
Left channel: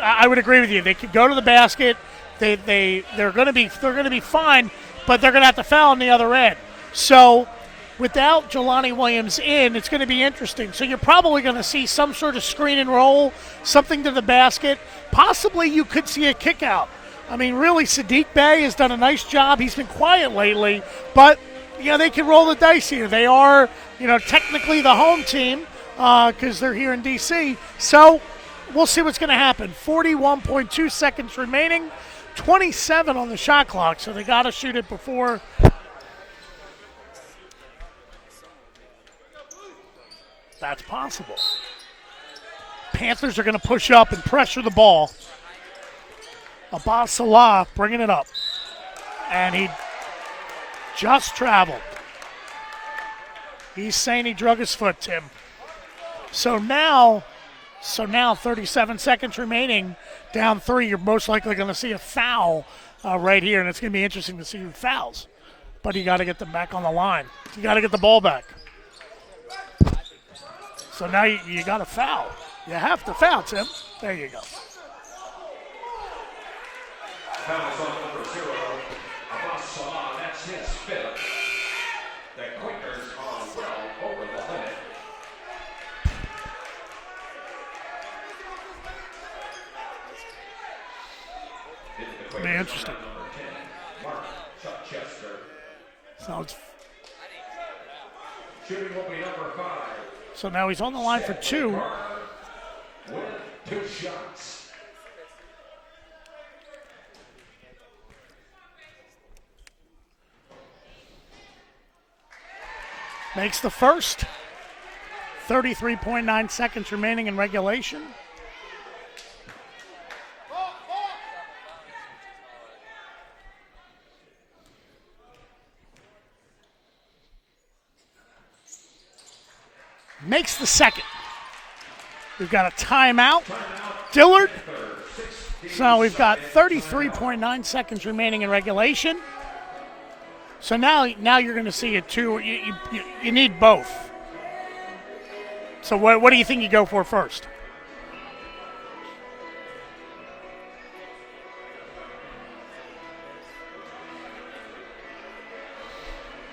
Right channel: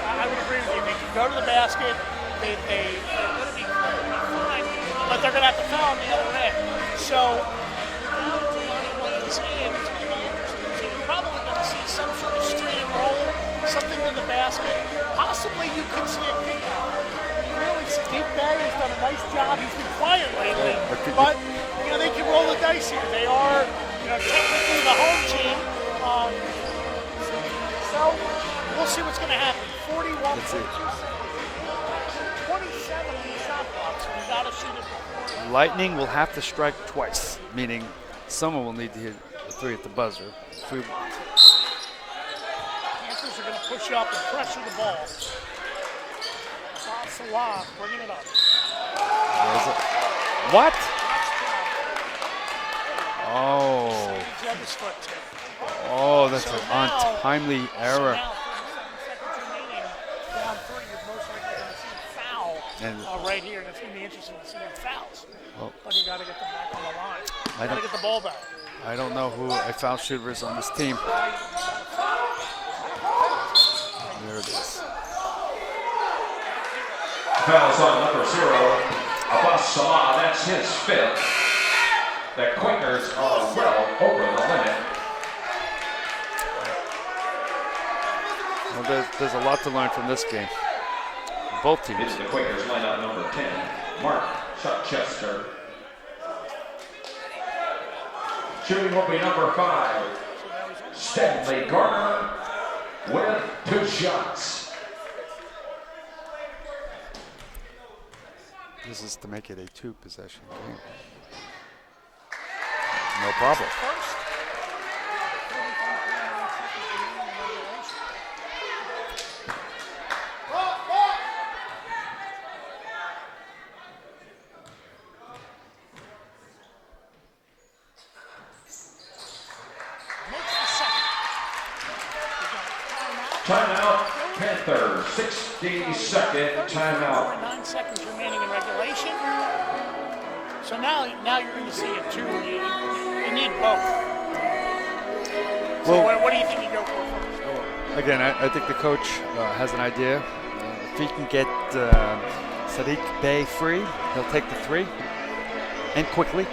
I would agree with you. They could go to the basket. They're going to be fine, but they're going to have to foul on the other end. So without Jelani Williams in, it's going to be interesting. So you're probably going to see some sort of screen and roll, something to the basket. Possibly you could see a kick out. I mean, really, Sadiq Bey has done a nice job. He's been quiet lately, but they can roll the dice here. They are, technically the home team because they're here in D.C. So we'll see what's going to happen. 41.2 seconds remaining, 27 on the shot clock, so they got to shoot it before. Lightning will have to strike twice, meaning someone will need to hit a 3 at the buzzer. That's possible. Panthers are going to push up and pressure the ball. Abbas Salah bringing it up. And he just traveled. Oh. He's saying he drug his foot, Tim. Oh, that's an untimely error. So now 37 seconds remaining. Down 3, you're most likely going to see a foul right here, and it's going to be interesting to see who fouls. But you got to get them back on the line. You got to get the ball back. I don't know who a foul shooter is on this team. So now you got to foul. You have to foul, Tim. There you go. Fouls on number 0, Abbas Salah. That's his 5th. The Quakers are well over the limit. Well, there's a lot to learn from this game. Both teams. It's the Quakers lineup number 10, Mark Chuckchester. Shooting will be number 5. So now he's on the line for 2. Garner with 2 shots. This is to make it a 2-possession game. Makes the first. 33.9 seconds remaining in regulation. Makes the second. We've got a timeout. Dillard. So we've got 33.9 seconds remaining in regulation. So now you're going to see it too. You need both. So what do you think you go for first? Again, I think the coach has an idea. If he can get Sadiq Bey free, he'll take the 3 and quickly.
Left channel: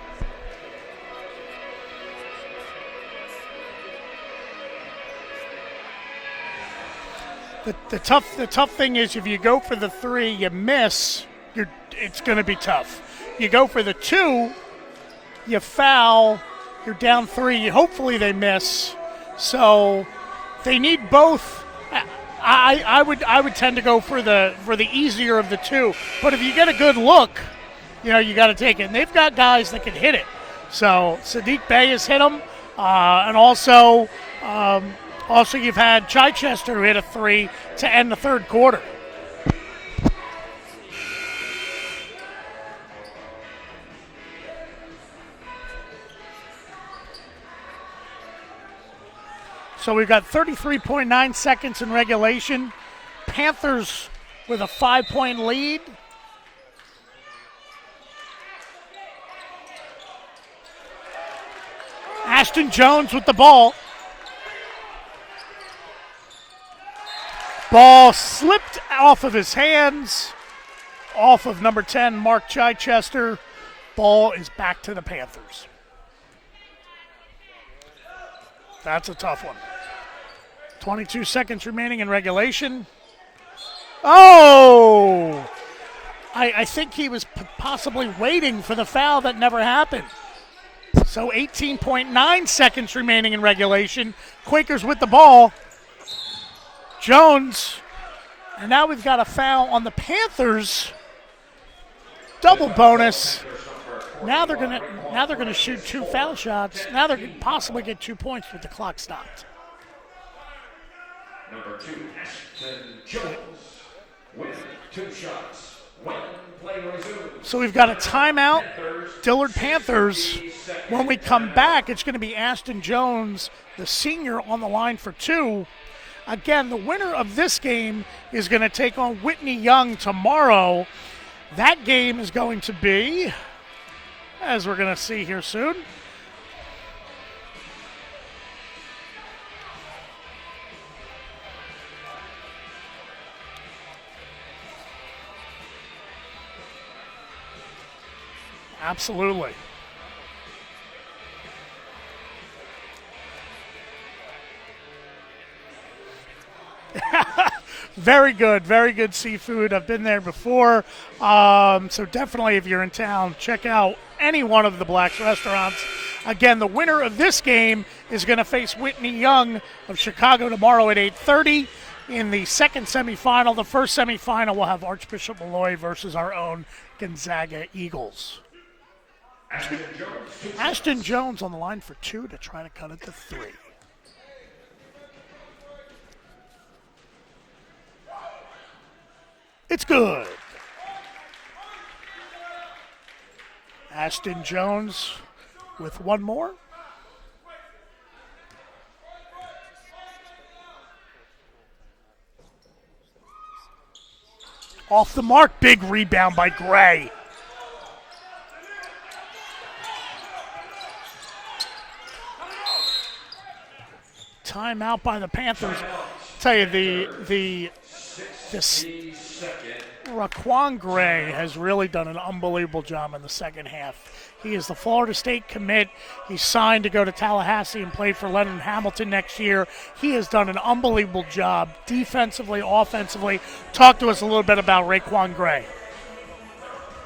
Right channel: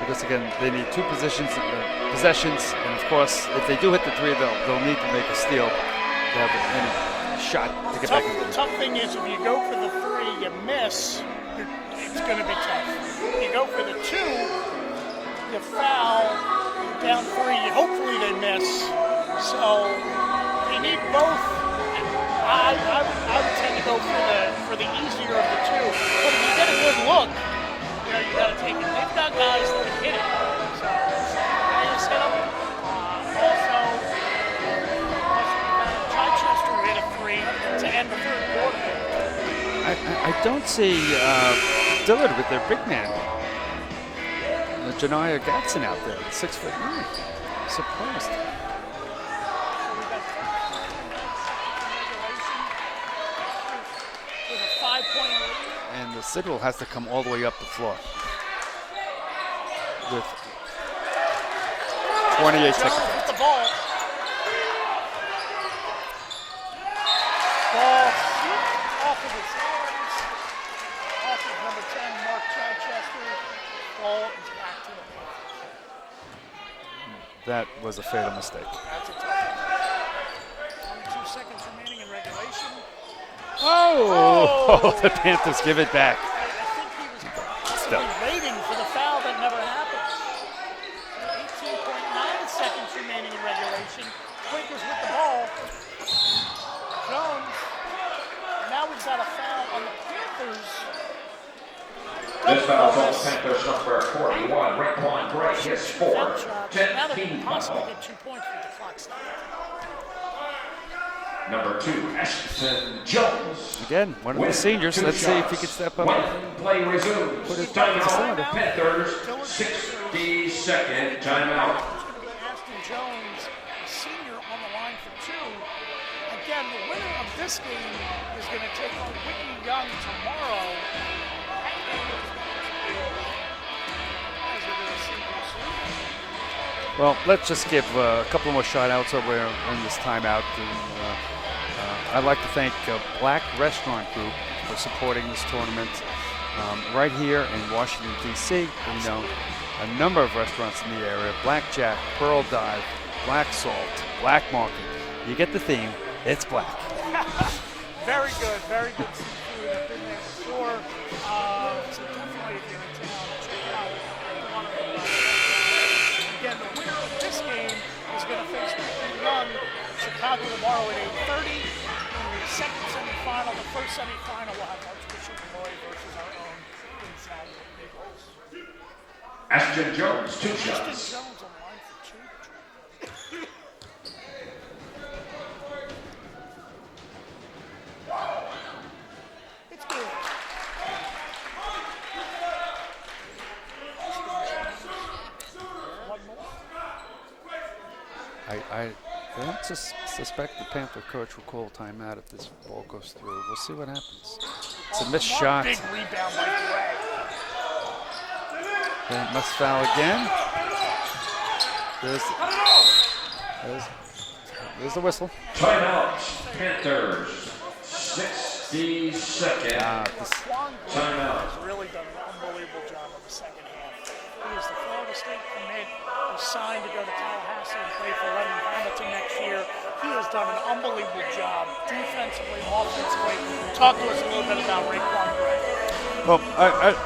because again they need two possessions, and of course if they do hit the three, they'll need to make a steal to have any shot. The tough thing is if you go for the three, you miss, it's going to be tough. You go for the two, you foul, you're down three. Hopefully they miss. So they need both. I would tend to go for the easier of the two. But if you get a good look, you got to take it. And they've got guys that can hit it. So Sadiq Bey has hit them, and also you've had Chichester who hit a three to end the third quarter. I don't see Dillard with their big man. Janiyah Gatson out there, 6'9". Surprised. So we've got 33.9 seconds in regulation. Panthers with a 5-point lead. And the Sidwell has to come all the way up the floor. With Ashton Jones with the ball. Ball slipped off of his hands, off of number 10, Mark Chichester. Ball is back to the Panthers. That was a fatal mistake. That's a tough one. 22 seconds remaining in regulation. Oh! The Panthers give it back. I think he was possibly waiting for the foul that never happened. So 18.9 seconds remaining in regulation. Quakers with the ball. Jones. And now we've got a foul on the Panthers. Double bonus. Now they're gonna shoot two foul shots. Now they're gonna possibly get 2 points with the clock stopped. Number 2, Ashton Jones. Again, one of the seniors. Let's see if he can step up. Play resumed. So we've got a timeout. Dillard Panthers. When we come back, it's going to be Ashton Jones, the senior, on the line for two. Again, the winner of this game is going to take on Whitney Young tomorrow. That game is going to be, as we're going to see here soon. Well, let's just give a couple more shout-outs over in this timeout. I'd like to thank Black Restaurant Group for supporting this tournament right here in Washington, D.C. Absolutely. A number of restaurants in the area: Blackjack, Pearl Dive, Black Salt, Black Market. You get the theme. It's black. Very good seafood. I've been there before. So definitely, if you're in town, check out any one of the Black restaurants. Again, the winner of this game is going to face Whitney Young of Chicago tomorrow at 8:30 in the second semifinal. The first semifinal will have Archbishop Malloy versus our own Gonzaga Eagles. Ashton Jones, Ashton Jones on the line for two to try to cut it to three. It's good. Ashton Jones with one more. I don't suspect the Panther coach will call timeout if this ball goes through. We'll see what happens. Off the mark, big rebound by Gray. And must foul again. There's timeout by the Panthers. I'll tell you, Raquan Gray has really done an unbelievable job in the second half. He is the Florida State commit. He's signed to go to Tallahassee and play for Lennon Hamilton next year. He has done an unbelievable job defensively, offensively. Talk to us a little bit about Raquan Gray. Well, I'd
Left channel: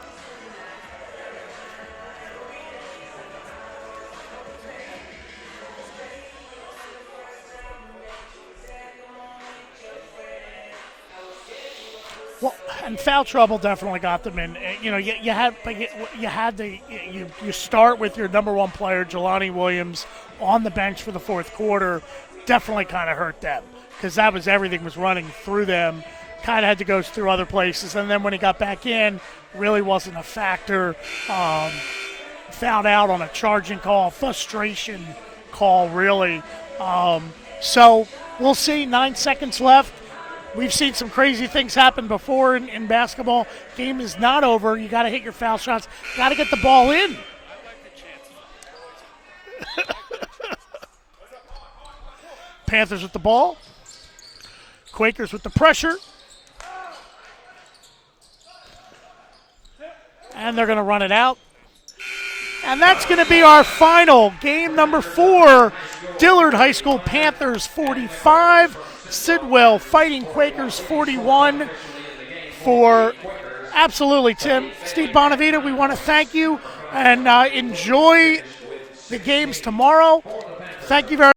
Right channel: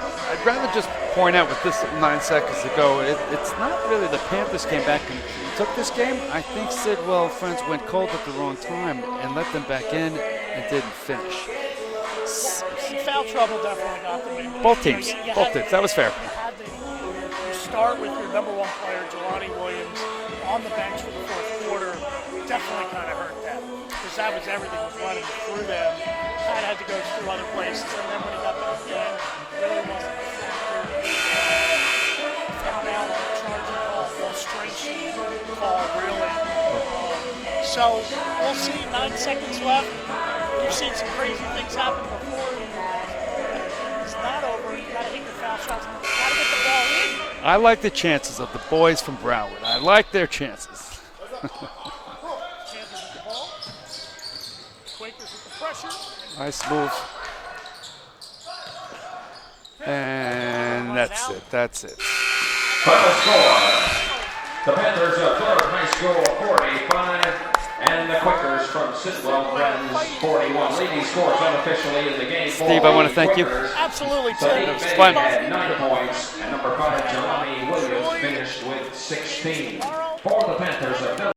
rather just point out with this 9 seconds ago, it's not really the Panthers came back and took this game. I think Sidwell friends went cold at the wrong time and let them back in and didn't finish. Well, and foul trouble definitely got them in. Both teams. That was fair. You start with your number one player, Jelani Williams, on the bench for the fourth quarter. Definitely kind of hurt them because that was everything was running through them. Kind of had to go through other places, and then when he got back in, really wasn't a factor. Fouled out on a charging call, frustration call, really. So we'll see. 9 seconds left. We've seen some crazy things happen before in basketball. Game is not over. You got to hit your foul shots. Got to get the ball in. I like the chances of the boys from Broward. I like their chances. Panthers with the ball. Quakers with the pressure. Nice move. And they're going to run it out. That's it. And that's going to be our final game number 4. Dillard High School Panthers 45, Sidwell Fighting Quakers 41. Steve, I want to thank you. Absolutely, Tim. Steve Bonavita, we want to thank you and enjoy the games tomorrow. Thank you very much.